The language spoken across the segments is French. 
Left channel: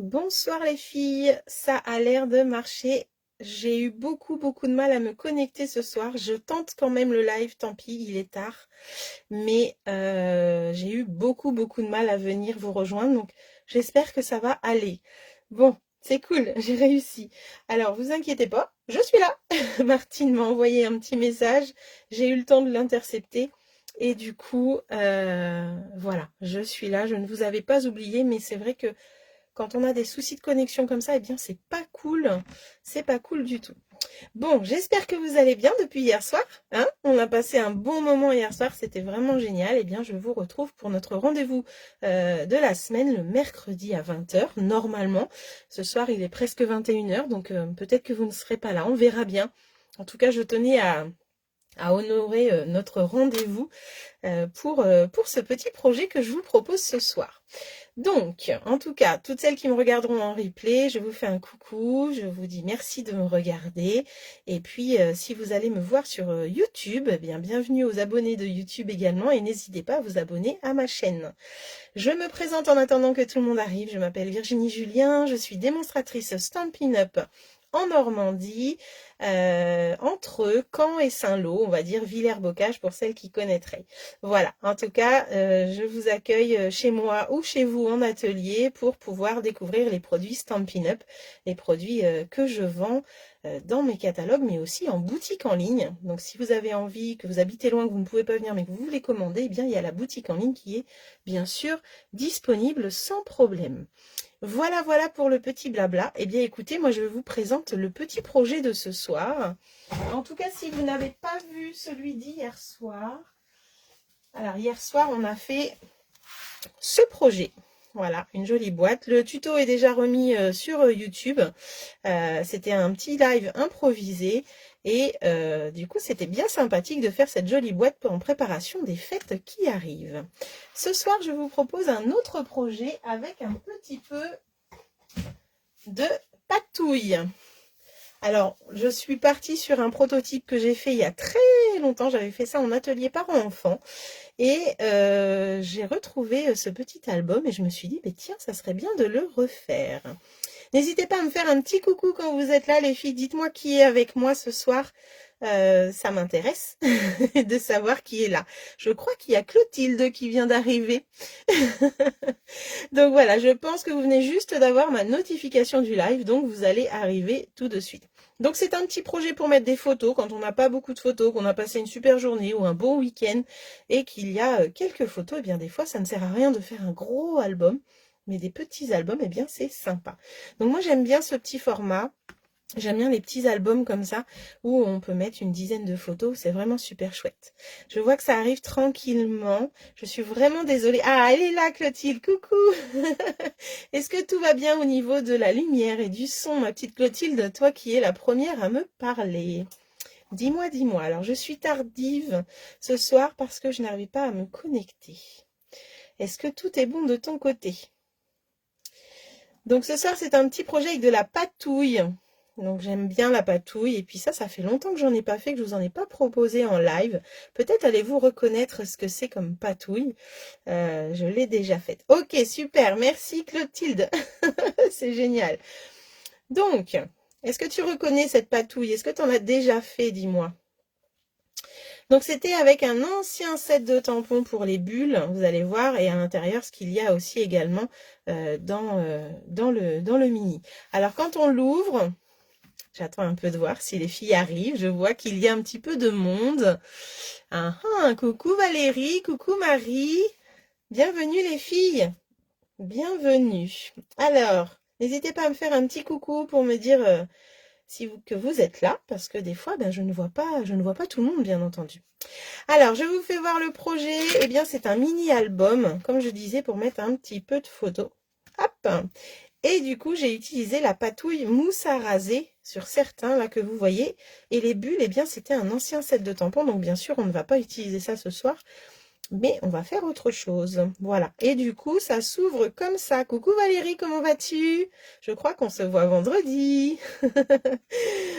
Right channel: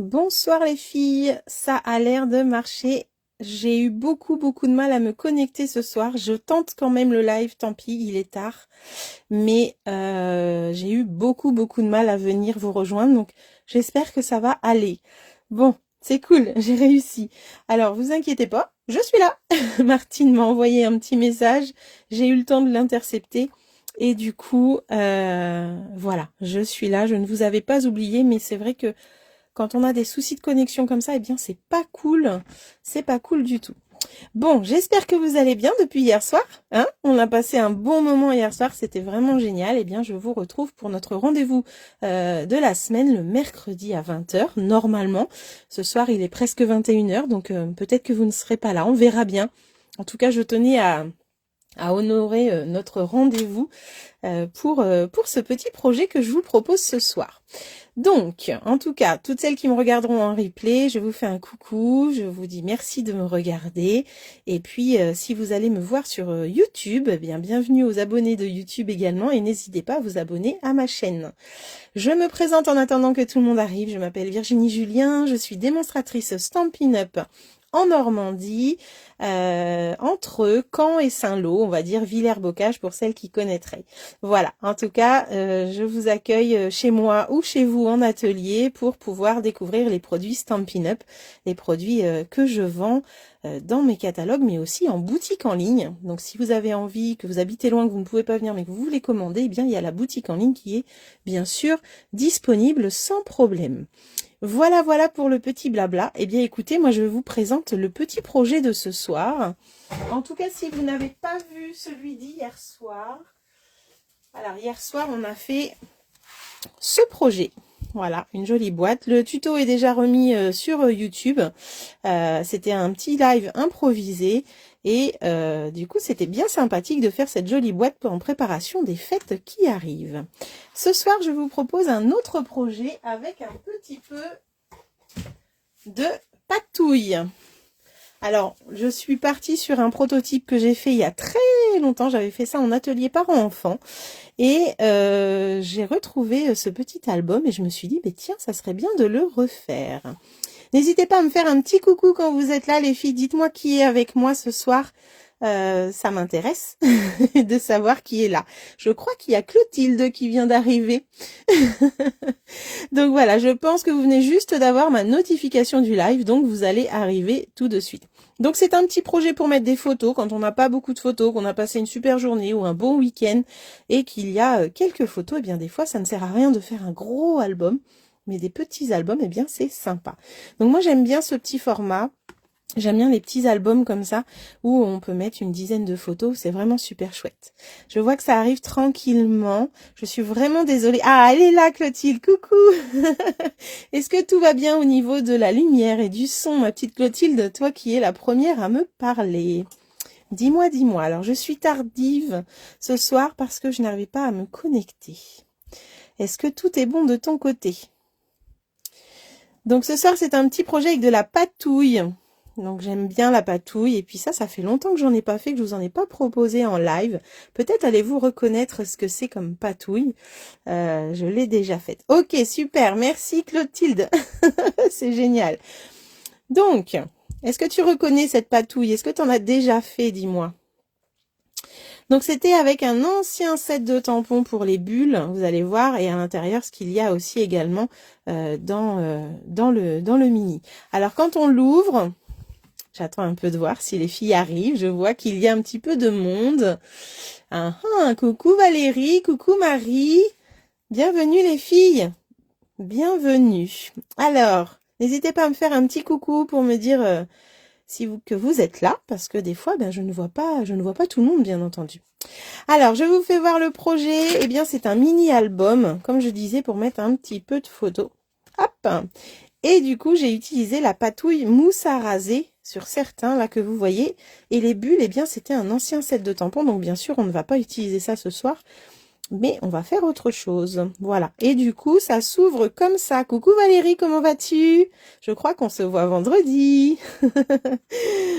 Bonsoir les filles, ça a l'air de marcher. J'ai eu beaucoup de mal à me connecter ce soir. Je tente quand même le live, tant pis, il est tard. Mais j'ai eu beaucoup de mal à venir vous rejoindre, donc j'espère que ça va aller. Bon, c'est cool, j'ai réussi. Alors, vous inquiétez pas, je suis là. Martine m'a envoyé un petit message, j'ai eu le temps de l'intercepter. Et du coup, voilà, je suis là. Je ne vous avais pas oublié, mais c'est vrai que quand on a des soucis de connexion comme ça, eh bien, c'est pas cool. C'est pas cool du tout. Bon, j'espère que vous allez bien depuis hier soir. Hein, on a passé un bon moment hier soir, c'était vraiment génial. Eh bien, je vous retrouve pour notre rendez-vous de la semaine, le mercredi à 20 h, normalement. Ce soir, il est presque 21 h, donc peut-être que vous ne serez pas là, on verra bien. En tout cas, je tenais à honorer notre rendez-vous pour ce petit projet que je vous propose ce soir. Donc, en tout cas, toutes celles qui me regarderont en replay, je vous fais un coucou, je vous dis merci de me regarder. Et puis, si vous allez me voir sur YouTube, eh bien, bienvenue aux abonnés de YouTube également et n'hésitez pas à vous abonner à ma chaîne. Je me présente en attendant que tout le monde arrive. Je m'appelle Virginie Julien, je suis démonstratrice Stampin' Up en Normandie, entre Caen et Saint-Lô, on va dire Villers-Bocage pour celles qui connaîtraient. Voilà, en tout cas, je vous accueille chez moi ou chez vous en atelier pour pouvoir découvrir les produits Stampin' Up, les produits que je vends dans mes catalogues, mais aussi en boutique en ligne. Donc si vous avez envie, que vous habitez loin, que vous ne pouvez pas venir, mais que vous voulez commander, eh bien il y a la boutique en ligne qui est bien sûr disponible sans problème. Voilà pour le petit blabla. Eh bien écoutez, moi je vous présente le petit projet de ce soir. En tout cas, si vous n'avez pas vu celui d'hier soir, alors hier soir on a fait ce projet. Voilà, une jolie boîte. Le tuto est déjà remis sur YouTube. C'était un petit live improvisé. Et du coup, c'était bien sympathique de faire cette jolie boîte en préparation des fêtes qui arrivent. Ce soir, je vous propose un autre projet avec un petit peu de patouille. Alors, je suis partie sur un prototype que j'ai fait il y a très longtemps. J'avais fait ça en atelier parents-enfants. Et j'ai retrouvé ce petit album et je me suis dit, mais tiens, ça serait bien de le refaire. N'hésitez pas à me faire un petit coucou quand vous êtes là, les filles. Dites-moi qui est avec moi ce soir. Ça m'intéresse de savoir qui est là. Je crois qu'il y a Clotilde qui vient d'arriver. Donc voilà, je pense que vous venez juste d'avoir ma notification du live, donc vous allez arriver tout de suite. Donc c'est un petit projet pour mettre des photos quand on n'a pas beaucoup de photos, qu'on a passé une super journée ou un bon week-end et qu'il y a quelques photos. Eh bien des fois, ça ne sert à rien de faire un gros album, mais des petits albums, eh bien c'est sympa. Donc moi j'aime bien ce petit format. J'aime bien les petits albums comme ça où on peut mettre une dizaine de photos. C'est vraiment super chouette. Je vois que ça arrive tranquillement. Je suis vraiment désolée. Ah, elle est là, Clotilde. Coucou. Est-ce que tout va bien au niveau de la lumière et du son, ma petite Clotilde, toi qui es la première à me parler? Dis-moi, dis-moi. Alors, je suis tardive ce soir parce que je n'arrivais pas à me connecter. Est-ce que tout est bon de ton côté? Donc, ce soir, c'est un petit projet avec de la patouille. Donc j'aime bien la patouille et puis ça fait longtemps que j'en ai pas fait, que je vous en ai pas proposé en live. Peut-être allez-vous reconnaître ce que c'est comme patouille. Je l'ai déjà faite. Ok, super, merci Clotilde. C'est génial. Donc, est-ce que tu reconnais cette patouille? Est-ce que tu en as déjà fait, dis-moi? Donc c'était avec un ancien set de tampons pour les bulles, vous allez voir, et à l'intérieur ce qu'il y a aussi également dans le mini. Alors quand on l'ouvre, j'attends un peu de voir si les filles arrivent. Je vois qu'il y a un petit peu de monde. Coucou Valérie, coucou Marie. Bienvenue les filles. Bienvenue. Alors, n'hésitez pas à me faire un petit coucou pour me dire que vous êtes là, parce que des fois, je ne vois pas tout le monde, bien entendu. Alors, je vous fais voir le projet. Eh bien, c'est un mini-album, comme je disais, pour mettre un petit peu de photos. Hop. Et du coup, j'ai utilisé la patouille mousse à raser sur certains, là, que vous voyez. Et les bulles, eh bien, c'était un ancien set de tampons. Donc, bien sûr, on ne va pas utiliser ça ce soir. Mais on va faire autre chose. Voilà. Et du coup, ça s'ouvre comme ça. Coucou Valérie, comment vas-tu? Je crois qu'on se voit vendredi.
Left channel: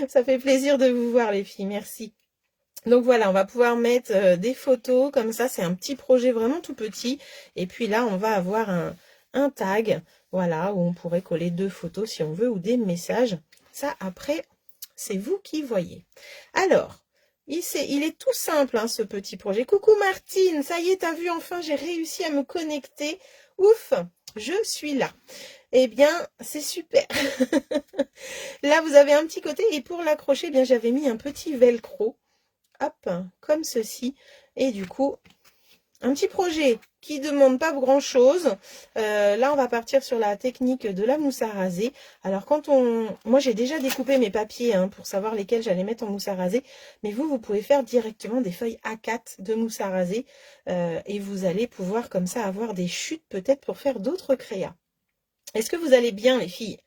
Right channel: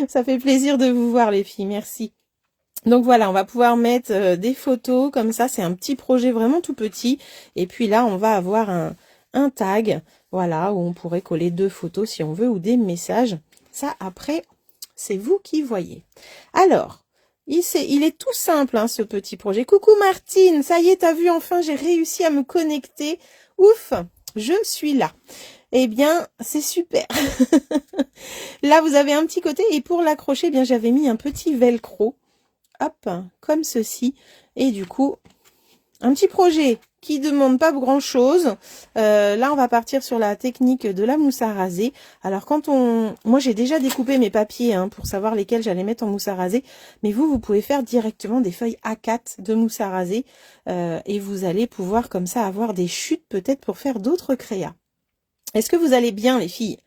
Ça fait plaisir de vous voir, les filles. Merci. Donc voilà, on va pouvoir mettre des photos comme ça. C'est un petit projet vraiment tout petit. Et puis là, on va avoir un tag Voilà, où on pourrait coller 2 photos si on veut ou des messages. Ça, après, c'est vous qui voyez. Alors, il est tout simple, hein, ce petit projet. Coucou Martine, ça y est, t'as vu, enfin, j'ai réussi à me connecter. Ouf, je suis là. Eh bien, c'est super. Là, vous avez un petit côté. Et pour l'accrocher, eh bien, j'avais mis un petit velcro. Hop, comme ceci. Et du coup, un petit projet qui demande pas grand-chose. Là, on va partir sur la technique de la mousse à raser. Alors, moi, j'ai déjà découpé mes papiers hein, pour savoir lesquels j'allais mettre en mousse à raser. Mais vous pouvez faire directement des feuilles A4 de mousse à raser. Et vous allez pouvoir, comme ça, avoir des chutes peut-être pour faire d'autres créas. Est-ce que vous allez bien, les filles?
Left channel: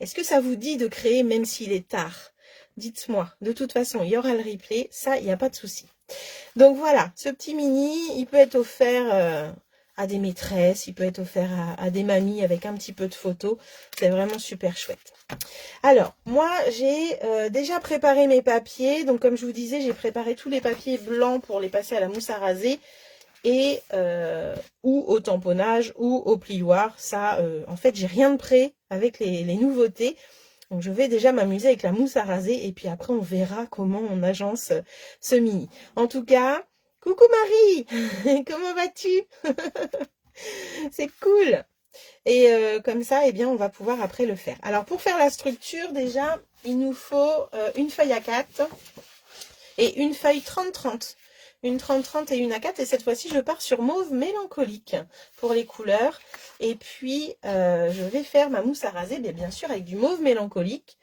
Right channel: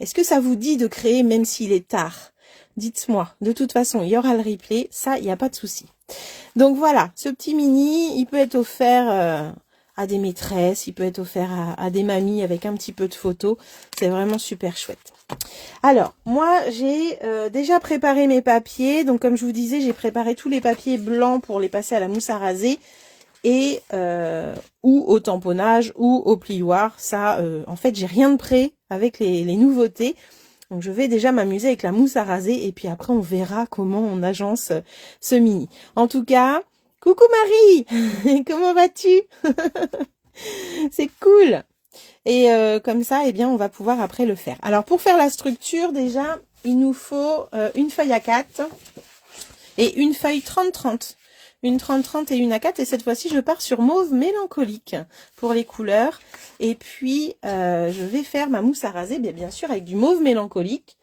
Est-ce que ça vous dit de créer même s'il est tard? Dites-moi. De toute façon, il y aura le replay. Ça, il n'y a pas de souci. Donc voilà, ce petit mini, il peut être offert à des maîtresses, il peut être offert à des mamies avec un petit peu de photos. C'est vraiment super chouette. Alors, moi, j'ai déjà préparé mes papiers. Donc, comme je vous disais, j'ai préparé tous les papiers blancs pour les passer à la mousse à raser. Et ou au tamponnage ou au plioir. Ça, en fait, j'ai rien de prêt avec les nouveautés. Donc, je vais déjà m'amuser avec la mousse à raser. Et puis après, on verra comment on agence ce mini. En tout cas, coucou Marie. Comment vas-tu? C'est cool. Et comme ça, eh bien, on va pouvoir après le faire. Alors, pour faire la structure, déjà, il nous faut une feuille A4 et une feuille 30-30. Une 30-30 et une A4. Et cette fois-ci, je pars sur mauve mélancolique pour les couleurs. Et puis, je vais faire ma mousse à raser, bien sûr, avec du mauve mélancolique.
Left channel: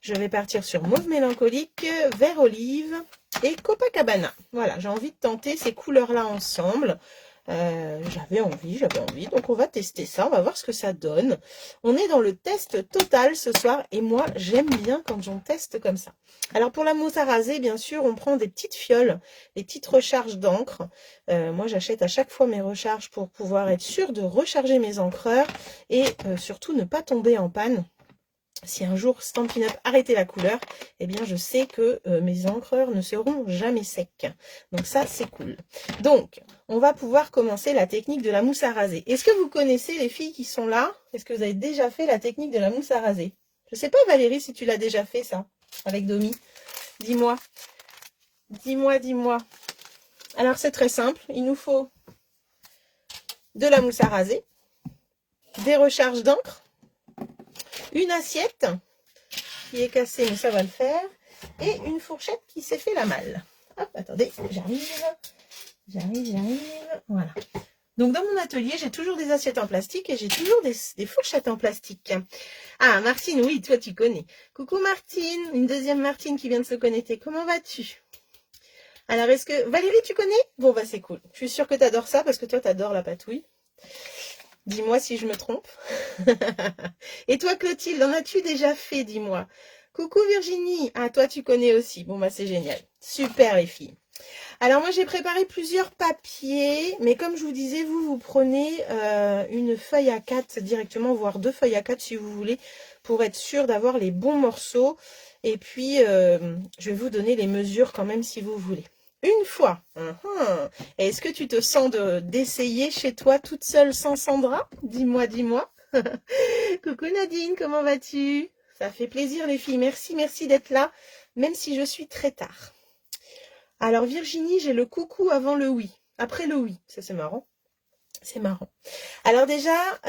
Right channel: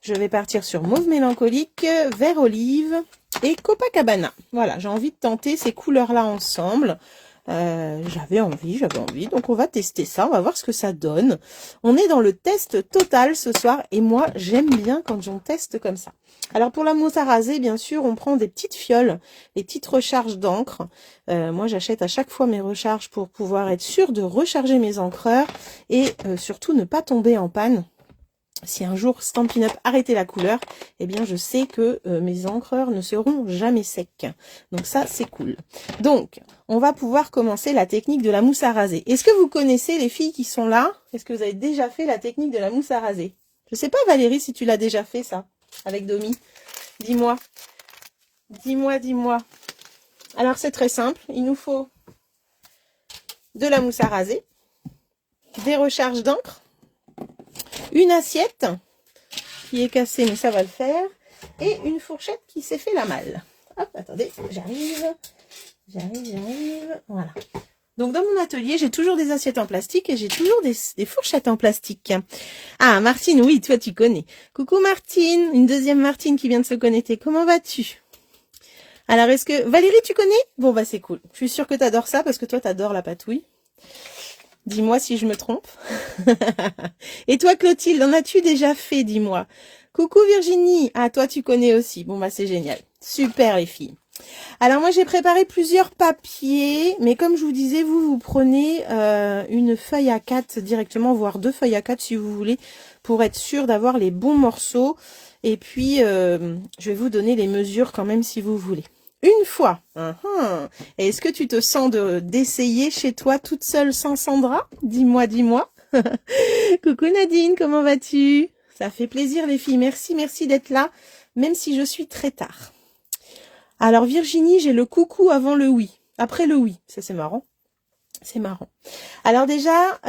Je vais partir sur mauve mélancolique, vert olive et Copacabana. Voilà, j'ai envie de tenter ces couleurs-là ensemble. J'avais envie. Donc, on va tester ça. On va voir ce que ça donne. On est dans le test total ce soir. Et moi, j'aime bien quand j'en teste comme ça. Alors, pour la mousse à raser, bien sûr, on prend des petites fioles, des petites recharges d'encre. Moi, j'achète à chaque fois mes recharges pour pouvoir être sûre de recharger mes encreurs et surtout ne pas tomber en panne. Si un jour Stampin' Up arrêtait la couleur, eh bien, je sais que mes encreurs ne seront jamais secs. Donc ça, c'est cool. Donc, on va pouvoir commencer la technique de la mousse à raser. Est-ce que vous connaissez les filles qui sont là? Est-ce que vous avez déjà fait la technique de la mousse à raser? Je sais pas, Valérie, si tu l'as déjà fait, ça, avec Domi. Dis-moi. Dis-moi. Alors, c'est très simple. Il nous faut de la mousse à raser, des recharges d'encre, une assiette qui est cassée, mais ça va le faire, et une fourchette qui s'est fait la malle. Hop, attendez, j'arrive. Voilà. Donc, dans mon atelier, j'ai toujours des assiettes en plastique et j'ai toujours des fourchettes en plastique. Ah, Martine, oui, toi, tu connais. Coucou Martine, une deuxième Martine qui vient de se connecter. Comment vas-tu? Alors, est-ce que... Valérie, tu connais? Bon, bah, c'est cool. Je suis sûre que tu adores ça parce que toi, tu adores la patouille. Dis-moi si je me trompe. Et toi, Clotilde, en as-tu déjà fait, dis-moi? Coucou Virginie. Ah, toi, tu connais aussi. Bon, bah, c'est génial. Super, les filles. Alors, moi, j'ai préparé plusieurs papiers. Mais comme je vous disais, vous prenez une feuille A4 directement, voire 2 feuilles A4 si vous voulez, pour être sûr d'avoir les bons morceaux. Et puis, je vais vous donner les mesures quand même si vous voulez. Une fois. Est-ce que tu te sens d'essayer chez toi toute seule sans Sandra? Dis-moi. Coucou Nadine, comment vas-tu? Ça fait plaisir les filles. Merci d'être là, même si je suis très tard. Alors Virginie, j'ai le coucou avant le oui. Après le oui. Ça c'est marrant. C'est marrant. Alors déjà,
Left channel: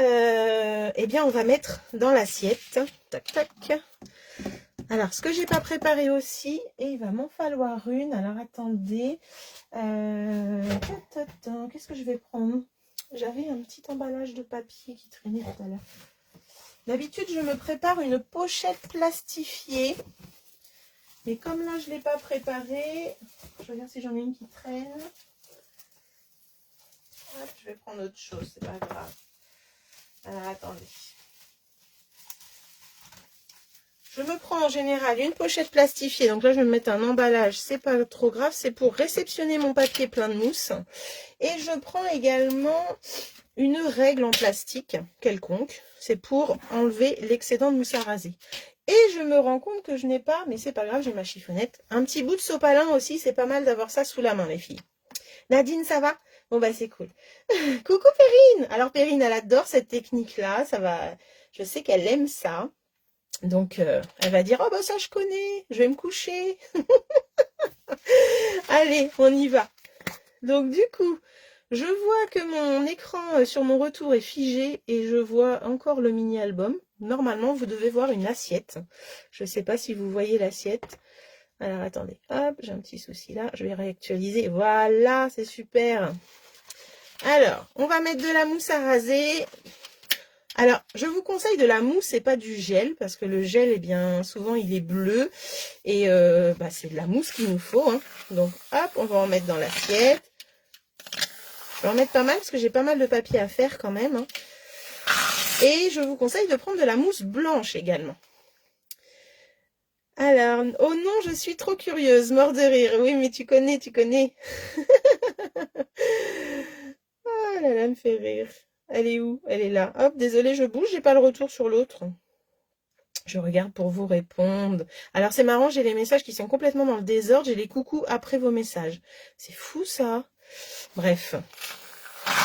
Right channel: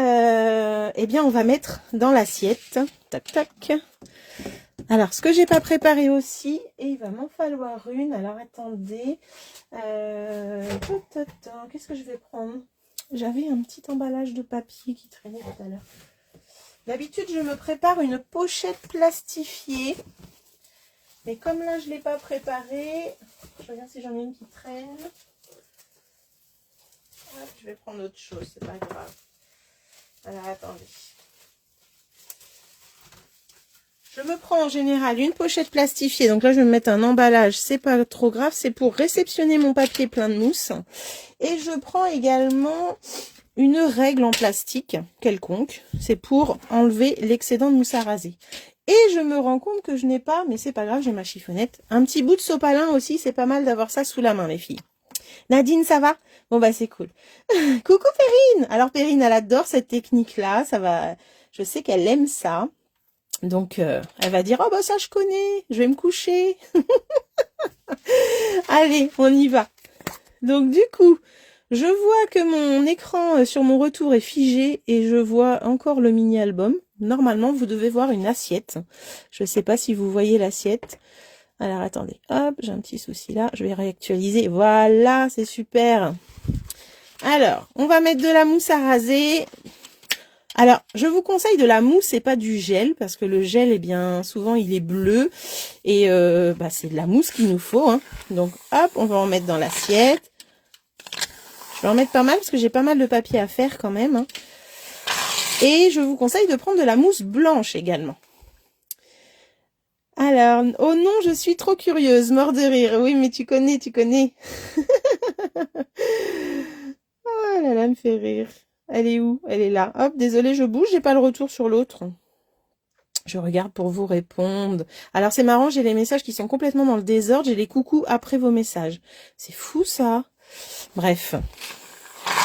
eh bien on va mettre dans l'assiette. Tac, tac. Alors, ce que j'ai pas préparé aussi, et il va m'en falloir une. Alors, attendez. Qu'est-ce que je vais prendre? J'avais un petit emballage de papier qui traînait tout à l'heure. D'habitude, je me prépare une pochette plastifiée. Mais comme là, je ne l'ai pas préparée, je regarde si j'en ai une qui traîne. Hop, je vais prendre autre chose, c'est pas grave. Alors, attendez. Je me prends en général une pochette plastifiée. Donc là, je vais me mettre un emballage. C'est pas trop grave. C'est pour réceptionner mon papier plein de mousse. Et je prends également une règle en plastique quelconque. C'est pour enlever l'excédent de mousse à raser. Et je me rends compte que je n'ai pas, mais c'est pas grave, j'ai ma chiffonnette. Un petit bout de sopalin aussi. C'est pas mal d'avoir ça sous la main, les filles. Nadine, ça va? Bon, bah, c'est cool. Coucou Perrine! Alors, Perrine, elle adore cette technique-là. Ça va... Je sais qu'elle aime ça. Donc, elle va dire, oh, bah, ça, je connais. Je vais me coucher. Allez, on y va. Donc, du coup, je vois que mon écran sur mon retour est figé et je vois encore le mini-album. Normalement, vous devez voir une assiette. Je ne sais pas si vous voyez l'assiette. Alors, attendez. Hop, j'ai un petit souci là. Je vais réactualiser. Voilà, c'est super. Alors, on va mettre de la mousse à raser. Alors, je vous conseille de la mousse et pas du gel, parce que le gel, eh bien, souvent, il est bleu. Et bah, c'est de la mousse qu'il nous faut. Hein. Donc, hop, on va en mettre dans l'assiette. Je vais en mettre pas mal, parce que j'ai pas mal de papier à faire quand même. Hein. Et je vous conseille de prendre de la mousse blanche également. Alors, oh non, je suis trop curieuse, mort de rire. Oui, mais tu connais, tu connais. Oh là là, elle me fait rire. Elle est où? Elle est là. Hop, désolée, je bouge, j'ai pas le retour sur l'autre. Je regarde pour vous répondre. Alors, c'est marrant, j'ai les messages qui sont complètement dans le désordre. J'ai les coucous après vos messages. C'est fou, ça. Bref.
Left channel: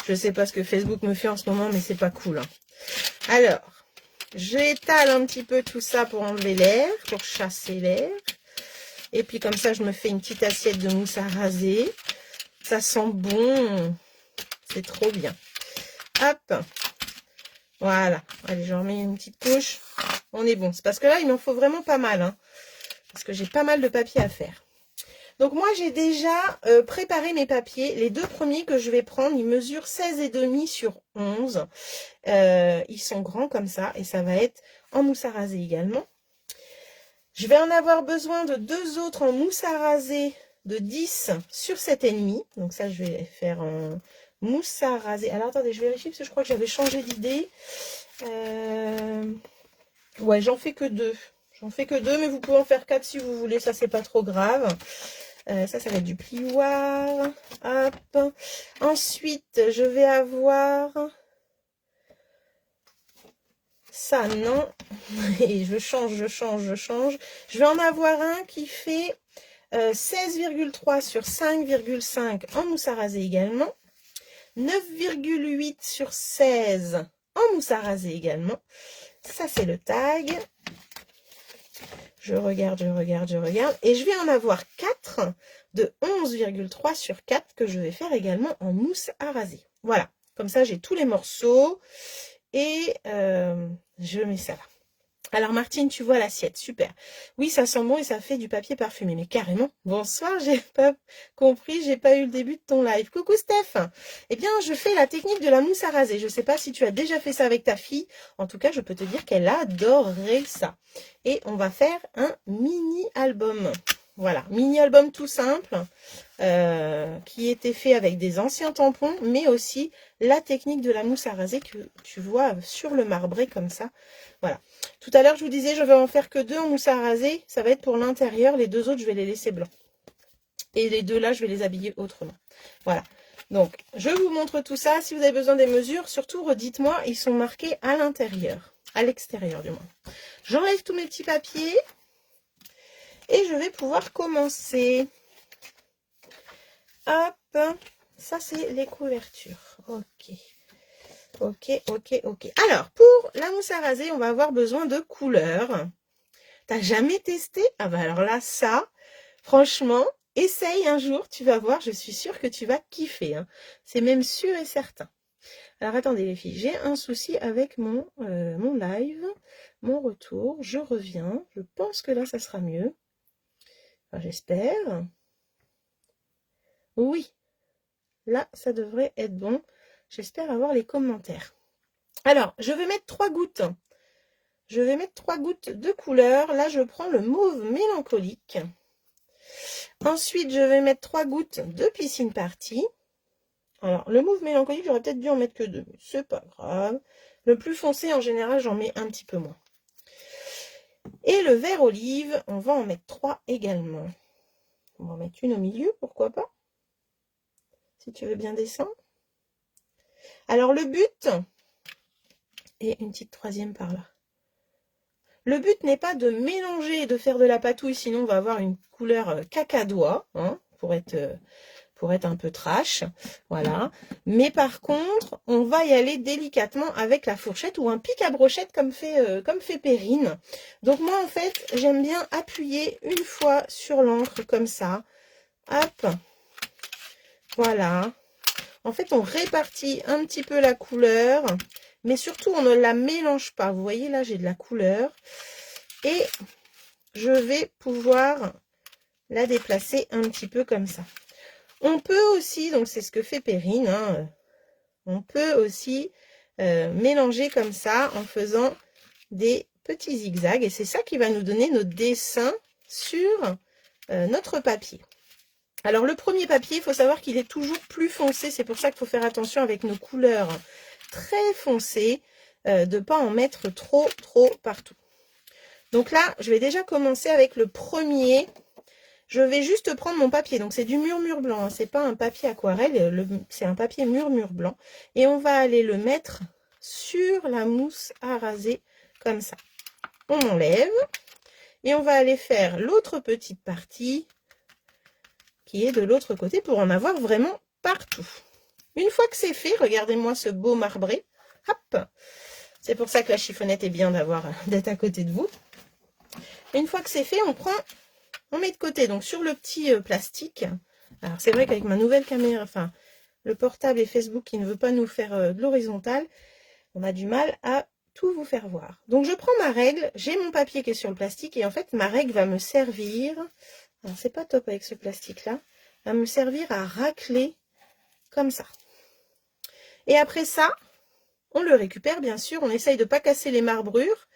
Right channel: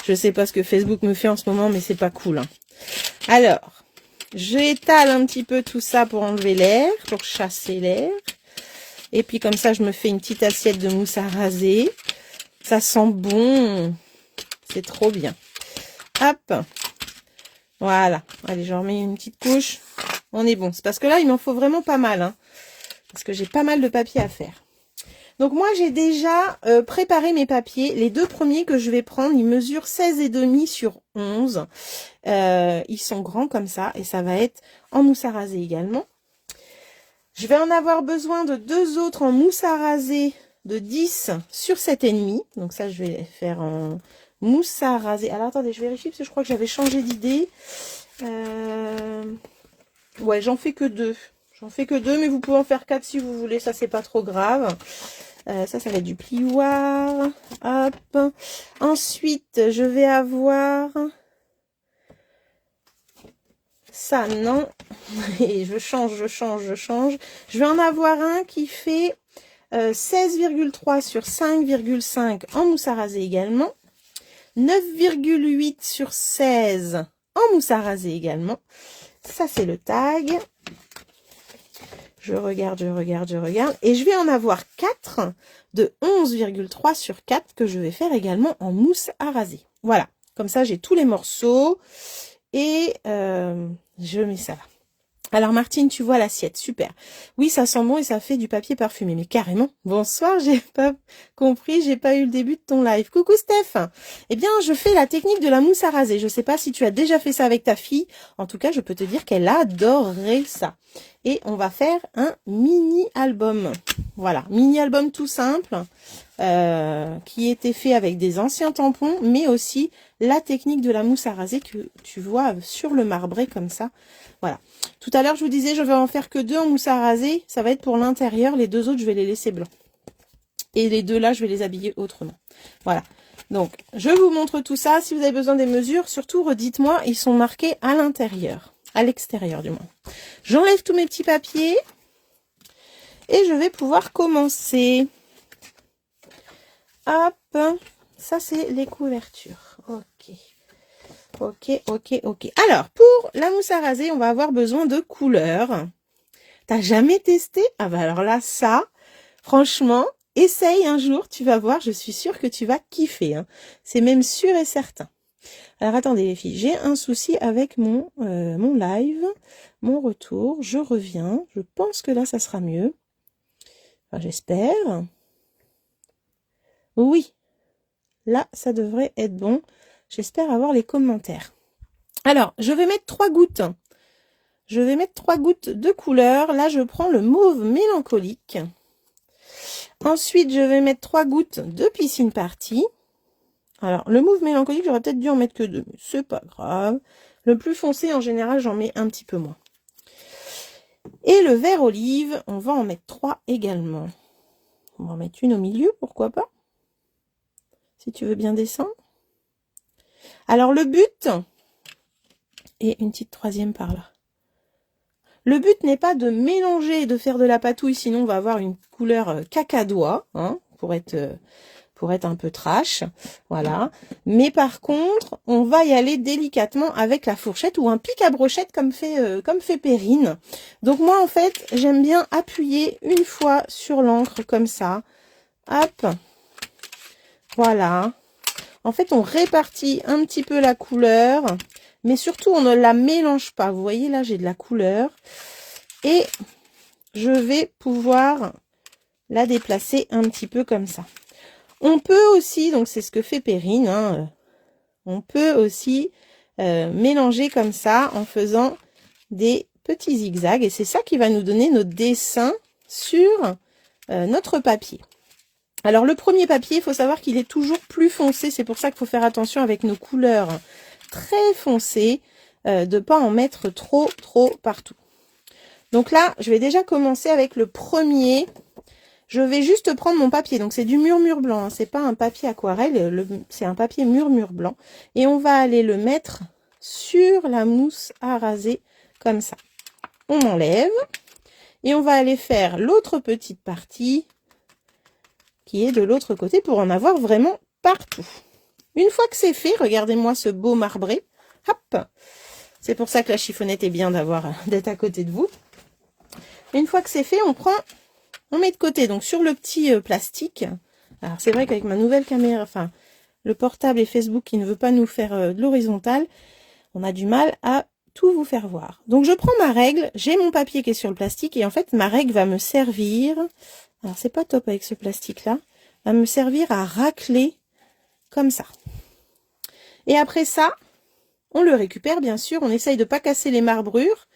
Je sais pas ce que Facebook me fait en ce moment, mais c'est pas cool. Hein. Alors, j'étale un petit peu tout ça pour enlever l'air, pour chasser l'air. Et puis, comme ça, je me fais une petite assiette de mousse à raser. Ça sent bon. C'est trop bien. Hop. Voilà. Allez, je remets une petite couche. On est bon. C'est parce que là, il m'en faut vraiment pas mal. Hein, parce que j'ai pas mal de papier à faire. Donc, moi, j'ai déjà préparé mes papiers. Les deux premiers que je vais prendre, ils mesurent 16,5 sur 11. Ils sont grands comme ça. Et ça va être en mousse à raser également. Je vais en avoir besoin de deux autres en mousse à raser de 10 sur 7,5. Donc, ça, je vais faire en... mousse à raser. Alors, attendez, je vérifie parce que je crois que j'avais changé d'idée. Ouais, j'en fais que deux. J'en fais que deux, mais vous pouvez en faire 4 si vous voulez. Ça, c'est pas trop grave. Ça va être du plioir. Hop. Ensuite, je vais avoir... ça, non. Et je change. Je vais en avoir un qui fait 16,3 sur 5,5 en mousse à raser également. 9,8 sur 16 en mousse à raser également. Ça, c'est le tag. Je regarde. Et je vais en avoir 4 de 11,3 sur 4 que je vais faire également en mousse à raser. Voilà. Comme ça, j'ai tous les morceaux. Et je mets ça là. Alors Martine, tu vois l'assiette, super. Oui, ça sent bon et ça fait du papier parfumé, mais carrément. Bonsoir, j'ai pas compris, j'ai pas eu le début de ton live. Coucou Steph. Eh bien, je fais la technique de la mousse à raser. Je sais pas si tu as déjà fait ça avec ta fille. En tout cas, je peux te dire qu'elle adorerait ça. Et on va faire un mini-album. Voilà, mini-album tout simple, qui était fait avec des anciens tampons, mais aussi la technique de la mousse à raser que tu vois sur le marbré comme ça. Voilà. Tout à l'heure, je vous disais, je vais en faire que 2 en mousse à raser. Ça va être pour l'intérieur. Les 2 autres, je vais les laisser blancs. Et les 2 là, je vais les habiller autrement. Voilà. Donc, je vous montre tout ça. Si vous avez besoin des mesures, surtout, redites-moi, ils sont marqués à l'intérieur. À l'extérieur, du moins. J'enlève tous mes petits papiers. Et je vais pouvoir commencer. Hop. Ça, c'est les couvertures. Ok. Ok. Alors, pour la mousse à raser, on va avoir besoin de couleurs. T'as jamais testé? Ah bah alors là, ça, franchement, essaye un jour, tu vas voir, je suis sûre que tu vas kiffer. Hein. C'est même sûr et certain. Alors, attendez les filles, j'ai un souci avec mon live, mon retour. Je reviens, je pense que là, ça sera mieux. Enfin, j'espère. Oui, là, ça devrait être bon. J'espère avoir les commentaires. Alors, je vais mettre 3 gouttes. Je vais mettre 3 gouttes de couleur. Là, je prends le mauve mélancolique. Ensuite, je vais mettre 3 gouttes de piscine party. Alors, le mauve mélancolique, j'aurais peut-être dû en mettre que 2, mais c'est pas grave. Le plus foncé, en général, j'en mets un petit peu moins. Et le vert olive, on va en mettre 3 également. On va en mettre une au milieu, pourquoi pas? Si tu veux bien descendre. Alors, le but... et une petite troisième par là. Le but n'est pas de mélanger et de faire de la patouille, sinon on va avoir une couleur cacadois, hein, pour être pour être un peu trash, voilà. Mais par contre, on va y aller délicatement avec la fourchette ou un pic à brochette comme fait Perrine. Donc moi, en fait, j'aime bien appuyer une fois sur l'encre comme ça. Hop, voilà. En fait, on répartit un petit peu la couleur, mais surtout, on ne la mélange pas. Vous voyez, là, j'ai de la couleur. Et je vais pouvoir la déplacer un petit peu comme ça. On peut aussi, donc c'est ce que fait Perrine, hein, on peut aussi mélanger comme ça en faisant des petits zigzags. Et c'est ça qui va nous donner notre dessin sur notre papier. Alors le premier papier, il faut savoir qu'il est toujours plus foncé. C'est pour ça qu'il faut faire attention avec nos couleurs très foncées, de ne pas en mettre trop partout. Donc là, je vais déjà commencer avec le premier. Je vais juste prendre mon papier, donc c'est du murmure blanc, hein. C'est pas un papier aquarelle, c'est un papier murmure blanc. Et on va aller le mettre sur la mousse à raser, comme ça. On enlève, et on va aller faire l'autre petite partie, qui est de l'autre côté, pour en avoir vraiment partout. Une fois que c'est fait, regardez-moi ce beau marbré. Hop! C'est pour ça que la chiffonnette est bien d'être à côté de vous. Une fois que c'est fait, on met de côté, donc sur le petit plastique. Alors c'est vrai qu'avec ma nouvelle caméra, enfin le portable et Facebook qui ne veut pas nous faire de l'horizontale, on a du mal à tout vous faire voir. Donc je prends ma règle, j'ai mon papier qui est sur le plastique et en fait ma règle va me servir, alors c'est pas top avec ce plastique là, va me servir à racler comme ça. Et après ça, on le récupère bien sûr, on essaye de ne pas casser les marbrures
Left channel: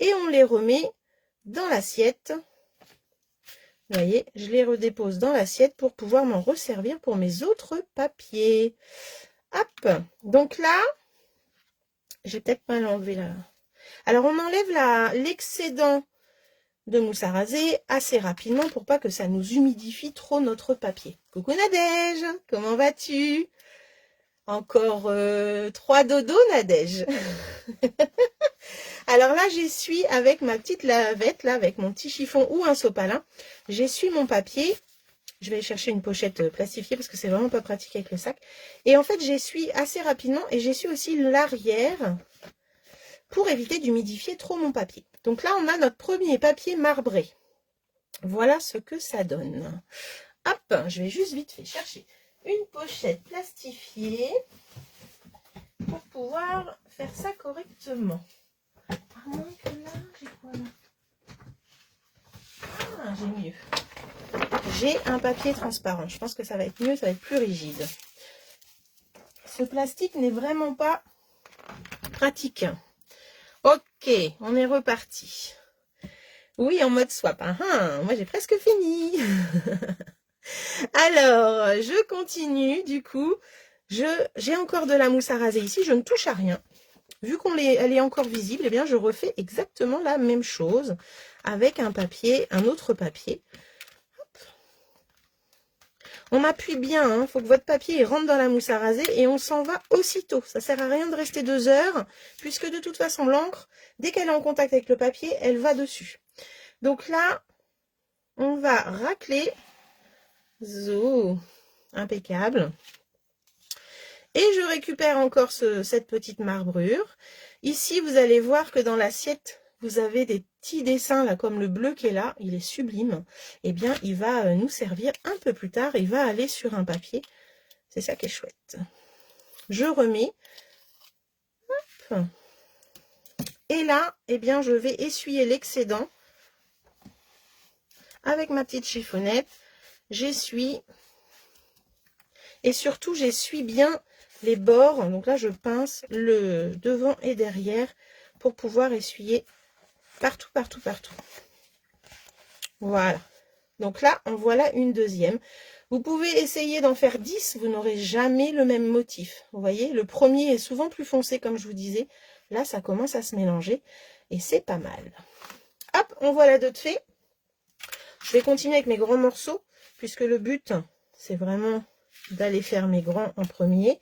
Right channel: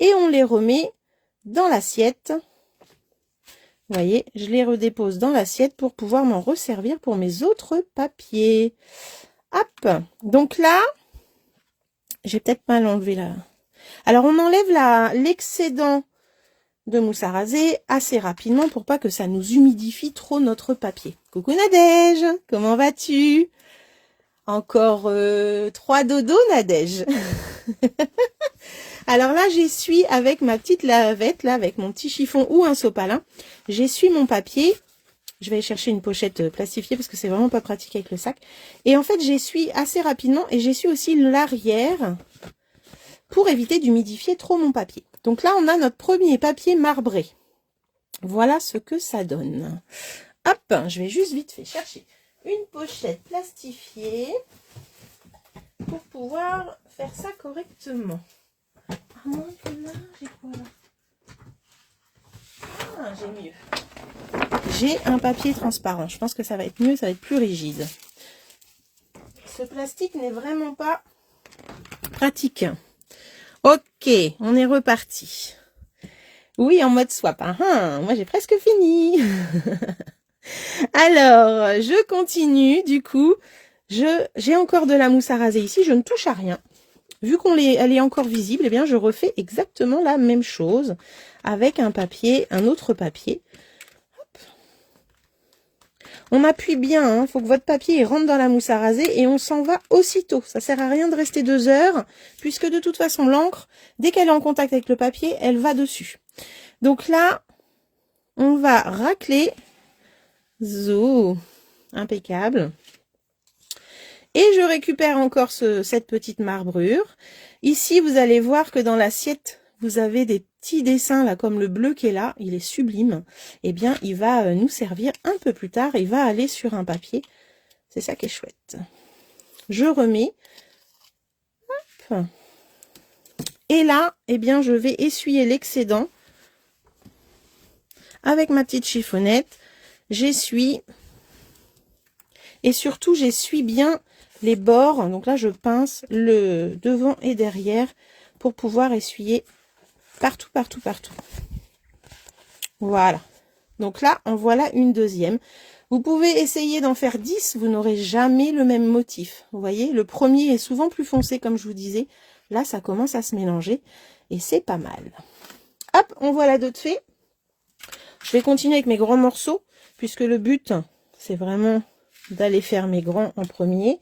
et on les remet dans l'assiette. Vous voyez, je les redépose dans l'assiette pour pouvoir m'en resservir pour mes autres papiers. Hop, donc là, j'ai peut-être mal enlevé là. Alors, on enlève l'excédent de mousse à raser assez rapidement pour pas que ça nous humidifie trop notre papier. Coucou Nadège, comment vas-tu? Encore 3 dodos, Nadège. Alors là, j'essuie avec ma petite lavette, là, avec mon petit chiffon ou un sopalin. J'essuie mon papier. Je vais aller chercher une pochette plastifiée parce que c'est vraiment pas pratique avec le sac. Et en fait, j'essuie assez rapidement et j'essuie aussi l'arrière pour éviter d'humidifier trop mon papier. Donc là, on a notre premier papier marbré. Voilà ce que ça donne. Hop, je vais juste vite fait chercher une pochette plastifiée pour pouvoir faire ça correctement. Ah non, là, j'ai quoi là? Ah, j'ai mieux. J'ai un papier transparent. Je pense que ça va être mieux, ça va être plus rigide. Ce plastique n'est vraiment pas pratique. Ok, on est reparti. Oui, en mode swap. Moi, j'ai presque fini. Alors, je continue. Du coup, j'ai encore de la mousse à raser ici. Je ne touche à rien. Vu qu'elle est encore visible, eh bien, je refais exactement la même chose avec un autre papier. Hop. On appuie bien, faut que votre papier rentre dans la mousse à raser et on s'en va aussitôt. Ça sert à rien de rester 2 heures, puisque de toute façon, l'encre, dès qu'elle est en contact avec le papier, elle va dessus. Donc là, on va racler. Zo, impeccable. Et je récupère encore cette petite marbrure. Ici, vous allez voir que dans l'assiette, vous avez des petits dessins, là, comme le bleu qui est là. Il est sublime. Eh bien, il va nous servir un peu plus tard. Il va aller sur un papier. C'est ça qui est chouette. Je remets. Hop. Et là, eh bien, je vais essuyer l'excédent avec ma petite chiffonnette. J'essuie. Et surtout, j'essuie bien les bords. Donc là, je pince le devant et derrière pour pouvoir essuyer partout, partout, partout. Voilà. Donc là, en voilà une deuxième. Vous pouvez essayer d'en faire 10. Vous n'aurez jamais le même motif. Vous voyez, le premier est souvent plus foncé, comme je vous disais. Là, ça commence à se mélanger et c'est pas mal. Hop, on voit la d'autres faits. Je vais continuer avec mes grands morceaux puisque le but, c'est vraiment d'aller faire mes grands en premier.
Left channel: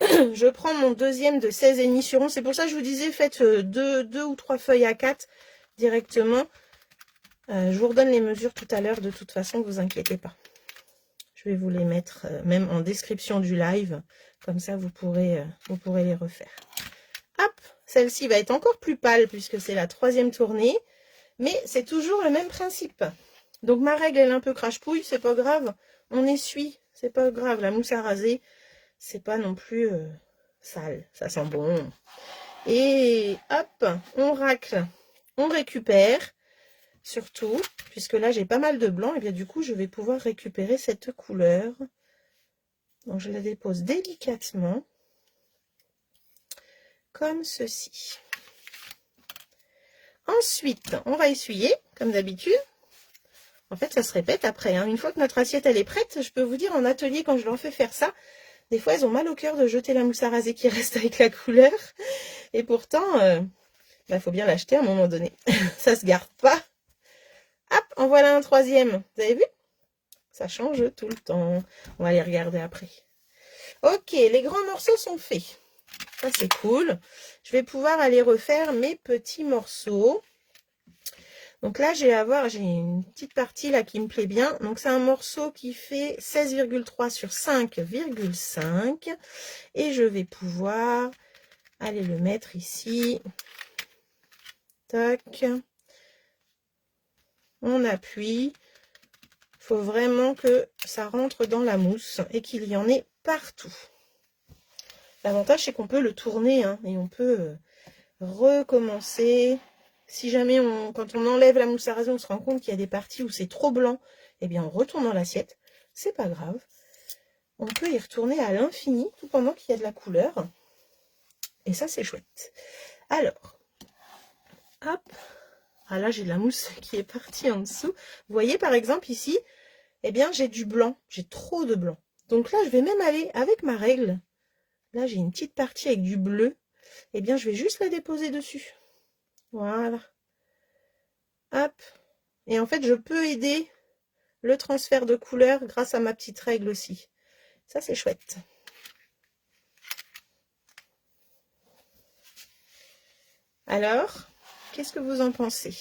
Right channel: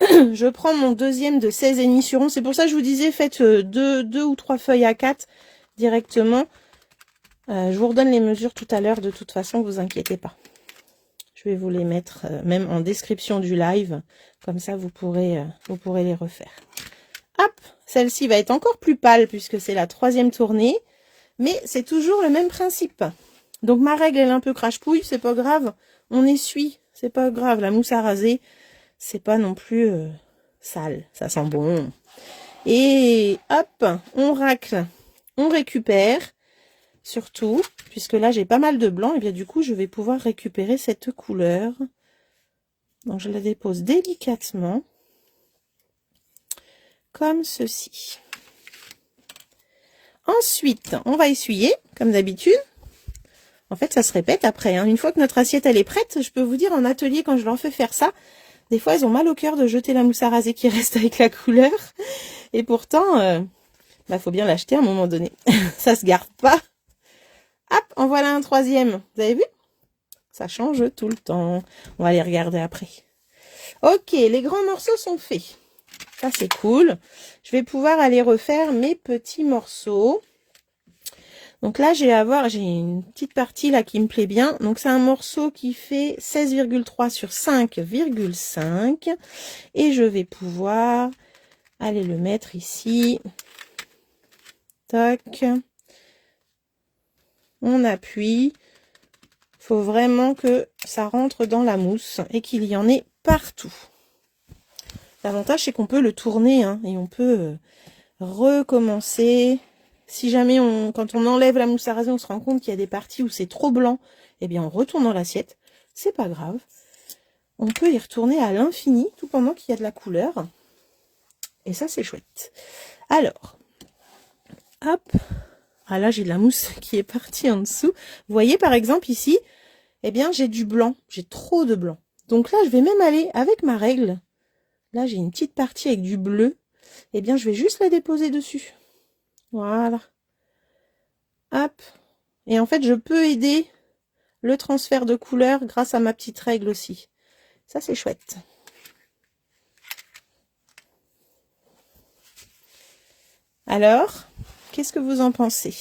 Je prends mon deuxième de 16,5 sur 11. C'est pour ça que je vous disais, faites 2 ou 3 feuilles à 4 directement. Je vous redonne les mesures tout à l'heure, de toute façon, vous inquiétez pas. Je vais vous les mettre même en description du live. Comme ça, vous pourrez les refaire. Hop, celle-ci va être encore plus pâle puisque c'est la 3e tournée. Mais c'est toujours le même principe. Donc ma règle, elle est un peu crache-pouille, c'est pas grave. On essuie, c'est pas grave. La mousse à raser, c'est pas non plus sale. Ça sent bon. Et hop, on racle, on récupère. Surtout, puisque là j'ai pas mal de blanc, et bien du coup je vais pouvoir récupérer cette couleur. Donc je la dépose délicatement, comme ceci. Ensuite, on va essuyer, comme d'habitude. En fait, ça se répète après. Hein. Une fois que notre assiette elle est prête, je peux vous dire en atelier, quand je leur fais faire ça, des fois elles ont mal au cœur de jeter la mousse à raser qui reste avec la couleur. Et pourtant, faut bien l'acheter à un moment donné. Ça se garde pas. Hop, en voilà un 3e. Vous avez vu? Ça change tout le temps. On va les regarder après. Ok, les grands morceaux sont faits. Ça, c'est cool. Je vais pouvoir aller refaire mes petits morceaux. Donc là, j'ai une petite partie là qui me plaît bien. Donc, c'est un morceau qui fait 16,3 sur 5,5. Et je vais pouvoir aller le mettre ici. Tac. On appuie. Il faut vraiment que ça rentre dans la mousse et qu'il y en ait partout. L'avantage, c'est qu'on peut le tourner hein, et on peut recommencer. Si jamais, quand on enlève la mousse à raser, on se rend compte qu'il y a des parties où c'est trop blanc, eh bien, on retourne dans l'assiette. C'est pas grave. On peut y retourner à l'infini, tout pendant qu'il y a de la couleur. Et ça, c'est chouette. Alors, hop. Ah là, j'ai de la mousse qui est partie en dessous. Vous voyez, par exemple, ici, eh bien, j'ai du blanc. J'ai trop de blanc. Donc là, je vais même aller avec ma règle. Là, j'ai une petite partie avec du bleu. Eh bien, je vais juste la déposer dessus. Voilà. Hop. Et en fait, je peux aider le transfert de couleur grâce à ma petite règle aussi. Ça, c'est chouette. Alors, qu'est-ce que vous en pensez?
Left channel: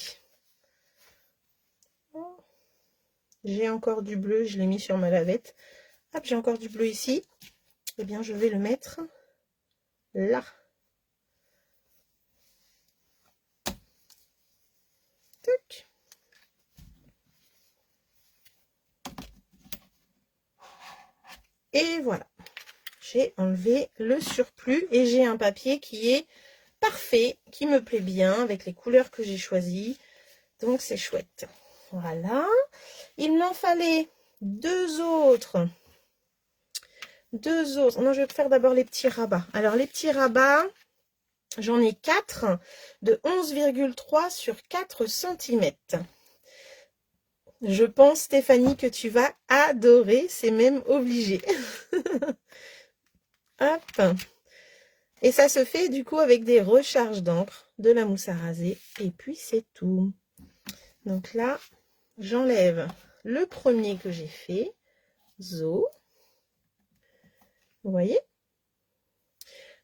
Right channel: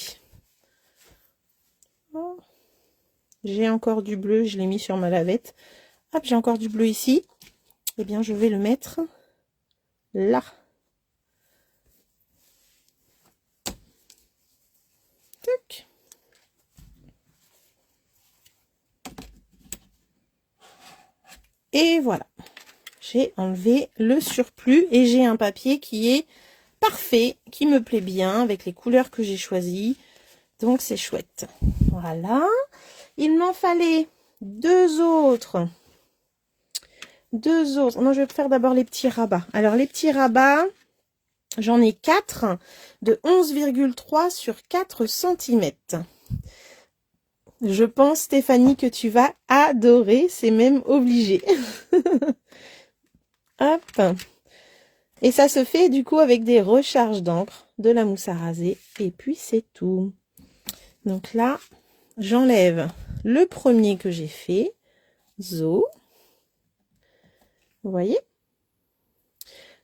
J'ai encore du bleu, je l'ai mis sur ma lavette. Hop, j'ai encore du bleu ici. Eh bien, je vais le mettre là. Tac. Et voilà. J'ai enlevé le surplus et j'ai un papier qui est parfait, qui me plaît bien avec les couleurs que j'ai choisies. Donc, c'est chouette. Voilà. Il m'en fallait deux autres. Non, je vais faire d'abord les petits rabats. Alors, les petits rabats, j'en ai 4 de 11,3 sur 4 cm. Je pense, Stéphanie, que tu vas adorer. C'est même obligé. Hop. Et ça se fait du coup avec des recharges d'encre, de la mousse à raser. Et puis, c'est tout. Donc là, j'enlève le premier que j'ai fait. Zo. Vous voyez?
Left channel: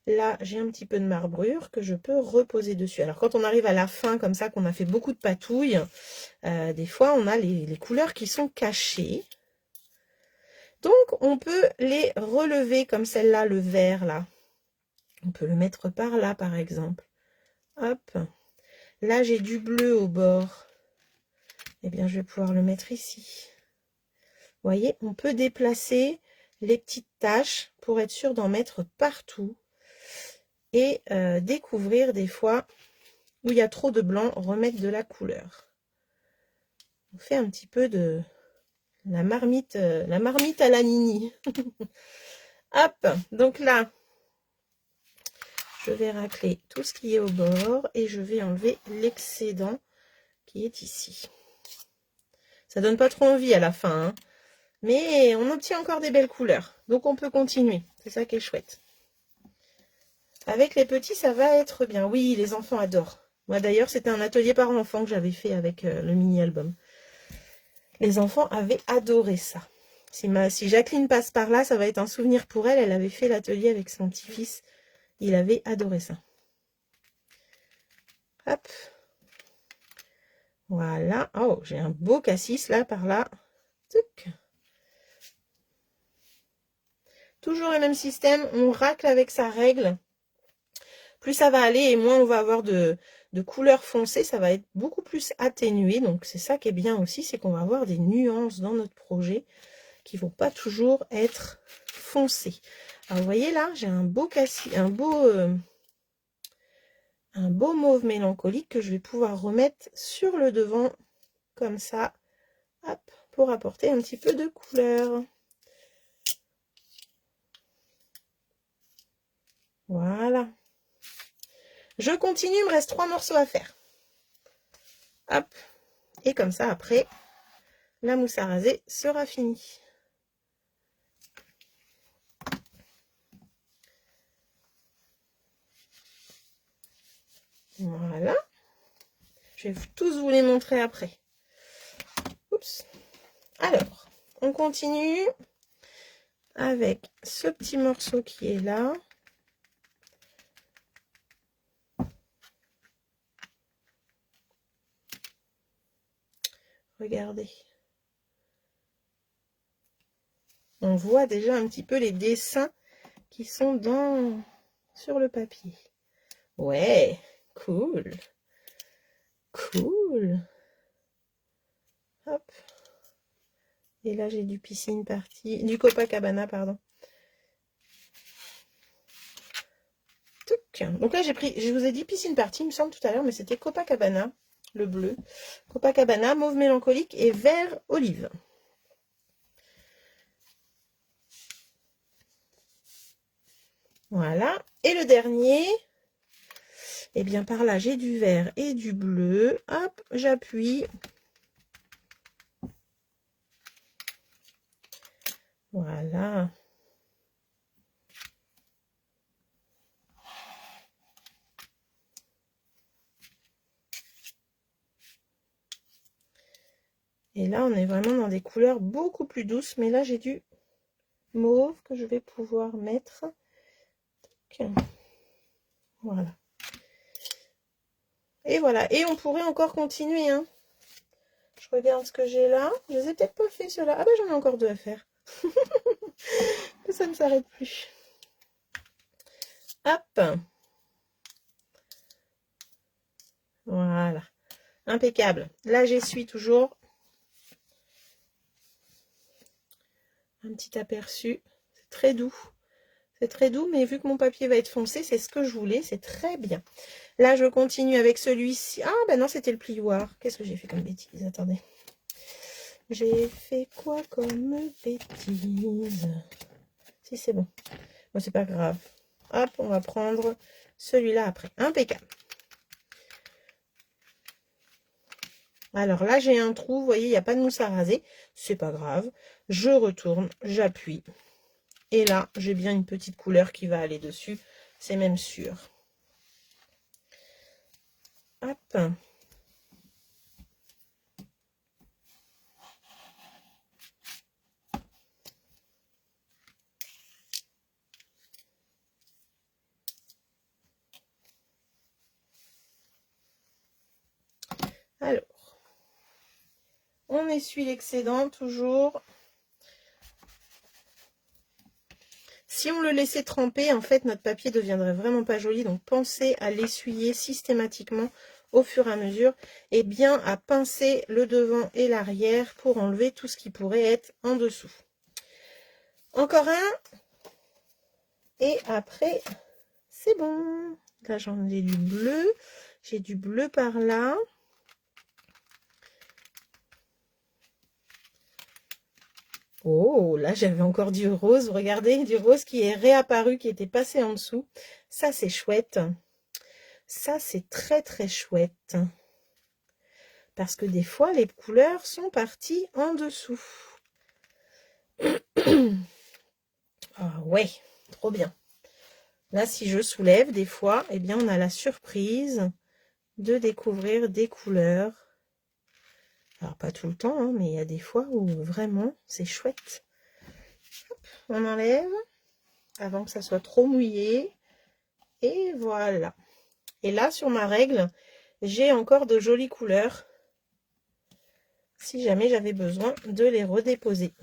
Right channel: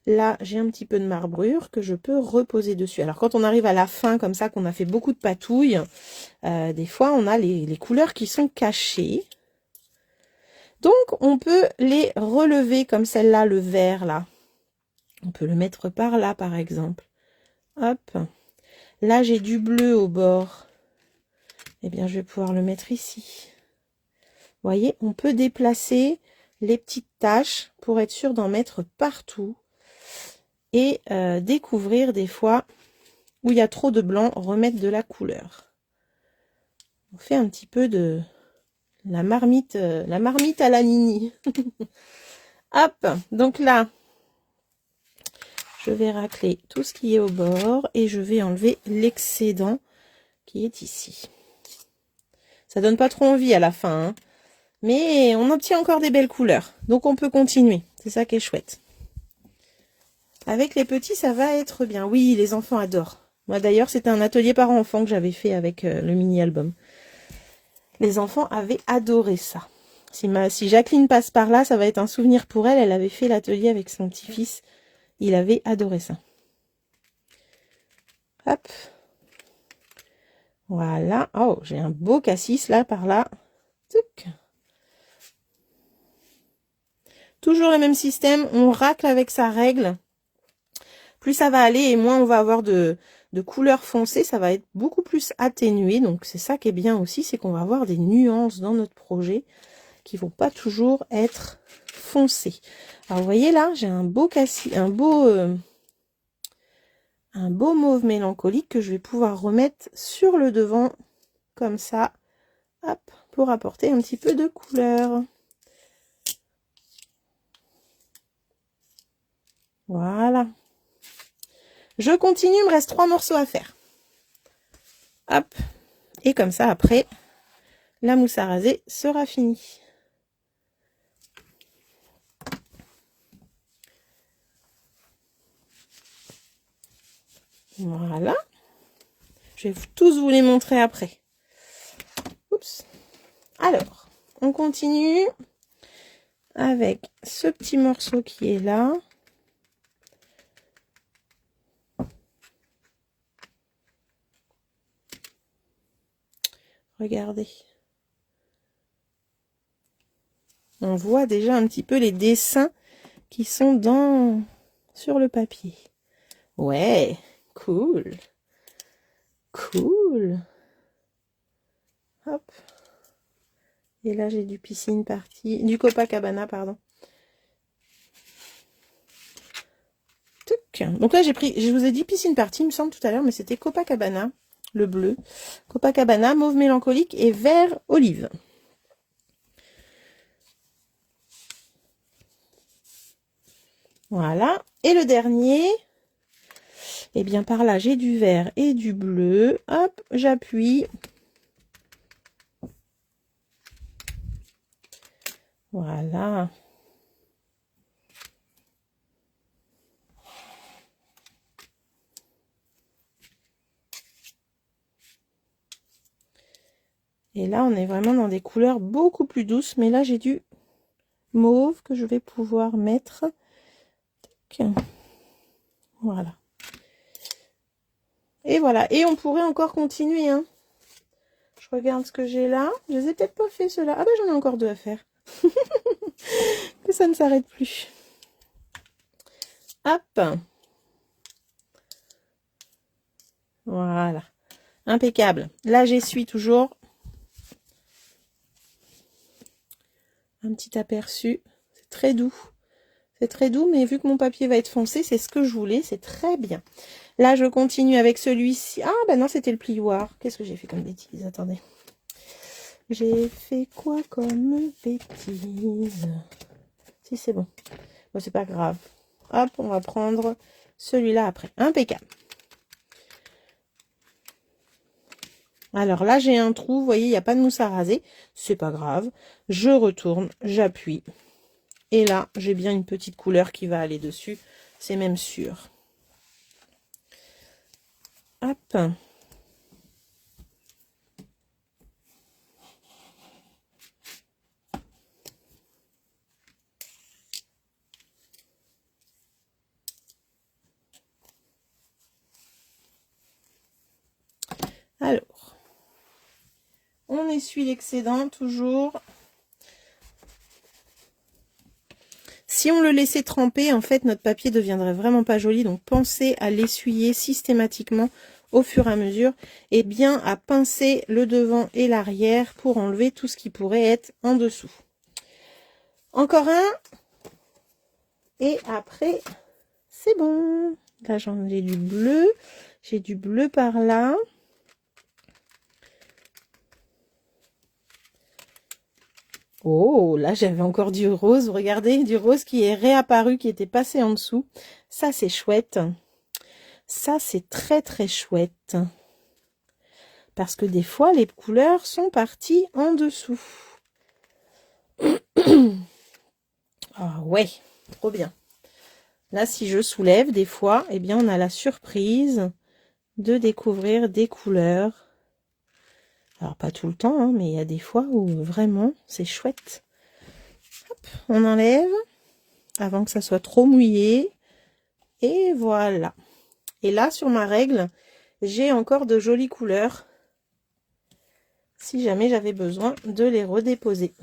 Là, j'ai un petit peu de marbrure que je peux reposer dessus. Alors, quand on arrive à la fin, comme ça, qu'on a fait beaucoup de patouilles, des fois, on a les couleurs qui sont cachées. Donc, on peut les relever comme celle-là, le vert, là. On peut le mettre par là, par exemple. Hop. Là, j'ai du bleu au bord. Eh bien, je vais pouvoir le mettre ici. Vous voyez, on peut déplacer les petites taches pour être sûr d'en mettre partout. Et découvrir des fois où il y a trop de blanc, remettre de la couleur. On fait un petit peu de la marmite à la Nini. Hop, donc là, je vais racler tout ce qui est au bord et je vais enlever l'excédent qui est ici. Ça donne pas trop envie à la fin, hein, mais on obtient encore des belles couleurs. Donc on peut continuer, c'est ça qui est chouette. Avec les petits, ça va être bien. Oui, les enfants adorent. Moi d'ailleurs, c'était un atelier parents-enfants que j'avais fait avec le mini-album. Les enfants avaient adoré ça. Si Jacqueline passe par là, ça va être un souvenir pour elle. Elle avait fait l'atelier avec son petit-fils. Il avait adoré ça. Hop. Voilà. Oh, j'ai un beau cassis là, par là. Touc. Toujours le même système, on racle avec sa règle. Plus ça va aller et moins on va avoir de couleurs foncées, ça va être beaucoup plus atténué. Donc c'est ça qui est bien aussi, c'est qu'on va avoir des nuances dans notre projet qui vont pas toujours être foncées. Alors vous voyez là, j'ai un beau mauve mélancolique que je vais pouvoir remettre sur le devant comme ça, hop, pour apporter un petit peu de couleur. Voilà. Je continue, il me reste 3 morceaux à faire. Hop. Et comme ça, après, la mousse à raser sera finie. Voilà. Je vais tous vous les montrer après. Oups. Alors, on continue avec ce petit morceau qui est là. Regardez. On voit déjà un petit peu les dessins qui sont sur le papier. Ouais, cool. Cool. Hop. Et là, j'ai du piscine party, du Copacabana, pardon. Donc là, je vous ai dit piscine party, il me semble tout à l'heure, mais c'était Copacabana, le bleu. Copacabana, mauve mélancolique et vert olive. Voilà. Et le dernier, eh bien par là, j'ai du vert et du bleu. Hop, j'appuie. Voilà. Et là, on est vraiment dans des couleurs beaucoup plus douces. Mais là, j'ai du mauve que je vais pouvoir mettre. Voilà. Et voilà. Et on pourrait encore continuer. Hein. Je regarde ce que j'ai là. Je les ai peut-être pas fait ceux-là. Ah ben, j'en ai encore 2 à faire. Que ça ne s'arrête plus. Hop. Voilà. Impeccable. Là, j'essuie toujours. Un petit aperçu. C'est très doux. C'est très doux, mais vu que mon papier va être foncé, c'est ce que je voulais. C'est très bien. Là, je continue avec celui-ci. Ah, ben non, c'était le plioir. Qu'est-ce que j'ai fait comme bêtise? Attendez. J'ai fait quoi comme bêtise? Si, c'est bon. Bon, c'est pas grave. Hop, on va prendre celui-là après. Impeccable. Alors là, j'ai un trou. Vous voyez, il n'y a pas de mousse à raser. C'est pas grave. Je retourne, j'appuie. Et là, j'ai bien une petite couleur qui va aller dessus. C'est même sûr. Hop. Alors, on essuie l'excédent toujours. Si on le laissait tremper, en fait, notre papier ne deviendrait vraiment pas joli. Donc, pensez à l'essuyer systématiquement au fur et à mesure. Et bien à pincer le devant et l'arrière pour enlever tout ce qui pourrait être en dessous. Encore un. Et après, c'est bon. Là, j'ai du bleu. J'ai du bleu par là. Oh, là, j'avais encore du rose. Regardez, du rose qui est réapparu, qui était passé en dessous. Ça, c'est chouette. Ça, c'est très, très chouette. Parce que des fois, les couleurs sont parties en dessous. Ah ouais, trop bien. Là, si je soulève, des fois, eh bien, on a la surprise de découvrir des couleurs. Alors, pas tout le temps, hein, mais il y a des fois où vraiment, c'est chouette. Hop, on enlève avant que ça soit trop mouillé. Et voilà. Et là, sur ma règle, j'ai encore de jolies couleurs. Si jamais j'avais besoin de les redéposer.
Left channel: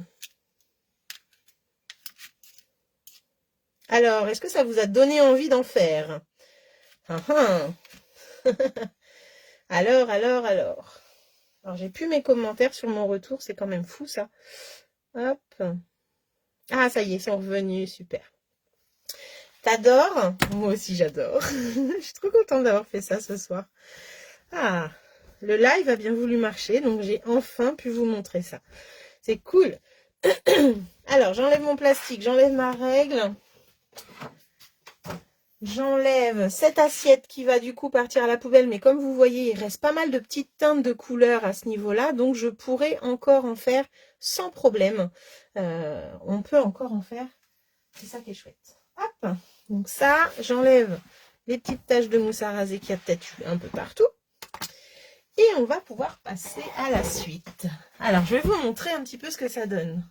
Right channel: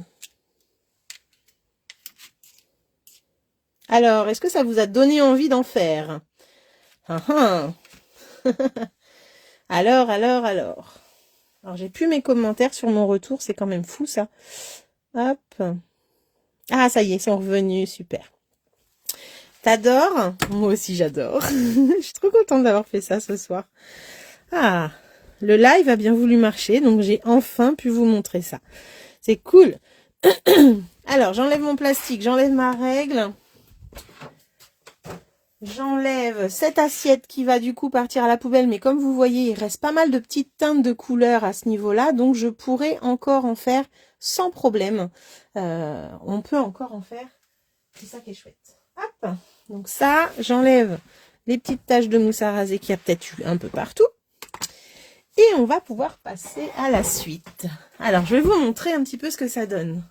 Alors, est-ce que ça vous a donné envie d'en faire? Ah, ah. Alors. Alors, j'ai plus mes commentaires sur mon retour, c'est quand même fou ça. Hop. Ah, ça y est, ils sont revenus, super. T'adores? Moi aussi, j'adore. Je suis trop contente d'avoir fait ça ce soir. Ah, le live a bien voulu marcher, donc j'ai enfin pu vous montrer ça. C'est cool. Alors, j'enlève mon plastique, j'enlève ma règle. J'enlève cette assiette qui va du coup partir à la poubelle, mais comme vous voyez, il reste pas mal de petites teintes de couleurs à ce niveau-là, donc je pourrais encore en faire sans problème. On peut encore en faire, c'est ça qui est chouette. Hop, donc ça, j'enlève les petites taches de mousse à raser qu'il y a peut-être eu un peu partout. Et on va pouvoir passer à la suite. Alors, je vais vous montrer un petit peu ce que ça donne.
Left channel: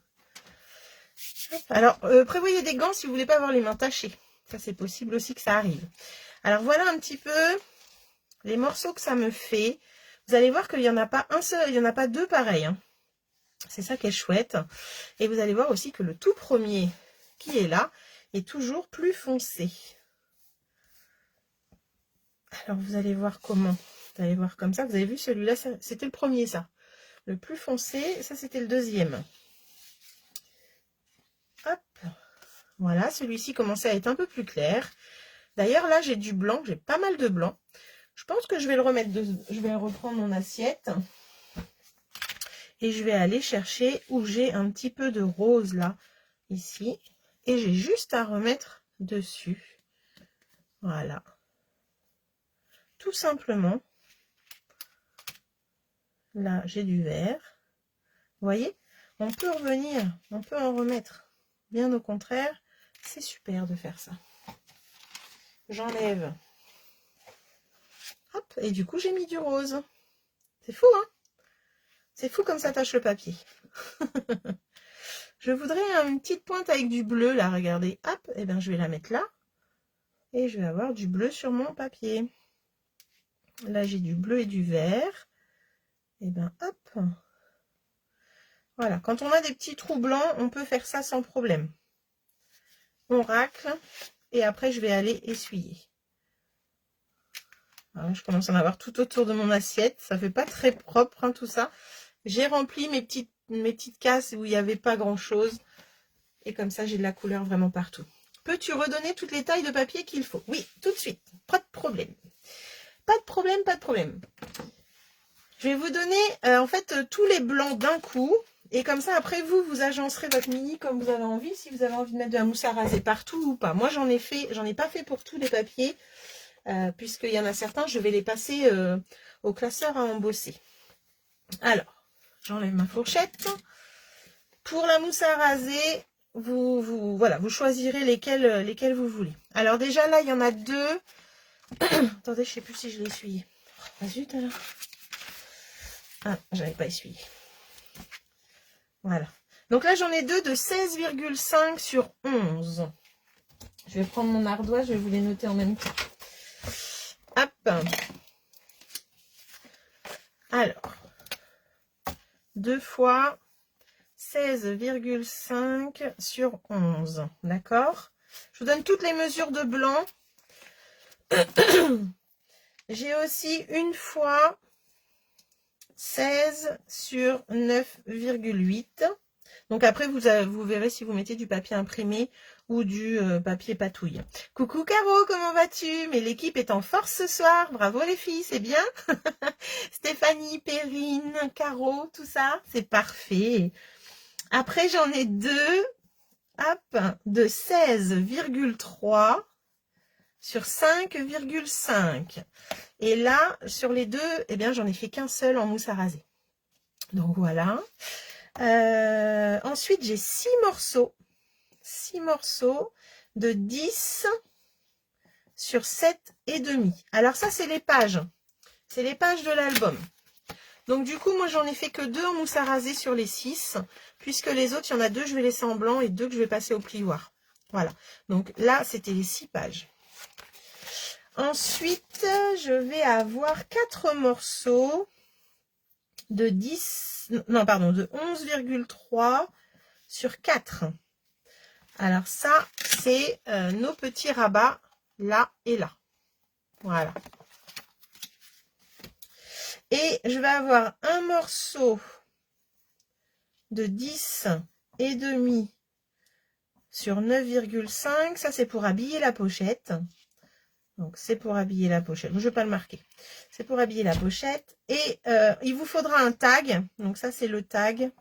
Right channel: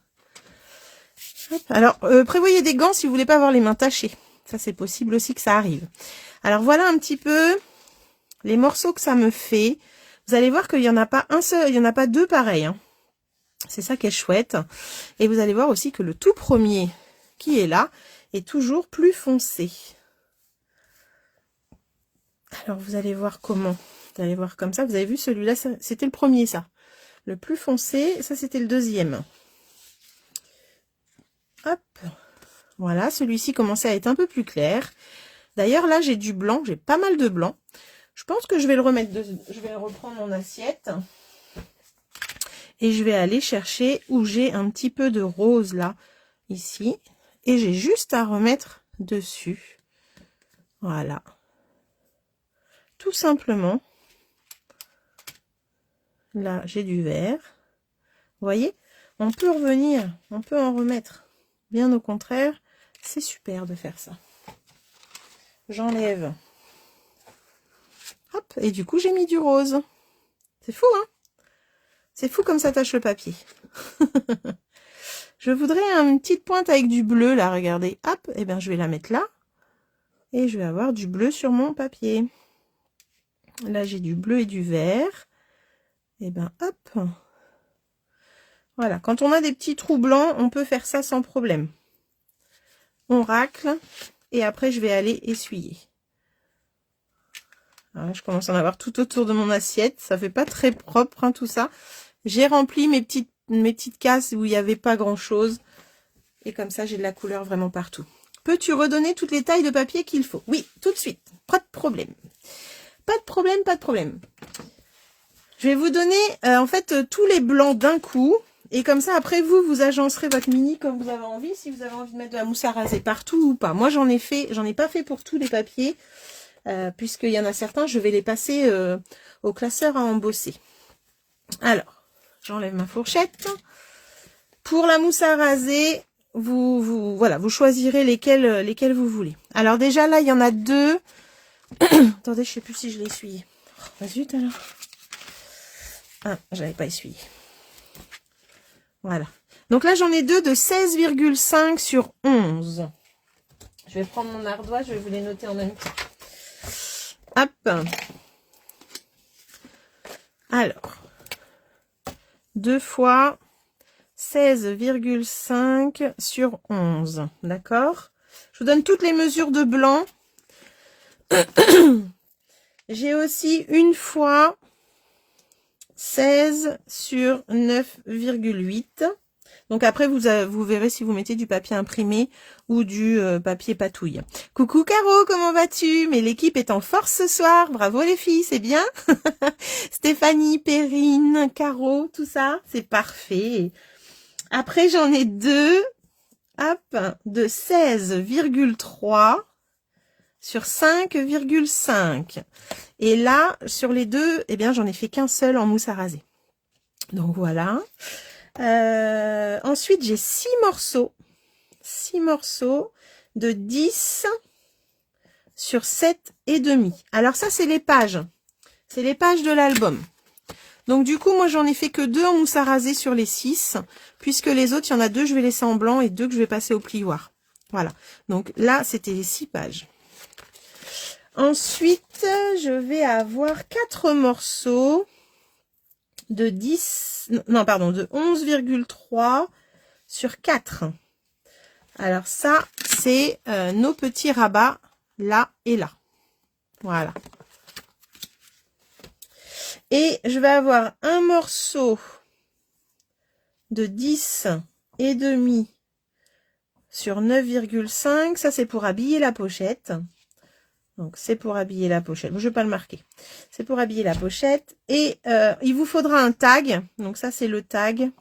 Hop. Alors, prévoyez des gants si vous voulez pas avoir les mains tachées. Ça, c'est possible aussi que ça arrive. Alors, voilà un petit peu les morceaux que ça me fait. Vous allez voir qu'il n'y en a pas un seul, il n'y en a pas deux pareils. Hein. C'est ça qui est chouette. Et vous allez voir aussi que le tout premier qui est là est toujours plus foncé. Alors, vous allez voir comment. Vous allez voir comme ça. Vous avez vu celui-là, c'était le premier, ça. Le plus foncé, ça, c'était le deuxième. Hop. Voilà, celui-ci commençait à être un peu plus clair. D'ailleurs, là, j'ai du blanc, j'ai pas mal de blanc. Je pense que je vais le remettre, je vais reprendre mon assiette. Et je vais aller chercher où j'ai un petit peu de rose, là, ici. Et j'ai juste à remettre dessus. Voilà. Tout simplement. Là, j'ai du vert. Vous voyez, on peut revenir, on peut en remettre. Bien au contraire, c'est super de faire ça. J'enlève. Hop, et du coup, j'ai mis du rose. C'est fou, hein? C'est fou comme ça tâche le papier. Je voudrais une petite pointe avec du bleu, là, regardez. Hop, et bien je vais la mettre là. Et je vais avoir du bleu sur mon papier. Là, j'ai du bleu et du vert. Et bien, hop. Voilà, quand on a des petits trous blancs, on peut faire ça sans problème. On racle. Et après, je vais aller essuyer. Alors là, je commence à en avoir tout autour de mon assiette. Ça fait pas très propre, hein, tout ça. J'ai rempli mes petites cases où il n'y avait pas grand-chose. Et comme ça, j'ai de la couleur vraiment partout. Peux-tu redonner toutes les tailles de papier qu'il faut? Oui, tout de suite. Pas de problème. Pas de problème, pas de problème. Je vais vous donner, en fait, tous les blancs d'un coup. Et comme ça, après, vous agencerez votre mini comme vous avez envie. Si vous avez envie de mettre de la mousse à raser partout ou pas. Moi, j'en ai pas fait pour tous les papiers. Puisqu'il y en a certains, je vais les passer au classeur à embosser. Alors, j'enlève ma fourchette. Pour la mousse à raser, voilà, vous choisirez lesquels vous voulez. Alors déjà, là, il y en a deux. Attendez, je ne sais plus si je l'ai essuyé. Oh, zut alors. Ah, j'avais pas essuyé. Voilà. Donc là, j'en ai deux de 16,5 sur 11. Je vais prendre mon ardoise, je vais vous les noter en même temps. Hop. Alors, 2 fois 16,5 sur 11. D'accord? Je vous donne toutes les mesures de blanc. J'ai aussi une fois 16 sur 9,8. Donc après, vous verrez si vous mettez du papier imprimé ou du papier patouille. Coucou Caro, comment vas-tu? Mais l'équipe est en force ce soir. Bravo les filles, c'est bien. Stéphanie, Perrine, Caro, tout ça, c'est parfait. Après, j'en ai deux, hop, de 16,3 sur 5,5. Et là, sur les deux, eh bien, j'en ai fait qu'un seul en mousse à raser. Donc voilà. Ensuite, j'ai 6 morceaux. 6 morceaux de 10 sur 7,5. Alors ça, c'est les pages. C'est les pages de l'album. Donc du coup, moi, j'en ai fait que 2 en mousse à raser sur les 6. Puisque les autres, il y en a 2, je vais laisser en blanc et 2 que je vais passer au plioir. Voilà. Donc là, c'était les 6 pages. Ensuite, je vais avoir 4 morceaux de 10, non, pardon, de 11,3 sur 4. Alors ça, c'est nos petits rabats là et là. Voilà. Et je vais avoir un morceau de 10 et demi sur 9,5. Ça, c'est pour habiller la pochette. Donc, c'est pour habiller la pochette. Bon, je ne vais pas le marquer. C'est pour habiller la pochette. Et il vous faudra un tag. Donc, ça, c'est le tag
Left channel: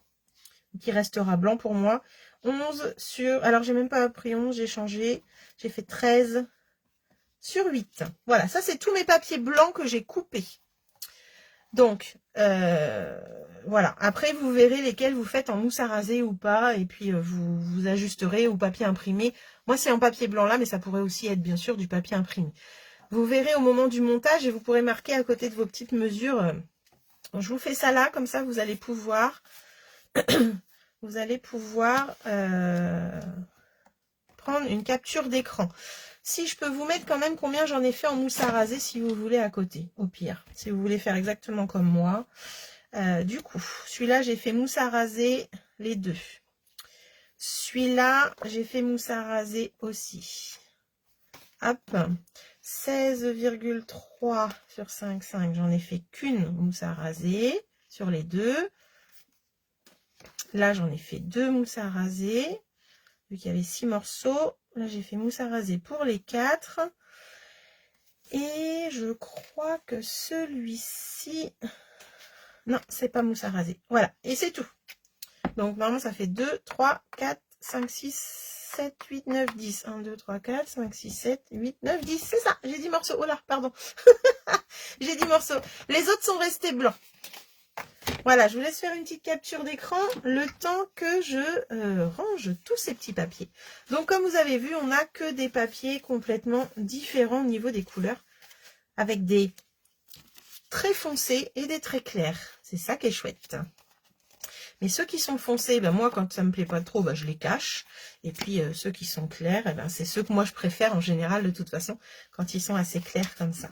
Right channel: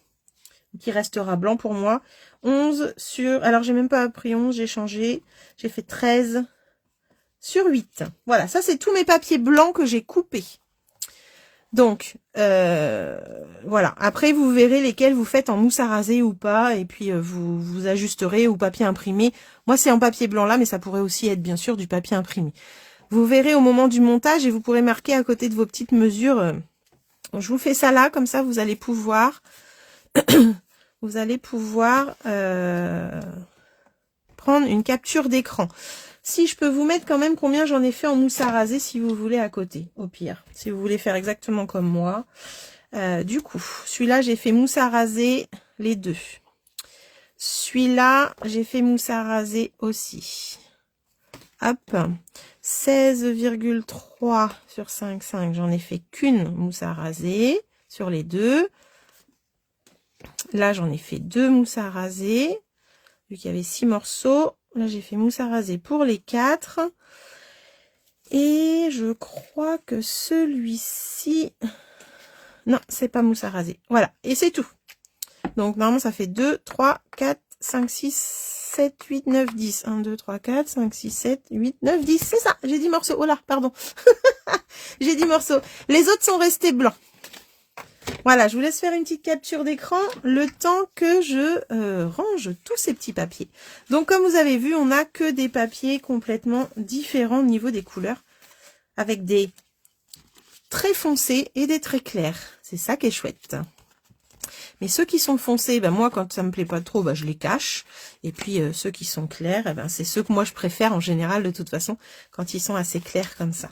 qui restera blanc pour moi. 11 sur... Alors, j'ai même pas pris 11, j'ai changé. J'ai fait 13 sur 8. Voilà, ça, c'est tous mes papiers blancs que j'ai coupés. Donc, voilà. Après, vous verrez lesquels vous faites en mousse à raser ou pas. Et puis, vous ajusterez au papier imprimé. Moi, c'est en papier blanc là, mais ça pourrait aussi être, bien sûr, du papier imprimé. Vous verrez au moment du montage et vous pourrez marquer à côté de vos petites mesures. Je vous fais ça là, comme ça, vous allez pouvoir... vous allez pouvoir prendre une capture d'écran. Si je peux vous mettre quand même combien j'en ai fait en mousse à raser, si vous voulez, à côté, au pire. Si vous voulez faire exactement comme moi. Du coup, celui-là, j'ai fait mousse à raser les deux. Celui-là, j'ai fait mousse à raser aussi. Hop, 16,3 sur 5,5. J'en ai fait qu'une mousse à raser sur les deux. Là, j'en ai fait 2 mousses à raser. Vu qu'il y avait 6 morceaux. Là, j'ai fait mousse à raser pour les 4. Et je crois que celui-ci... Non, c'est pas mousse à raser. Voilà, et c'est tout. Donc, normalement, ça fait 2, 3, 4, 5, 6, 7, 8, 9, 10. 1, 2, 3, 4, 5, 6, 7, 8, 9, 10. C'est ça, j'ai 10 morceaux. Oh là, pardon. J'ai 10 morceaux. Les autres sont restés blancs. Voilà, je vous laisse faire une petite capture d'écran le temps que je range tous ces petits papiers. Donc, comme vous avez vu, on n'a que des papiers complètement différents au niveau des couleurs, avec des très foncés et des très clairs. C'est ça qui est chouette. Mais ceux qui sont foncés, ben moi, quand ça me plaît pas trop, ben je les cache. Et puis, ceux qui sont clairs, eh ben, c'est ceux que moi, je préfère en général, de toute façon, quand ils sont assez clairs comme ça.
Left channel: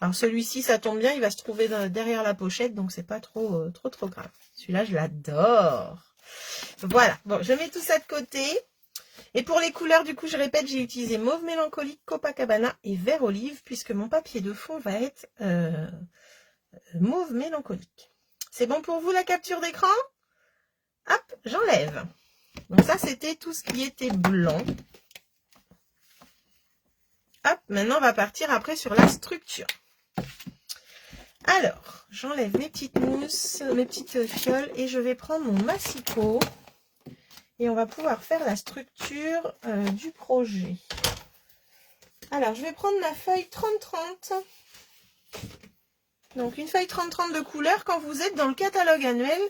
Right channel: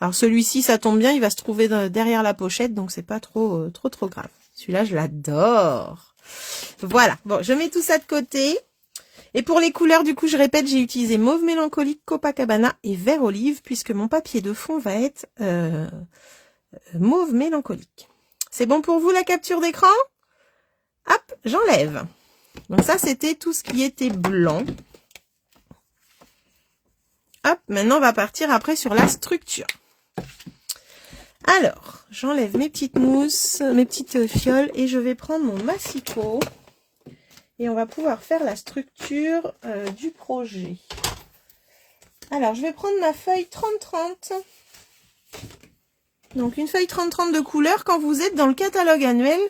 Alors celui-ci, ça tombe bien, il va se trouver derrière la pochette, donc c'est pas trop grave. Celui-là, je l'adore. Voilà, bon, je mets tout ça de côté. Et pour les couleurs, du coup, je répète, j'ai utilisé mauve mélancolique, Copacabana et vert olive, puisque mon papier de fond va être mauve mélancolique. C'est bon pour vous la capture d'écran? Hop, j'enlève. Donc ça, c'était tout ce qui était blanc. Hop, maintenant, on va partir après sur la structure. Alors, j'enlève mes petites mousses, mes petites fioles et je vais prendre mon massicot et on va pouvoir faire la structure du projet. Alors, je vais prendre ma feuille 30-30. Donc, une feuille 30-30 de couleur. Quand vous êtes dans le catalogue annuel,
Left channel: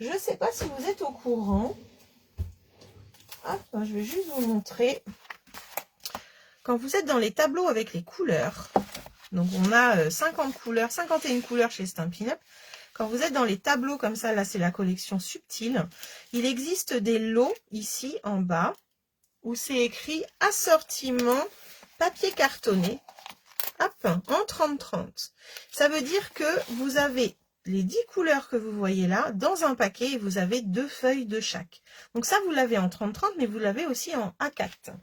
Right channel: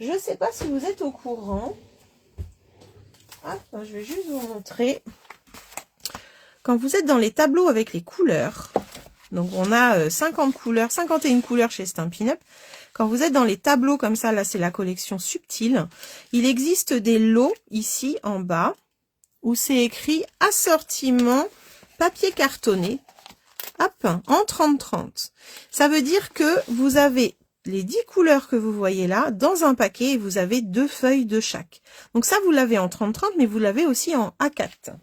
je ne sais pas si vous êtes au courant. Hop, je vais juste vous montrer. Quand vous êtes dans les tableaux avec les couleurs, donc on a 50 couleurs, 51 couleurs chez Stampin' Up. Quand vous êtes dans les tableaux comme ça, là c'est la collection subtile, il existe des lots ici en bas où c'est écrit assortiment papier cartonné, hop, en 30-30. Ça veut dire que vous avez les 10 couleurs que vous voyez là dans un paquet et vous avez 2 feuilles de chaque. Donc ça vous l'avez en 30-30 mais vous l'avez aussi en A4.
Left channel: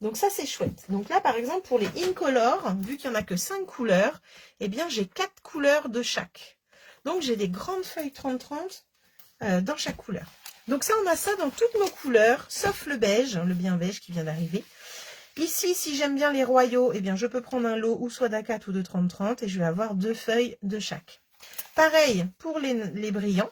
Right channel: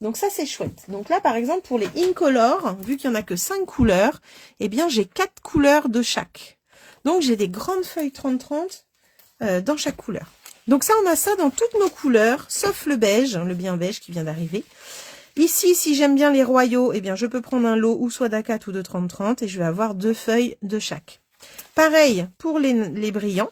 Donc ça, c'est chouette. Donc là, par exemple, pour les Incolor, vu qu'il n'y en a que 5 couleurs, eh bien, j'ai 4 couleurs de chaque. Donc, j'ai des grandes feuilles 30-30 dans chaque couleur. Donc ça, on a ça dans toutes nos couleurs, sauf le beige, le bien beige qui vient d'arriver. Ici, si j'aime bien les royaux, eh bien, je peux prendre un lot ou soit d'A4 ou de 30-30 et je vais avoir 2 feuilles de chaque. Pareil pour les brillants.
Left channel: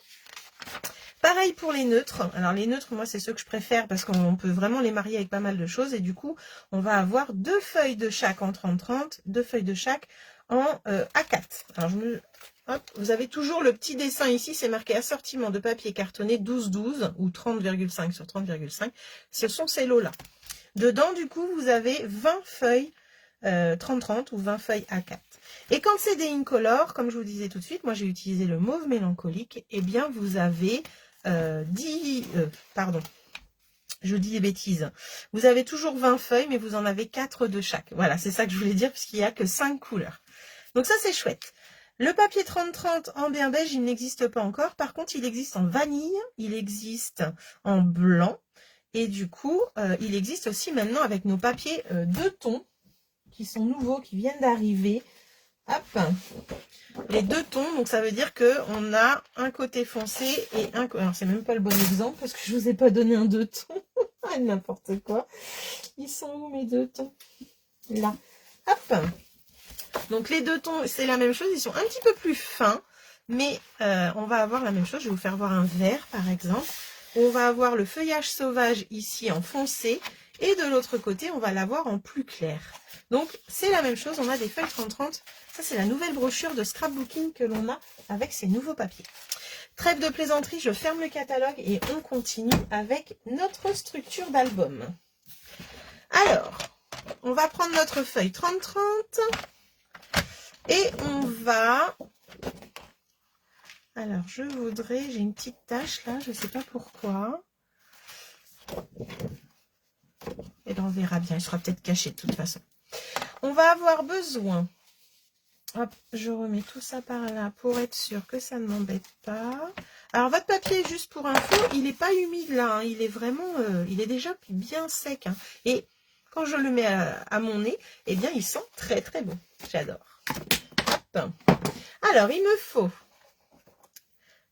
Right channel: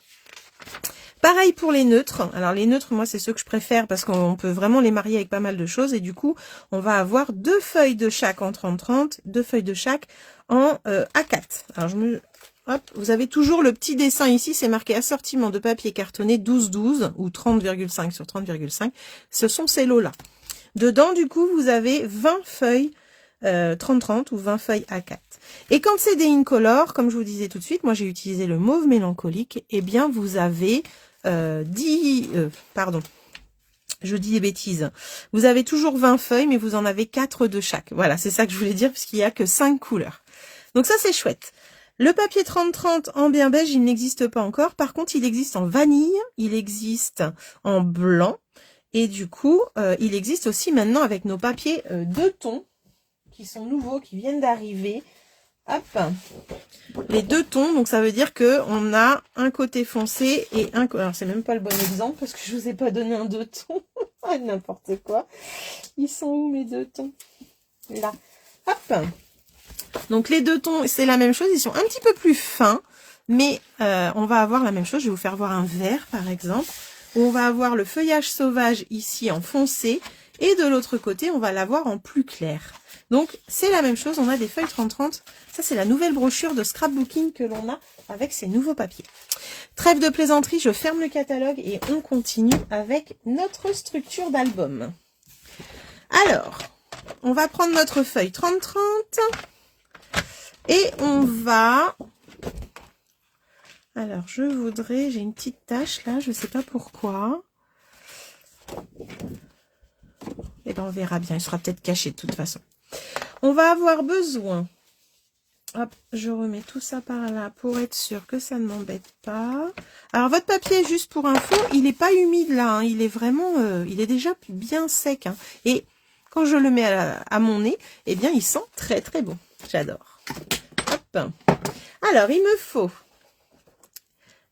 Pareil pour les neutres. Alors les neutres, moi, c'est ceux que je préfère parce qu'on peut vraiment les marier avec pas mal de choses. Et du coup, on va avoir 2 feuilles de chaque en 30-30, 2 feuilles de chaque en A4. Alors, hop, vous avez toujours le petit dessin ici, c'est marqué assortiment de papier cartonné 12-12 ou 30,5 sur 30,5. Ce sont ces lots-là. Dedans, du coup, vous avez 20 feuilles 30-30 ou 20 feuilles A4. Et quand c'est des Incolor, comme je vous disais tout de suite, moi j'ai utilisé le mauve mélancolique, eh bien vous avez pardon, je dis des bêtises. Vous avez toujours 20 feuilles, mais vous en avez 4 de chaque. Voilà, c'est ça que je voulais dire, puisqu'il n'y a que 5 couleurs. Donc ça, c'est chouette. Le papier 30-30 en bien beige, il n'existe pas encore. Par contre, il existe en vanille, il existe en blanc Et du coup, il existe aussi maintenant avec nos papiers 2 tons qui sont nouveaux, qui viennent d'arriver. Hop, les 2 tons, donc ça veut dire que on a un côté foncé et un côté... Alors c'est même pas le bon exemple parce que je vous ai pas donné un 2 tons. N'importe quoi. Ils sont où mes 2 tons? Là. Hop. Donc les 2 tons, c'est la même chose, ils sont un petit peu plus fins, mais on va avoir la même chose. Je vais vous faire voir un vert par exemple, où on va avoir le feuillage sauvage ici en foncé, et de l'autre côté, on va l'avoir en plus clair. Donc c'est la même chose, on a des feuilles 30-30. Ça c'est la nouvelle brochure de scrapbooking que l'on a avec ces nouveaux papiers. Trêve de plaisanterie, je ferme le catalogue et on continue avec notre structure d'album. Alors, on va prendre notre feuille 30-30. Et on va... Alors, j'ai une petite tache là, je ne sais pas pourquoi. Et bien, on verra bien, il sera peut-être caché de toute façon. On va avoir besoin... Hop, je remets tout ça par là pour être sûr que ça ne m'embête pas. Alors, votre papier, juste pour info, il n'est pas humide là, hein, il est vraiment... il est déjà bien sec. Hein, et quand je le mets à mon nez, eh bien, il sent très très bon. J'adore. Hop. Alors, il me faut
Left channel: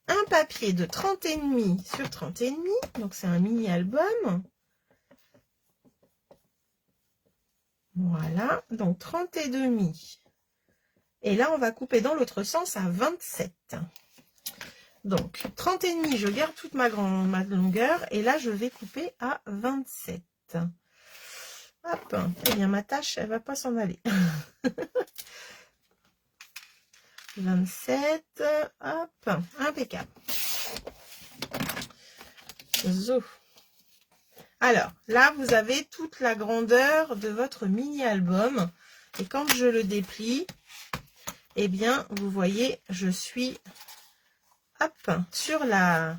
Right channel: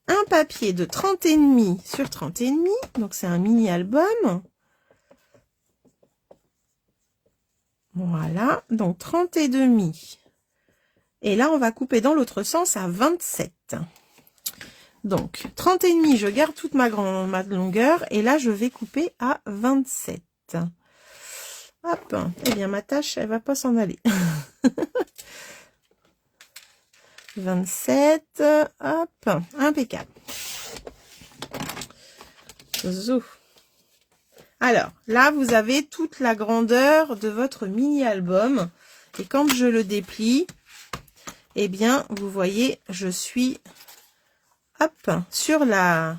un papier de 30,5 sur 30,5. Donc, c'est un mini album. Voilà. Donc, 30,5. Et là, on va couper dans l'autre sens à 27. Donc, 30,5, je garde toute ma longueur. Et là, je vais couper à 27. Hop. Eh bien, ma tâche, elle va pas s'en aller. 27, hop, impeccable. Zo. Alors, là, vous avez toute la grandeur de votre mini-album. Et quand je le déplie, eh bien, vous voyez, je suis, hop, sur la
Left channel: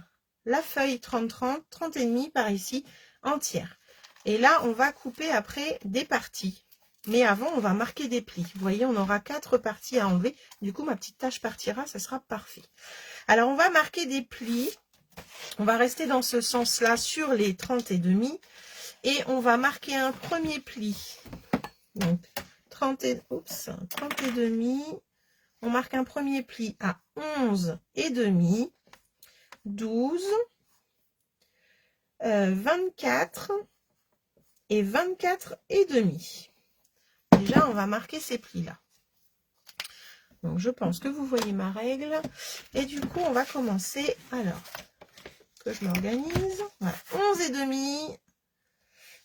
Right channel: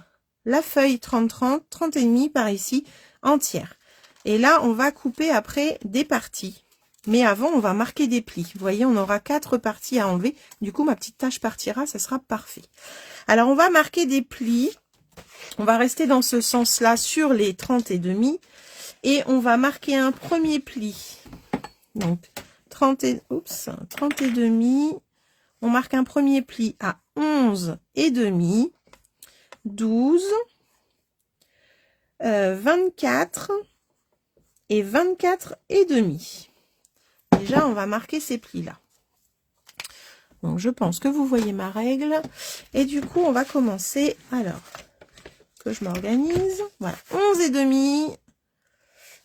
feuille 30-30, 30,5 par ici, entière. Et là, on va couper après des parties. Mais avant, on va marquer des plis. Vous voyez, on aura 4 parties à enlever. Du coup, ma petite tâche partira, ça sera parfait. Alors, on va marquer des plis. On va rester dans ce sens-là sur les 30,5. Et on va marquer un premier pli. Donc, 30,5. On marque un premier pli à 11,5. 12. 24. Et 24,5. Déjà, on va marquer ces plis-là. Donc, je pense que vous voyez ma règle. Et du coup, on va commencer. Alors, que je m'organise. Voilà, 11,5.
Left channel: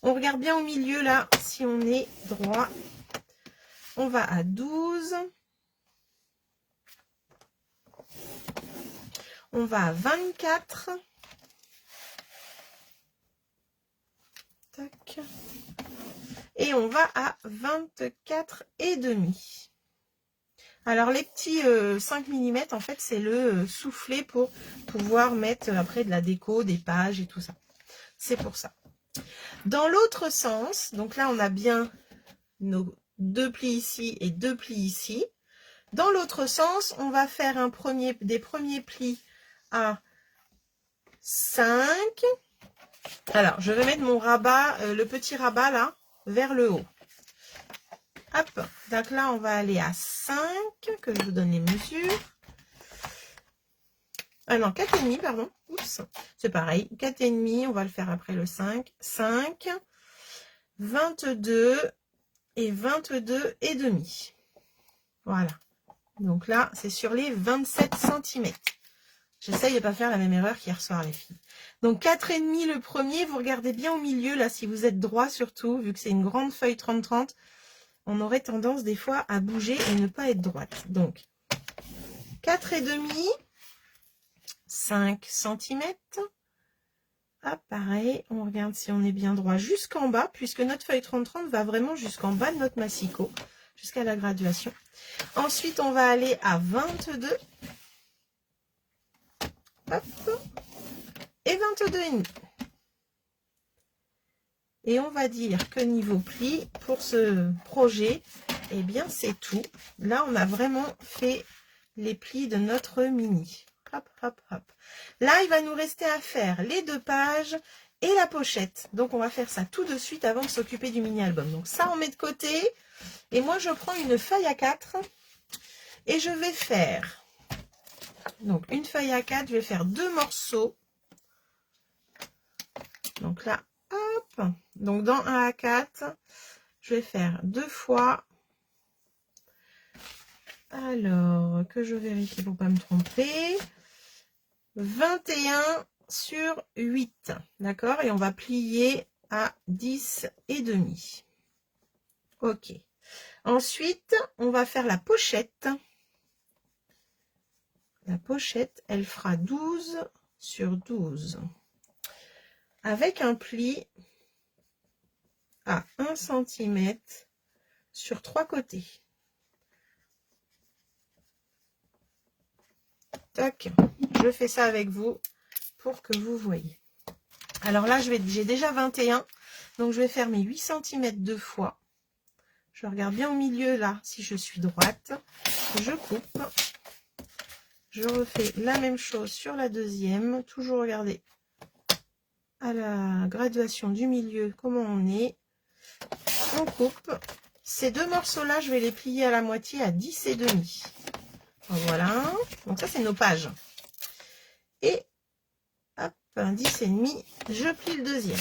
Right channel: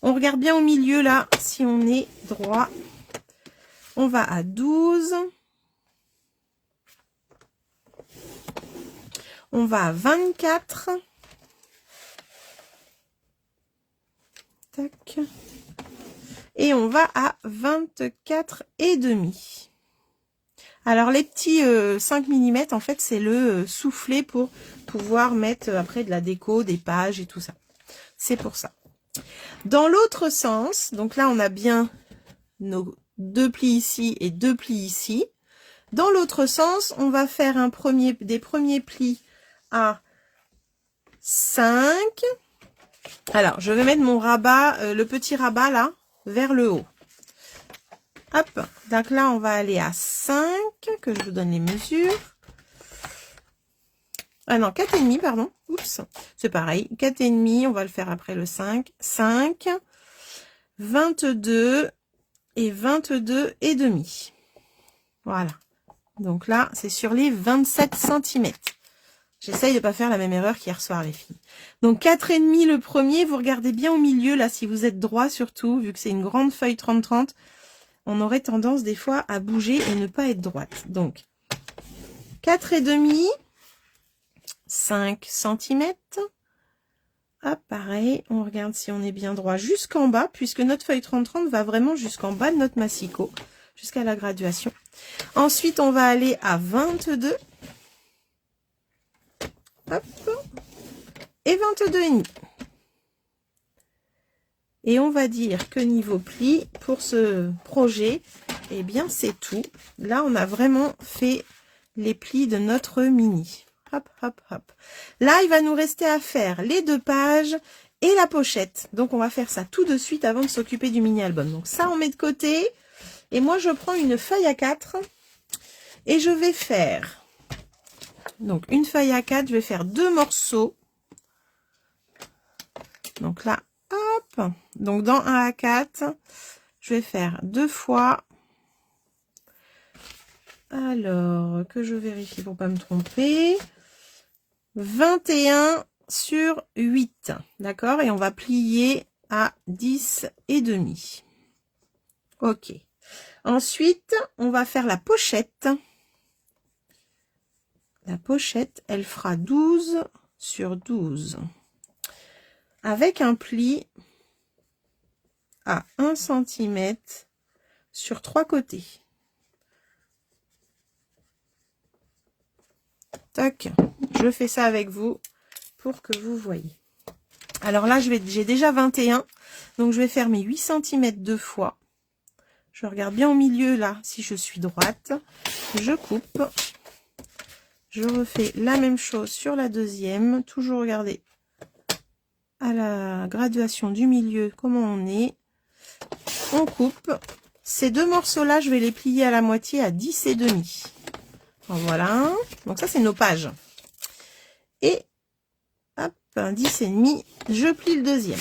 On regarde bien au milieu, là, si on est droit. On va à 12. On va à 24. Tac. Et on va à 24,5. Alors, les petits 5 mm, en fait, c'est le soufflet pour pouvoir mettre après de la déco, des pages et tout ça. C'est pour ça. Dans l'autre sens, donc là, on a bien nos 2 plis ici et 2 plis ici. Dans l'autre sens, on va faire des premiers plis à 5. Alors, je vais mettre mon rabat, le petit rabat là, vers le haut. Hop, donc là, on va aller à 5, que je vous donne les mesures. Ah non, 4,5, pardon. Oups, c'est pareil. 4,5, on va le faire après le 5. 5, 22 et 22,5. Voilà. Donc là, c'est sur les 27 cm. J'essaye de ne pas faire la même erreur qu'hier soir, les filles. Donc, 4,5 le premier. Vous regardez bien au milieu, là, si vous êtes droit, surtout, vu que c'est une grande feuille 30-30, on aurait tendance, des fois, à bouger et ne pas être droite. Donc, 4,5, 5 cm. Hop, pareil, on regarde si on est bien droit jusqu'en bas, puisque notre feuille 30-30 va vraiment jusqu'en bas de notre massicot, jusqu'à la graduation. Ensuite, on va aller à 22. Hop, et 22,5. Et on va dire que niveau pli, pour ce projet, eh bien, c'est tout. Là, on a vraiment fait les plis de notre mini. Hop, hop, hop. Là, il va nous rester à faire les 2 pages et la pochette. Donc on va faire ça tout de suite avant de s'occuper du mini-album. Donc ça on met de côté. Et moi je prends une feuille à 4 et je vais faire, donc une feuille à 4, je vais faire 2 morceaux. Donc là, hop, donc dans un A4, je vais faire 2 fois, alors que je vérifie pour pas me tromper, 21 sur 8, d'accord, et on va plier à 10 et demi. Ok, ensuite on va faire la pochette. La pochette, elle fera 12 sur 12 avec un pli à 1 cm sur 3 côtés. Tac, je fais ça avec vous pour que vous voyez. Alors là, j'ai déjà 21, donc je vais faire mes 8 cm deux fois. Je regarde bien au milieu là, si je suis droite. Je coupe. Je refais la même chose sur la deuxième. Toujours regarder à la graduation du milieu comment on est. On coupe. Ces 2 morceaux-là, je vais les plier à la moitié à 10 et demi. Voilà. Donc ça, c'est nos pages. Et hop, 10 et demi, je plie le deuxième.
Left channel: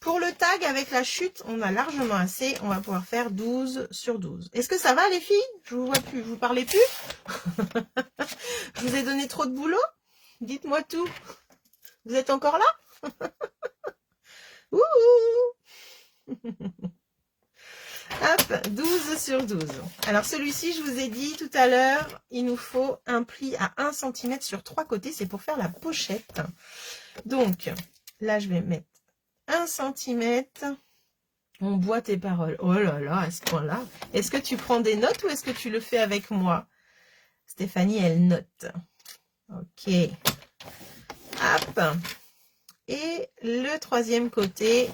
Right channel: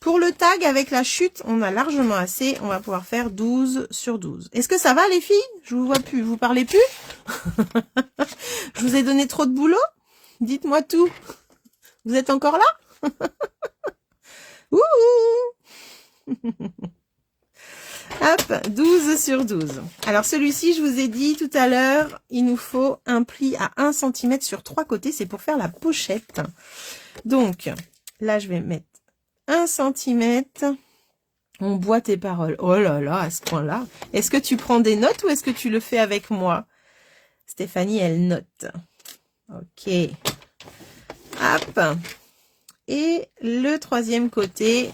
Pour le tag, avec la chute, on a largement assez. On va pouvoir faire 12 sur 12. Est-ce que ça va, les filles? Je vous vois plus. Vous parlez plus? Je vous ai donné trop de boulot? Dites-moi tout. Vous êtes encore là? Ouh. Hop, 12 sur 12. Alors celui-ci, je vous ai dit tout à l'heure, il nous faut un pli à 1 cm sur 3 côtés. C'est pour faire la pochette. Donc, là, je vais mettre 1 cm. On boit tes paroles. Oh là là, à ce point-là. Est-ce que tu prends des notes ou est-ce que tu le fais avec moi? Stéphanie, elle note. Ok. Hop. Et le troisième côté.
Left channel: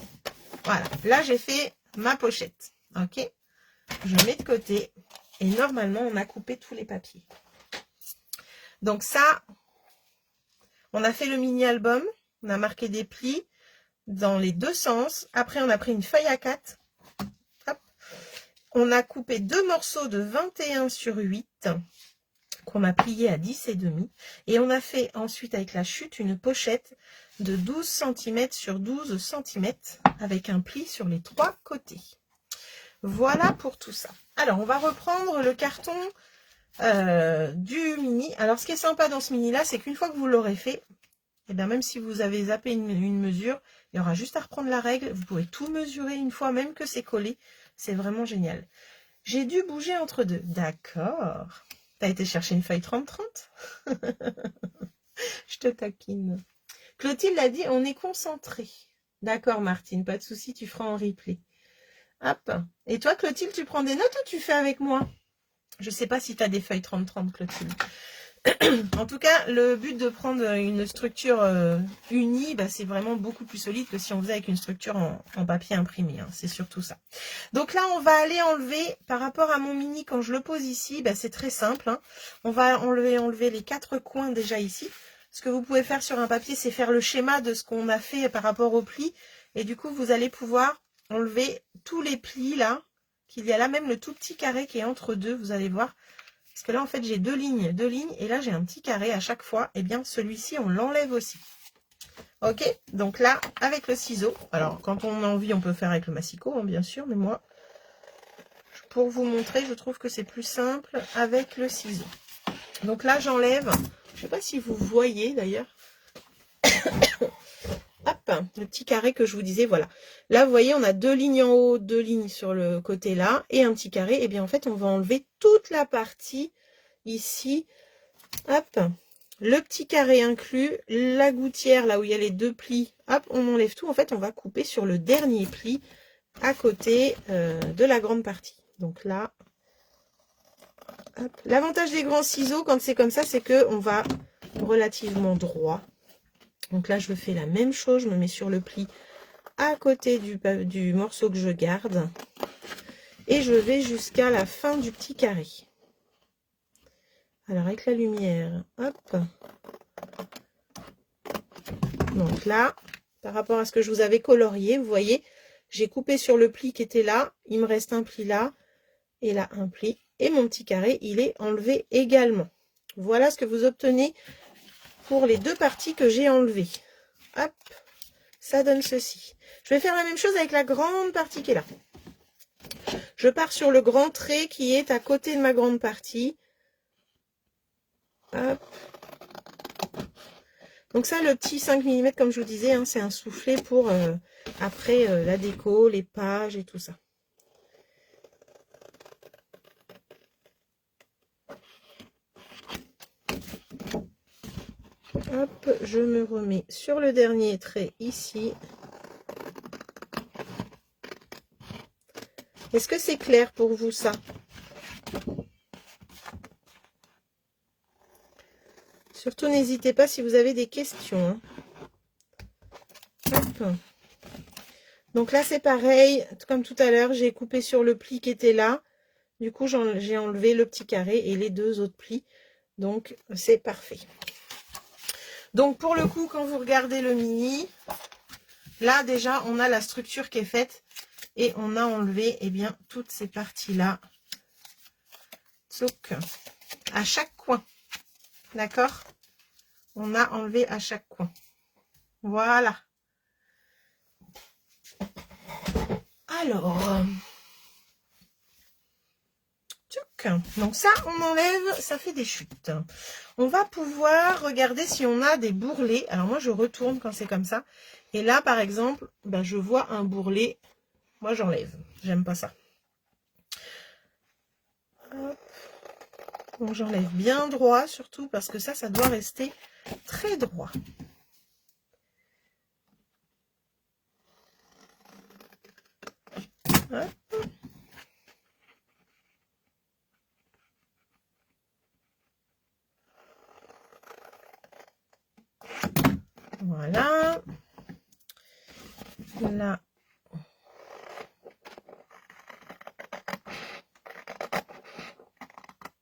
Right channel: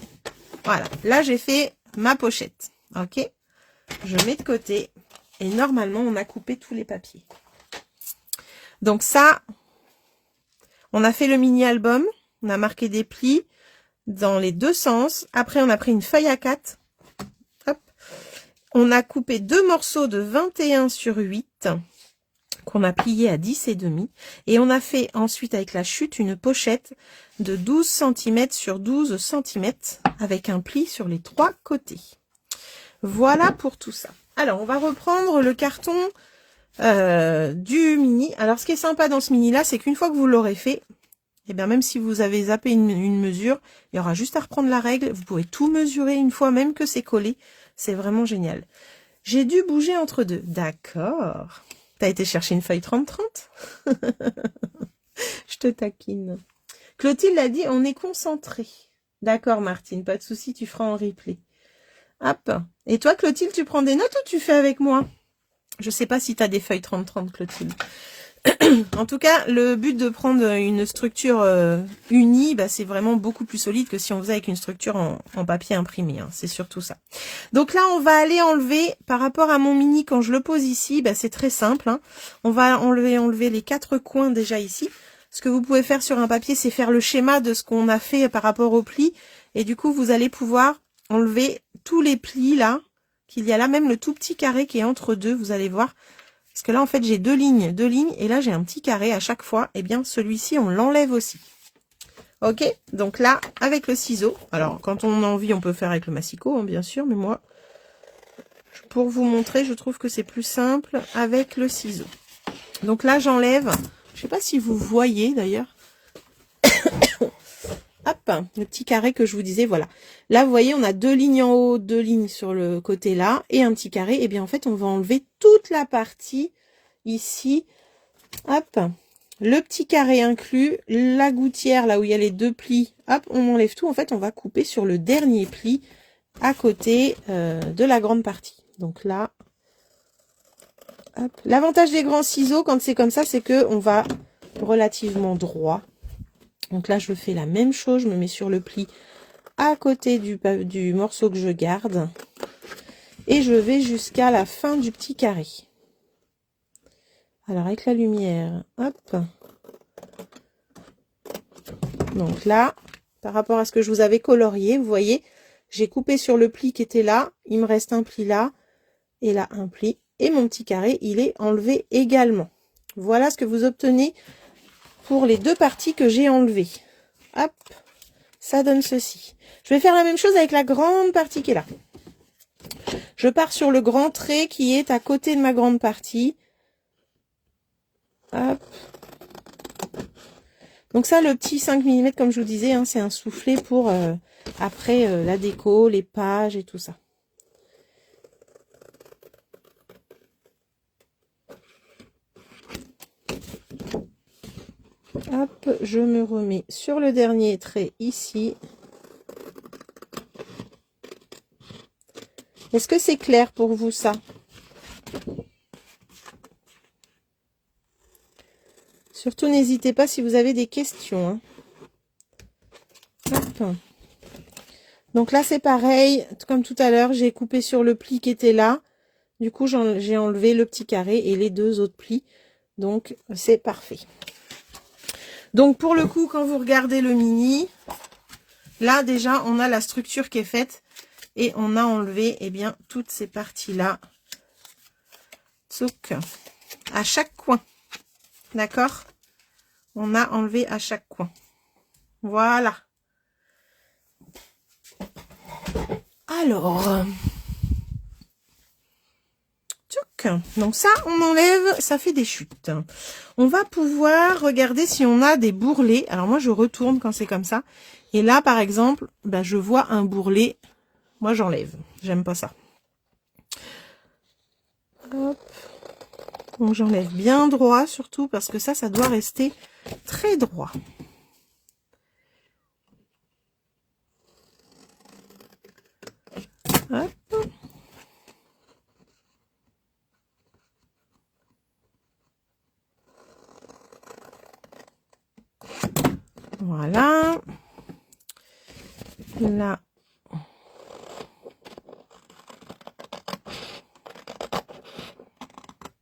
Voilà. Là, j'ai fait ma pochette. Ok. Je mets de côté. Et normalement, on a coupé tous les papiers. Donc ça, on a fait le mini-album. On a marqué des plis dans les deux sens. Après, on a pris une feuille à 4. Hop. On a coupé 2 morceaux de 21 sur 8 qu'on a plié à 10 et demi. Et on a fait ensuite avec la chute une pochette de 12 cm sur 12 cm avec un pli sur les 3 côtés. Voilà pour tout ça. Alors, on va reprendre le carton du mini. Alors, ce qui est sympa dans ce mini-là, c'est qu'une fois que vous l'aurez fait, et bien même si vous avez zappé une mesure, il y aura juste à reprendre la règle. Vous pouvez tout mesurer une fois, même que c'est collé. C'est vraiment génial. J'ai dû bouger entre deux. D'accord. T'as été chercher une feuille 30-30? Je te taquine. Clotilde a dit, on est concentré. D'accord, Martine, pas de souci, tu feras en replay. Hop. Et toi, Clotilde, tu prends des notes ou tu fais avec moi? Je sais pas si tu as des feuilles 30-30, Clotilde. En tout cas, le but de prendre une structure unie, bah, c'est vraiment beaucoup plus solide que si on faisait avec une structure en papier imprimé. Hein. C'est surtout ça. Donc là, on va aller enlever, par rapport à mon mini, quand je le pose ici, bah, c'est très simple. Hein. On va enlever les 4 coins déjà ici. Ce que vous pouvez faire sur un papier, c'est faire le schéma de ce qu'on a fait par rapport au pli. Et du coup, vous allez pouvoir enlever tous les plis là, qu'il y a là, même le tout petit carré qui est entre deux, vous allez voir. Parce que là, en fait, j'ai deux lignes, et là, j'ai un petit carré à chaque fois. Et bien, celui-ci, on l'enlève aussi. Ok, donc là, avec le ciseau. Alors, quand on a envie, on peut faire avec le massicot, hein, bien sûr. Mais moi, pour vous montrer, je trouve que c'est plus simple avec le ciseau. Donc là, j'enlève. Je ne sais pas si vous voyez, d'ailleurs. Hop, le petit carré que je vous disais, voilà. Là, vous voyez, on a 2 lignes en haut, 2 lignes sur le côté là, et un petit carré. Et bien, en fait, on va enlever toute la partie ici. Hop, le petit carré inclus, la gouttière, là où il y a les 2 plis. Hop, on enlève tout. En fait, on va couper sur le dernier pli à côté de la grande partie. Donc là, hop. L'avantage des grands ciseaux, quand c'est comme ça, c'est que on va relativement droit. Donc là, je fais la même chose, je me mets sur le pli à côté du morceau que je garde. Et je vais jusqu'à la fin du petit carré. Alors avec la lumière, hop. Donc là, par rapport à ce que je vous avais colorié. Vous voyez, j'ai coupé sur le pli qui était là. Il me reste un pli là et là un pli. Et mon petit carré, il est enlevé également. Voilà ce que vous obtenez pour les deux parties que j'ai enlevées. Hop, ça donne ceci. Je vais faire la même chose avec la grande partie qui est là. Je pars sur le grand trait qui est à côté de ma grande partie. Hop. Donc ça, le petit 5 mm, comme je vous disais, hein, c'est un soufflet pour après la déco, les pages et tout ça. Hop, je me remets sur le dernier trait ici. Est-ce que c'est clair pour vous ça? Surtout, n'hésitez pas si vous avez des questions. Hein. Hop. Donc là, c'est pareil. Comme tout à l'heure, j'ai coupé sur le pli qui était là. Du coup, j'ai enlevé le petit carré et les deux autres plis. Donc, c'est parfait. Donc, pour le coup, quand vous regardez le mini, là, déjà, on a la structure qui est faite. Et on a enlevé, eh bien, toutes ces parties-là. Tsouk. À chaque coin. D'accord? On a enlevé à chaque coin. Voilà. Alors. Tchouk. Donc ça, on enlève, ça fait des chutes. On va pouvoir regarder si on a des bourrelets. Alors moi, je retourne quand c'est comme ça. Et là, par exemple, ben, je vois un bourrelet. Moi, j'enlève. J'aime pas ça. Hop. Donc j'enlève bien droit, surtout parce que ça doit rester très droit. Hop. Voilà. Là.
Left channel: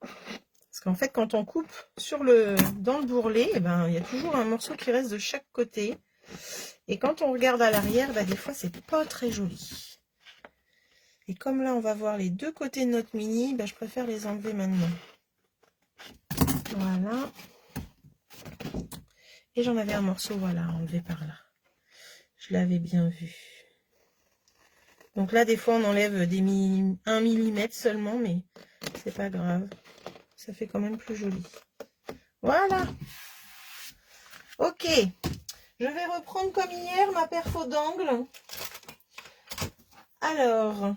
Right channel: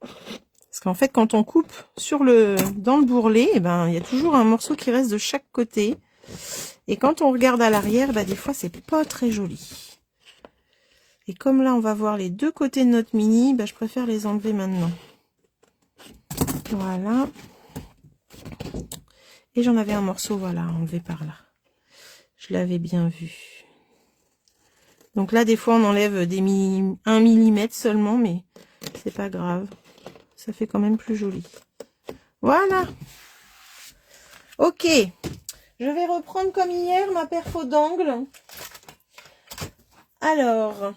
Parce qu'en fait, quand on coupe dans le bourrelet, eh ben, il y a toujours un morceau qui reste de chaque côté. Et quand on regarde à l'arrière, bah, des fois, c'est pas très joli. Et comme là, on va voir les deux côtés de notre mini, bah, je préfère les enlever maintenant. Voilà. Et j'en avais un morceau, voilà, enlevé par là. Je l'avais bien vu. Donc là, des fois, on enlève 1 mm seulement, mais c'est pas grave. Ça fait quand même plus joli. Voilà. Ok. Je vais reprendre comme hier ma perfo d'angle. Alors,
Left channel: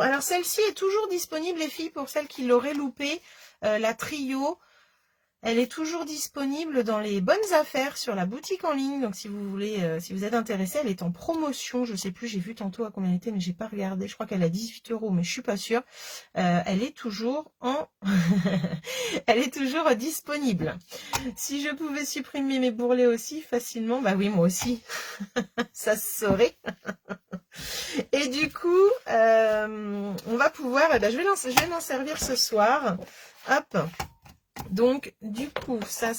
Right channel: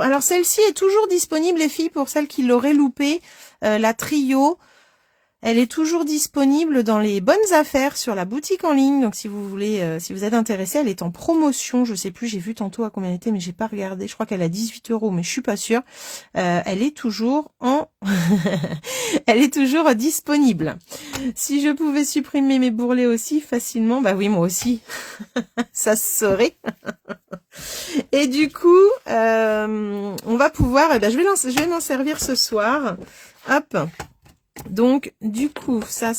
alors celle-ci est toujours disponible, les filles, pour celles qui l'auraient loupé. La trio, elle est toujours disponible dans les bonnes affaires sur la boutique en ligne. Donc si vous voulez, si vous êtes intéressé, elle est en promotion. Je sais plus, j'ai vu tantôt à combien elle était, mais j'ai pas regardé. Je crois qu'elle a 18 €, mais je suis pas sûre. Elle est toujours elle est toujours disponible. Si je pouvais supprimer mes bourrelets aussi facilement, bah oui, moi aussi. Ça se saurait. Et du coup, on va pouvoir, je vais m'en servir ce soir. Hop. Donc, du coup, ça,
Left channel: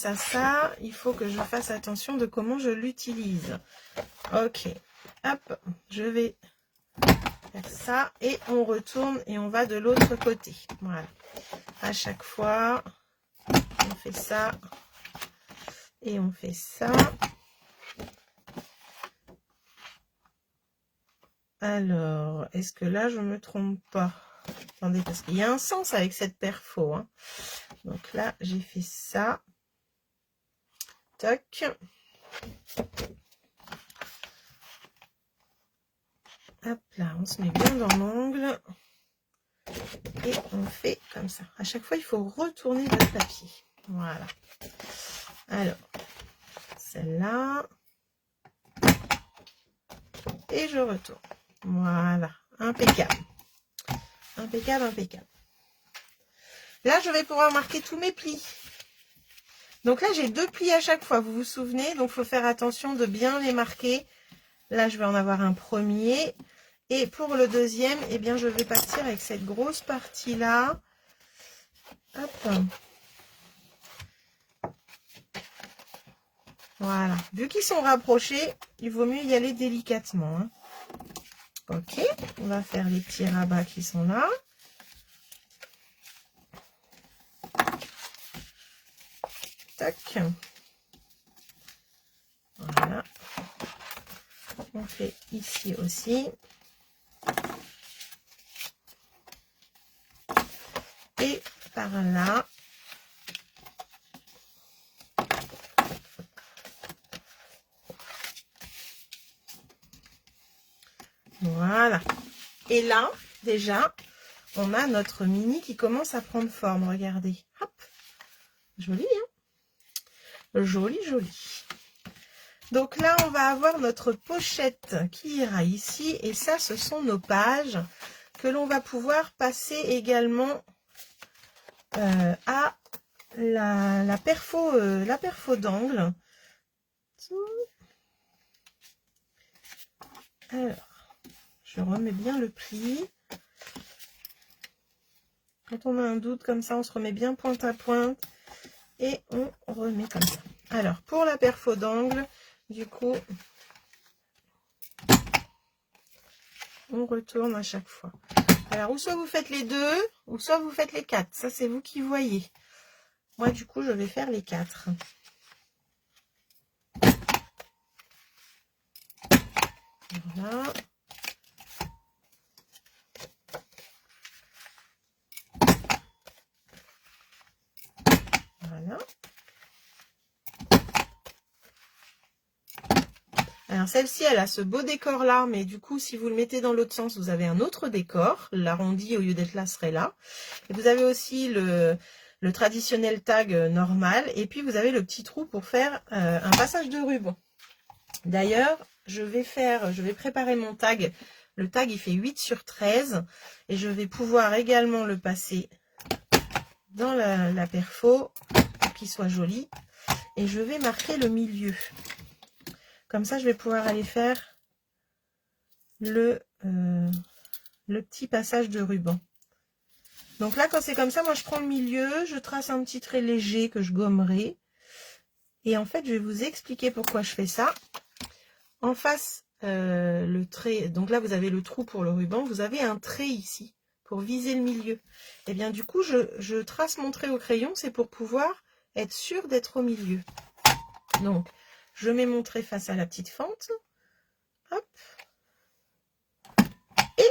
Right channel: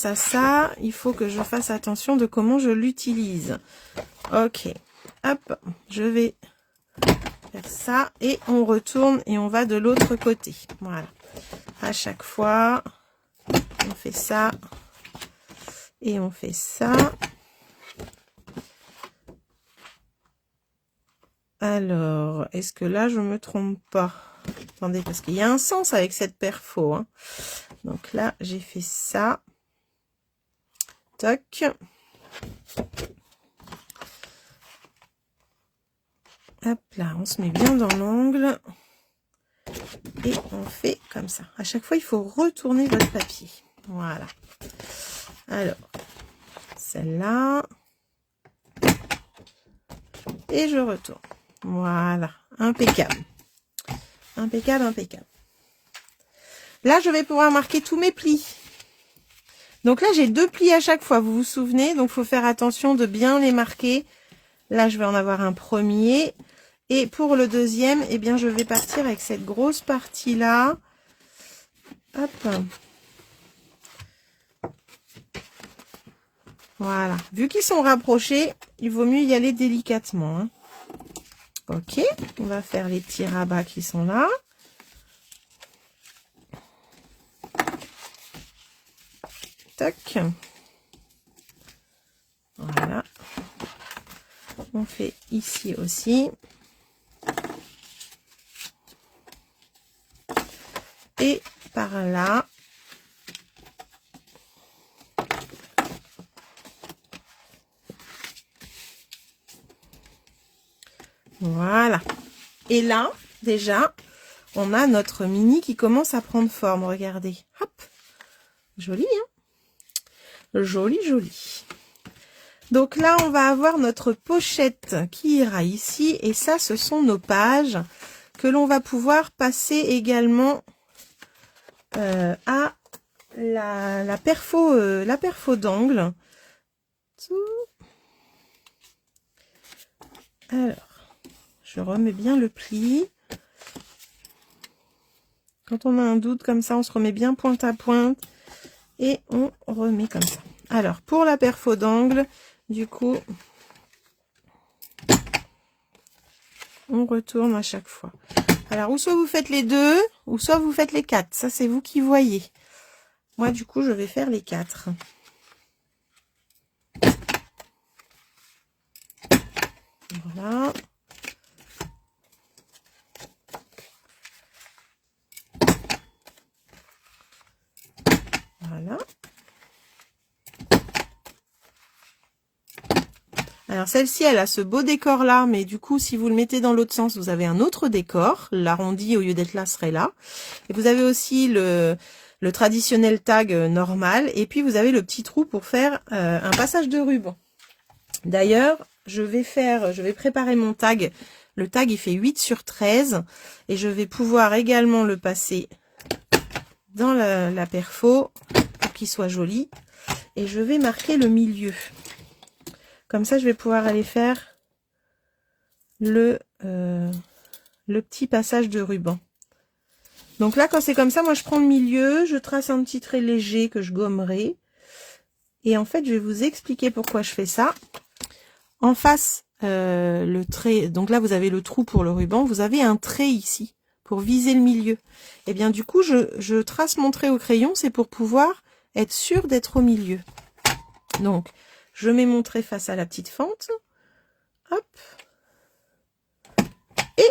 il faut que je fasse attention de comment je l'utilise. Ok. Hop. Je vais faire ça. Et on retourne et on va de l'autre côté. Voilà. À chaque fois, on fait ça. Et on fait ça. Alors, est-ce que là, je me trompe pas? Attendez, parce qu'il y a un sens avec cette perfo. Hein. Donc là, j'ai fait ça. Toc. Hop là, on se met bien dans l'angle. Et on fait comme ça. À chaque fois, il faut retourner votre papier. Voilà. Alors, celle-là. Et je retourne. Voilà. Impeccable. Impeccable, impeccable. Là, je vais pouvoir marquer tous mes plis. Donc là, j'ai 2 plis à chaque fois, vous vous souvenez? Donc, il faut faire attention de bien les marquer. Là, je vais en avoir un premier. Et pour le deuxième, eh bien, je vais partir avec cette grosse partie-là. Hop. Voilà. Vu qu'ils sont rapprochés, il vaut mieux y aller délicatement. Hein. Ok, on va faire les petits rabats qui sont là. Tac. Voilà. On fait ici aussi. Et par là. Voilà. Et là, déjà, on a notre mini qui commence à prendre forme. Regardez. Hop. Joli, hein? Joli, joli. Donc là, on va avoir notre pochette qui ira ici. Et ça, ce sont nos pages que l'on va pouvoir passer également à la perfo d'angle. Alors, je remets bien le pli. Quand on a un doute comme ça, on se remet bien pointe à pointe. Et on remet comme ça. Alors, pour la perfo d'angle, du coup, on retourne à chaque fois. Alors, ou soit vous faites les deux, ou soit vous faites les quatre. Ça, c'est vous qui voyez. Moi, du coup, je vais faire les quatre. Voilà. Voilà. Alors, celle-ci, elle a ce beau décor-là, mais du coup, si vous le mettez dans l'autre sens, vous avez un autre décor. L'arrondi, au lieu d'être là, serait là. Et vous avez aussi le traditionnel tag normal. Et puis, vous avez le petit trou pour faire un passage de ruban. D'ailleurs, je vais préparer mon tag. Le tag, il fait 8 sur 13. Et je vais pouvoir également le passer dans la perfo pour qu'il soit joli. Et je vais marquer le milieu. Comme ça, je vais pouvoir aller faire le petit passage de ruban. Donc là, quand c'est comme ça, moi, je prends le milieu, je trace un petit trait léger que je gommerai. Et en fait, je vais vous expliquer pourquoi je fais ça. En face, le trait, donc là, vous avez le trou pour le ruban. Vous avez un trait ici pour viser le milieu. Et bien, du coup, je trace mon trait au crayon. C'est pour pouvoir être sûr d'être au milieu. Donc, je mets mon trait face à la petite fente. Hop. Et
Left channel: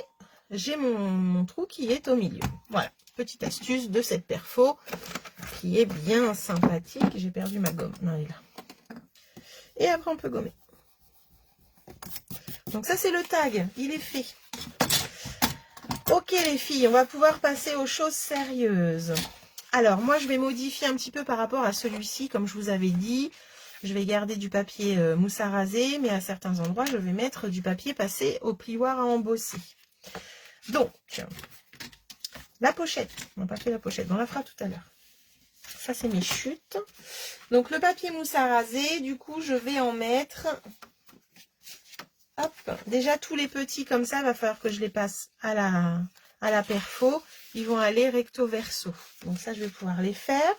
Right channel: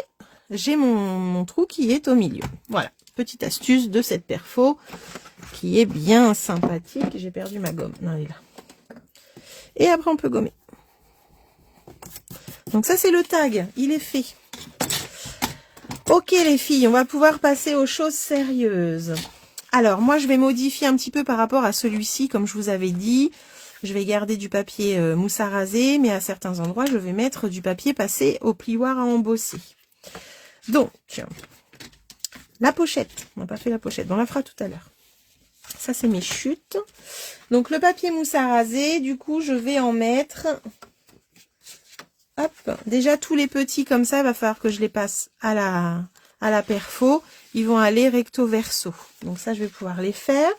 j'ai mon trou qui est au milieu. Voilà, petite astuce de cette perfo qui est bien sympathique. J'ai perdu ma gomme. Non, elle est là. Et après, on peut gommer. Donc ça, c'est le tag. Il est fait. Ok, les filles, on va pouvoir passer aux choses sérieuses. Alors, moi, je vais modifier un petit peu par rapport à celui-ci, comme je vous avais dit. Je vais garder du papier mousse à raser, mais à certains endroits, je vais mettre du papier passé au plioir à embosser. Donc, la pochette. On n'a pas fait la pochette, on la fera tout à l'heure. Ça, c'est mes chutes. Donc, le papier mousse à raser, du coup, je vais en mettre... Hop. Déjà, tous les petits comme ça, il va falloir que je les passe à la perfo. Ils vont aller recto verso. Donc ça, je vais pouvoir les faire.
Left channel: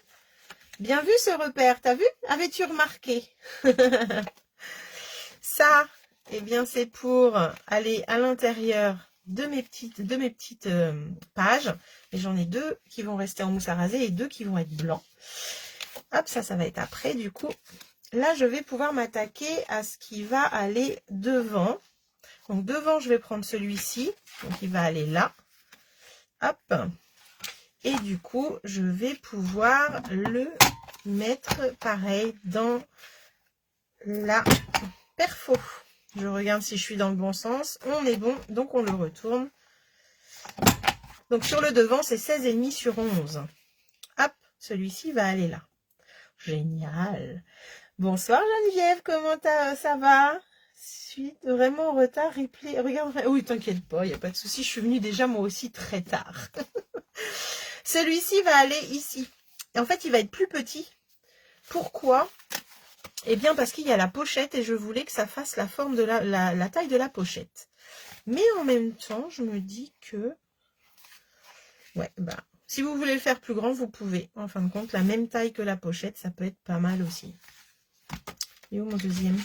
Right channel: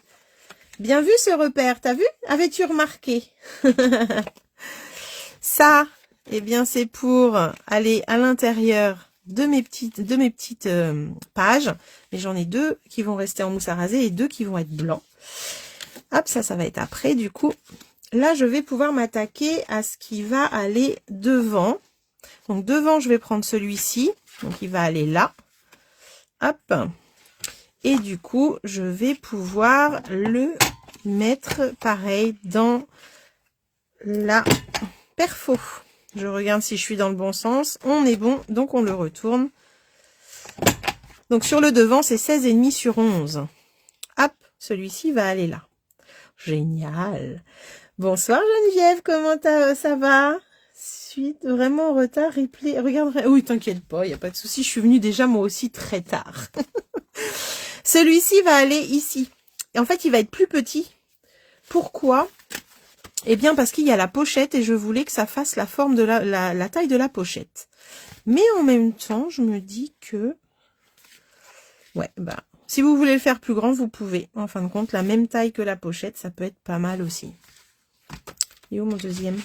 Bien vu ce repère, t'as vu? Avais-tu remarqué? Ça, eh bien, c'est pour aller à l'intérieur de mes petites pages. Mais j'en ai deux qui vont rester en mousse à raser et deux qui vont être blancs. Hop, ça va être après. Du coup, là, je vais pouvoir m'attaquer à ce qui va aller devant. Donc, devant, je vais prendre celui-ci. Donc, il va aller là. Hop. Et du coup, je vais pouvoir le mettre pareil dans la perfo. Je regarde si je suis dans le bon sens. On est bon, donc on le retourne. Donc sur le devant, c'est 16,5 sur 11. Hop, celui-ci va aller là. Génial. Bonsoir Geneviève, comment ça va? Suite vraiment en retard, replay. Regarde, oui, t'inquiète pas, il n'y a pas de souci. Je suis venue déjà moi aussi très tard. Celui-ci va aller ici. Et en fait, il va être plus petit. Pourquoi? Eh bien, parce qu'il y a la pochette et je voulais que ça fasse la forme de la taille de la pochette. Mais en même temps, je me dis que... Ouais, bah, si vous voulez le faire plus grand, vous pouvez. En fin de compte, la même taille que la pochette, ça peut être pas mal aussi. Il est où mon deuxième?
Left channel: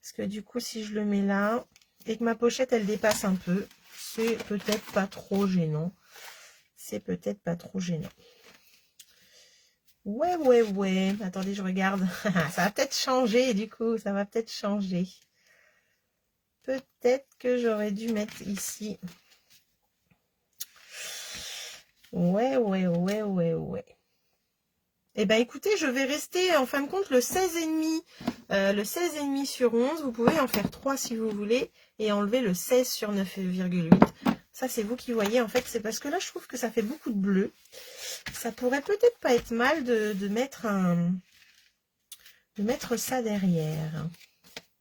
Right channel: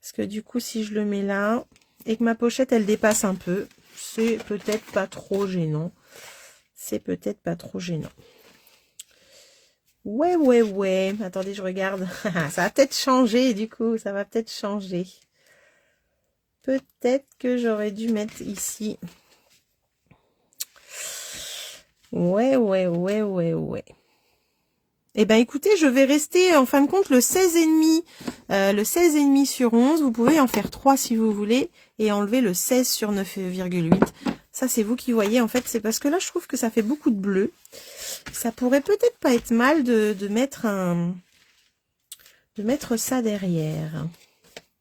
Parce que du coup, si je le mets là, et que ma pochette, elle dépasse un peu, c'est peut-être pas trop gênant. C'est peut-être pas trop gênant. Ouais, ouais, ouais. Attendez, je regarde. Ça va peut-être changer, du coup. Ça va peut-être changer. Peut-être que j'aurais dû mettre ici. Ouais, ouais, ouais, ouais, ouais. Eh ben, écoutez, je vais rester, en fin de compte, le 16,5. Le 16,5 sur 11. Vous pouvez en faire 3 si vous voulez. Et enlever le 16 sur 9,8. Ça, c'est vous qui voyez. En fait, c'est parce que là, je trouve que ça fait beaucoup de bleu. Ça pourrait peut-être pas être mal de mettre ça derrière.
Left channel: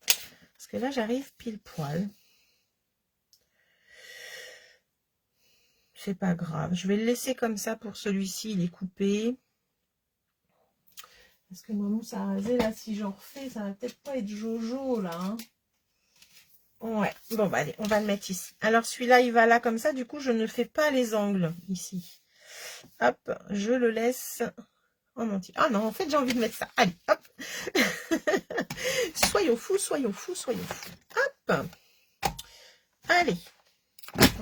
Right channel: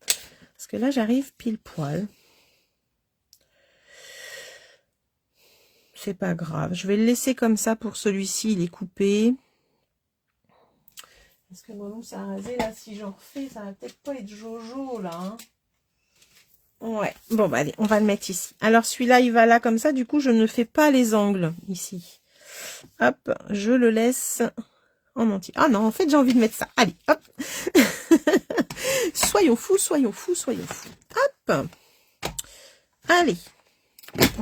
Parce que là, j'arrive pile poil. C'est pas grave. Je vais le laisser comme ça pour celui-ci. Il est coupé. Parce que mon mousse à raser, là, si j'en refais, ça va peut-être pas être jojo, là. Hein. Ouais. Bon, bah allez, on va le mettre ici. Alors, celui-là, il va là comme ça. Du coup, je ne fais pas les angles ici. Hop, je le laisse en entier. Ah non, en fait, j'ai envie de mettre ça. Allez, hop. Soyons fous, soyons fous, soyons fous. Hop. Allez.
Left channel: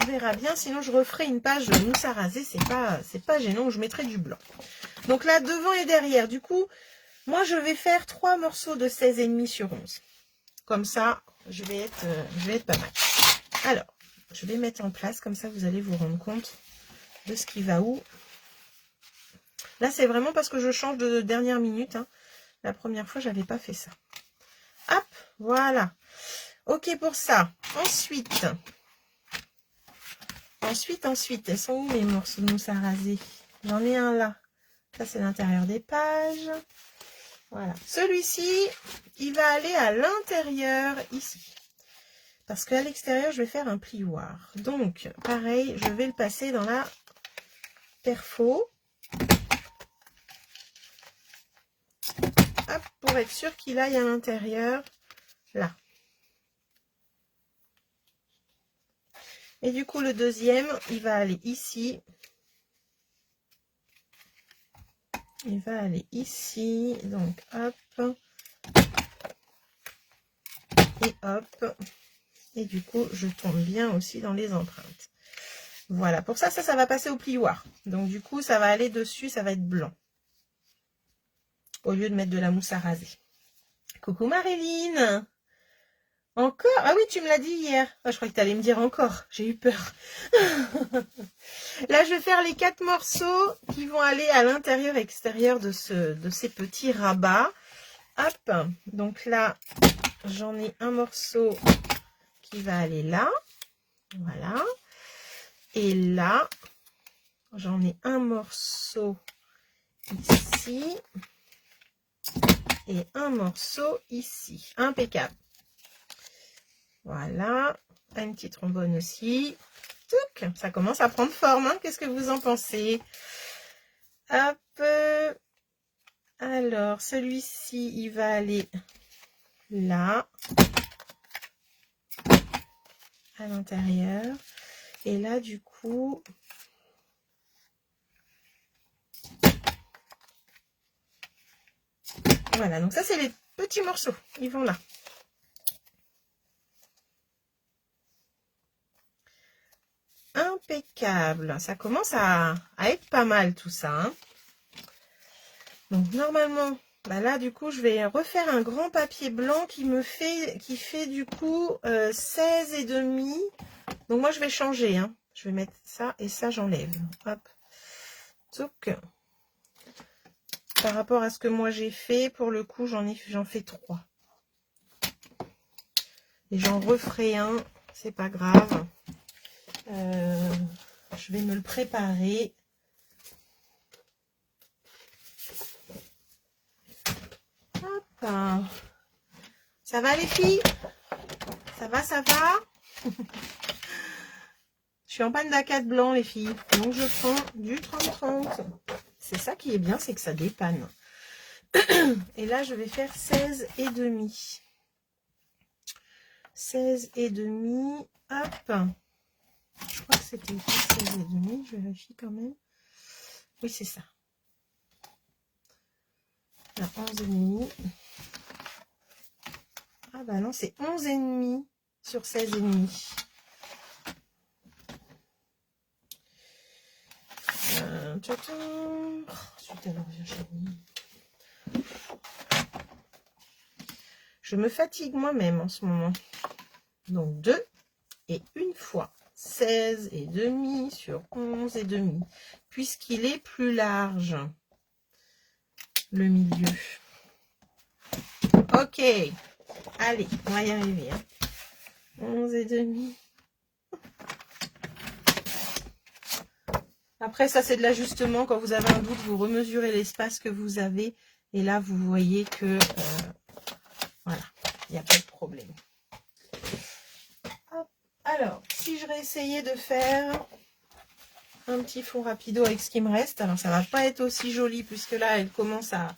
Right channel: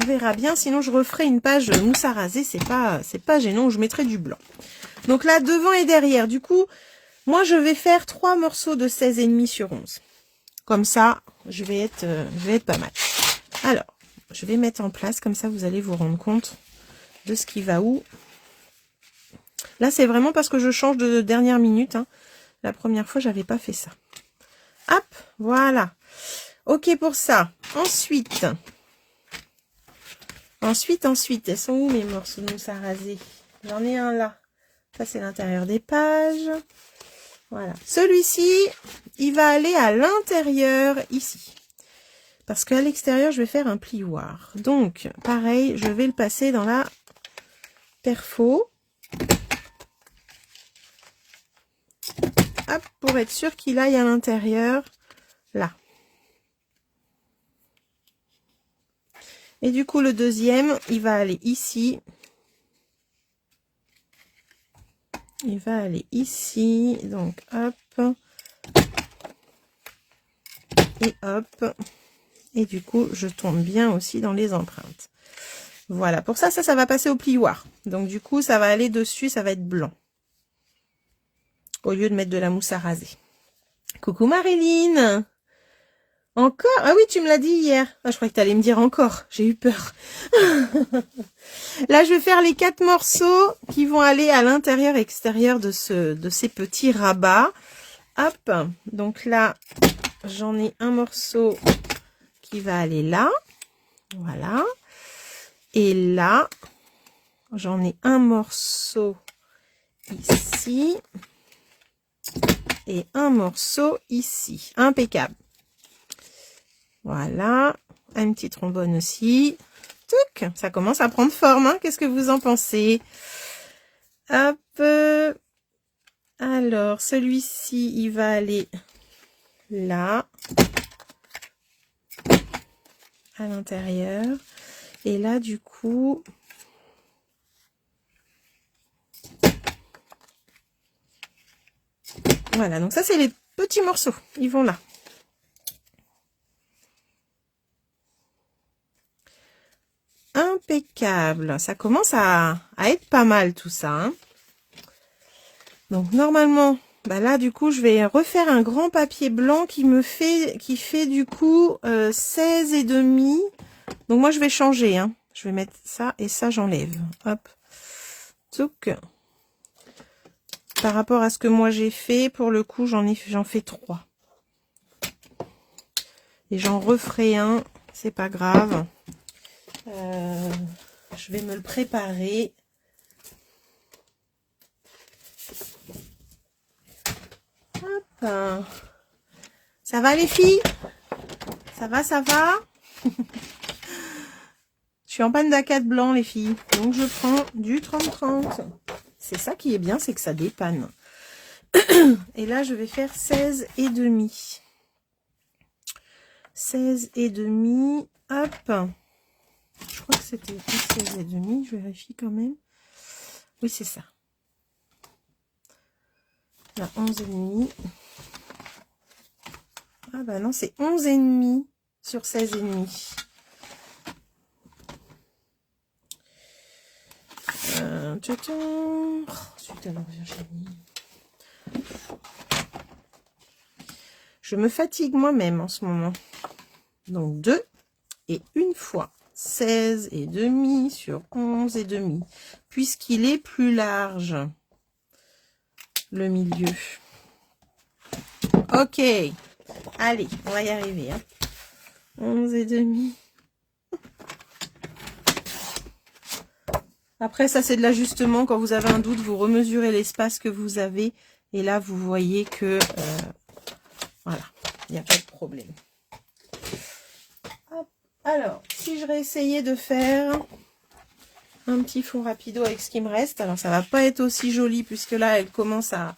On verra bien, sinon je referai une page mousse à raser, c'est pas gênant, je mettrai du blanc. Donc là, devant et derrière, du coup, moi je vais faire 3 morceaux de 16,5 sur 11. Comme ça, je vais être pas mal. Alors, je vais mettre en place, comme ça vous allez vous rendre compte de ce qui va où. Là, c'est vraiment parce que je change de dernière minute. Hein. La première fois, j'avais pas fait ça. Hop, voilà. Ok pour ça. Ensuite, elles sont où les morceaux de mousse à raser? J'en ai un là. Ça, c'est l'intérieur des pages. Voilà. Celui-ci, il va aller à l'intérieur ici. Parce qu'à l'extérieur, je vais faire un plioir. Donc, pareil, je vais le passer dans la perfo. Hop, pour être sûr qu'il aille à l'intérieur, là. Et du coup, le deuxième, il va aller ici. Il va aller ici. Donc, hop. Et hop. Et du coup, je tourne bien aussi dans les empreintes. Voilà. Pour ça, ça va passer au plioir. Donc, du coup, ça va aller dessus. Ça va être blanc. Au lieu de mettre de la mousse à raser. Coucou Marilyn! Encore? Ah oui, tu me l'as dit hier. Ah, je croyais que tu allais me dire encore. J'ai eu peur. Là, je vais faire les 4 morceaux qui vont aller à l'intérieur et extérieur de ces petits rabats. Hop. Donc là, j'en ai un morceau qui va aller là. Voilà. Et là, j'en ai un morceau ici. Et un morceau ici. Impeccable. Voilà, un petit trombone aussi. Touc, ça commence à prendre forme, hein. Qu'est-ce que vous en pensez? Hop. Alors, celui-ci, il va aller là, à l'intérieur. Et là, du coup, voilà. Donc ça, c'est les petits morceaux. Ils vont là. Impeccable. Ça commence à être pas mal tout ça. Hein. Donc normalement, bah là du coup je vais refaire un grand papier blanc qui fait du coup 16,5. Donc moi je vais changer. Hein. Je vais mettre ça et ça j'enlève. Hop. Touc. Par rapport à ce que moi j'ai fait, pour le coup j'en fais 3. Et j'en referai un. C'est pas grave. Je vais me le préparer. Hop. Ça va les filles? Ça va, ça va? Je suis en panne d'acade blanc les filles. Donc je prends du 30-30. C'est ça qui est bien, c'est que ça dépanne. Et là je vais faire 16,5. 16,5. Hop. Je crois que c'était 16,5. Je vérifie quand même. Oui, c'est ça. Là, 11,5. bah non, c'est 11,5 sur 16,5. Je me fatigue moi-même en ce moment. Donc 2 et une fois 16,5 sur 11,5. Puisqu'il est plus large, le milieu. Ok. Allez, on va y arriver. Hein. 11,5. Après, ça, c'est de l'ajustement. Quand vous avez un doute, vous remesurez l'espace que vous avez. Et là, vous voyez que... voilà, il n'y a pas de problème. Hop. Alors, si je réessayais de faire un petit fond rapido avec ce qui me reste. Alors, ça va pas être aussi joli puisque là, elle commence à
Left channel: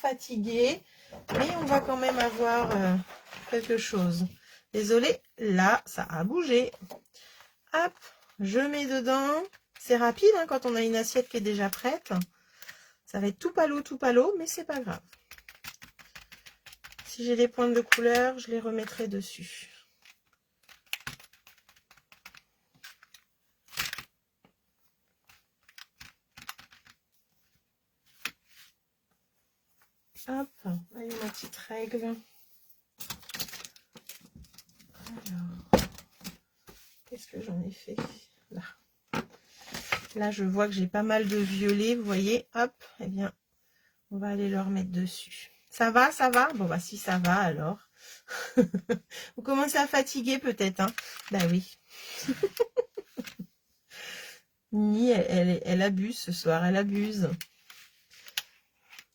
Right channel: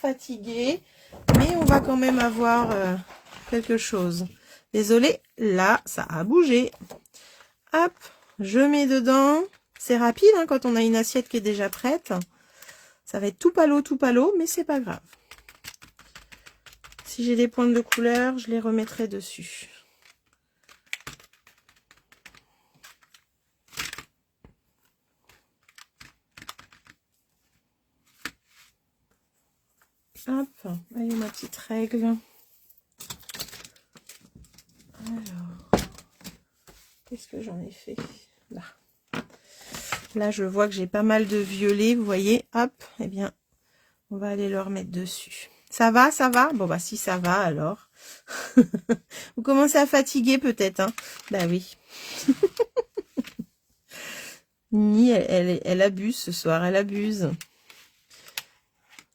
fatiguer. Mais on va quand même avoir quelque chose. Désolée, là, ça a bougé. Hop, je mets dedans. C'est rapide hein, quand on a une assiette qui est déjà prête. Ça va être tout palo, mais c'est pas grave. Si j'ai des pointes de couleur, je les remettrai dessus. Hop, allez ma petite règle. Alors, qu'est-ce que j'en ai fait là? Là, je vois que j'ai pas mal de violet, vous voyez. Hop, eh bien, on va aller le remettre dessus. Ça va, ça va? Bon, bah si ça va, alors. Vous commencez à fatiguer peut-être, hein? Bah oui. Ni, elle abuse ce soir, elle abuse.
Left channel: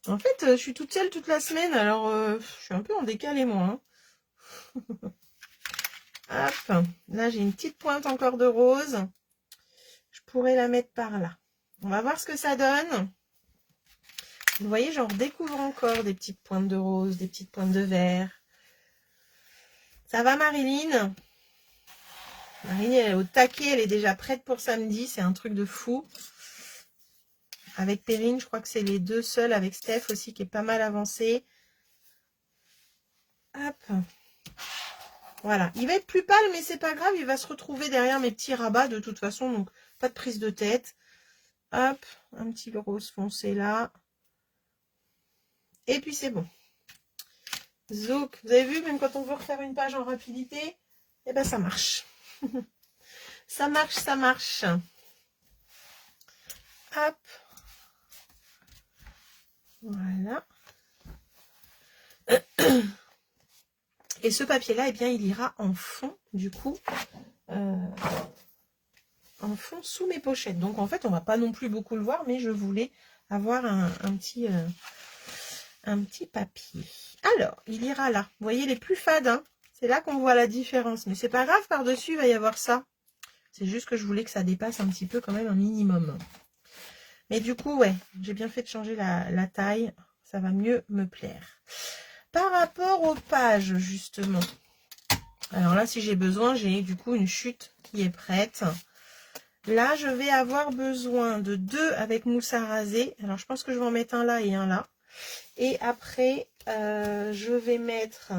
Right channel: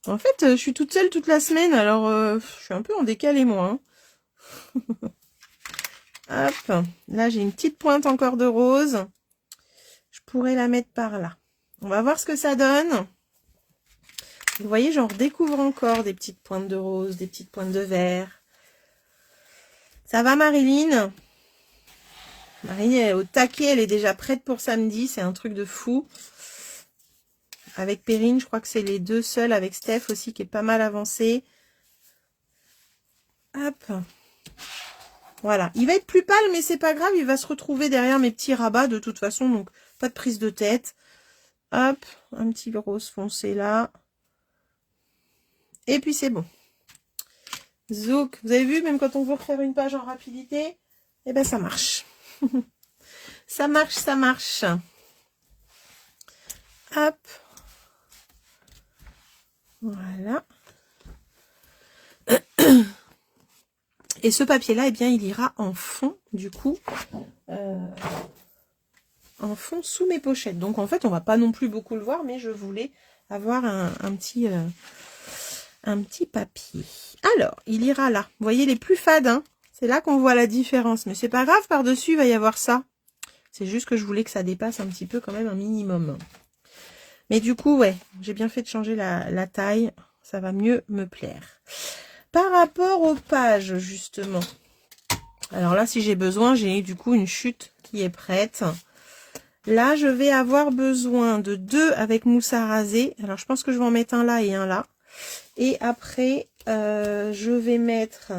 En fait, je suis toute seule toute la semaine, alors je suis un peu en décalé, moi. Hein. Hop, là, j'ai une petite pointe encore de rose. Je pourrais la mettre par là. On va voir ce que ça donne. Vous voyez, j'en redécouvre encore des petites pointes de rose, des petites pointes de vert. Ça va, Marilyn? Marilyn, elle est au taquet, elle est déjà prête pour samedi. C'est un truc de fou. Avec Perrine, je crois que c'est les deux seuls. Avec Steph aussi, qui est pas mal avancé. Hop. Voilà. Il va être plus pâle, mais c'est pas grave. Il va se retrouver derrière mes petits rabats de toute façon. Donc, pas de prise de tête. Hop. Un petit rose foncé là. Et puis, c'est bon. Zouk. Vous avez vu, même quand on veut refaire une page en rapidité, eh ben, ça marche. Ça marche, ça marche. Hop. Voilà. Et ce papier-là, eh bien, il ira en fond, du coup, en fond sous mes pochettes. Donc, en fait, on va pas non plus beaucoup le voir, mais je voulais avoir un petit papier. Alors, il ira là. Vous voyez, les plus fades, hein, c'est là qu'on voit la différence. Mais c'est pas grave, par-dessus, il va y avoir ça. C'est juste que je voulais que ça dépasse un petit peu quand même un minimum. Mais du coup, ouais, j'ai bien fait de changer la taille. Ça va mieux me plaire. Par rapport aux pages, justement. Alors là, si j'ai besoin, j'ai du coup une chute qui est prête. Là, je vais avoir besoin de 2 avec mousse à raser. Alors, je pense que je vais en mettre un là et un là. Et après, je vais mettre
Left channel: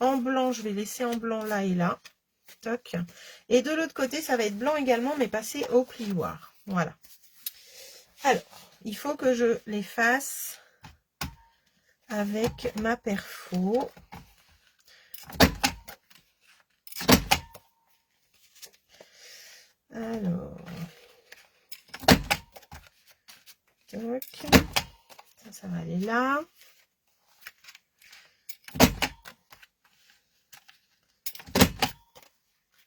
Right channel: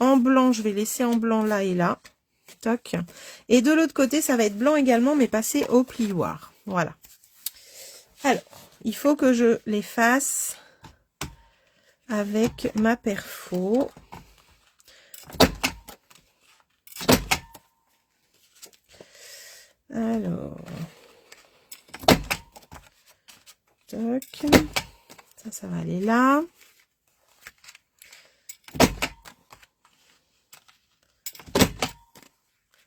en blanc. Je vais laisser en blanc là et là. Toc. Et de l'autre côté, ça va être blanc également, mais passé au plioir. Voilà. Alors, il faut que je les fasse avec ma perfo. Alors, toc. Ça va aller là.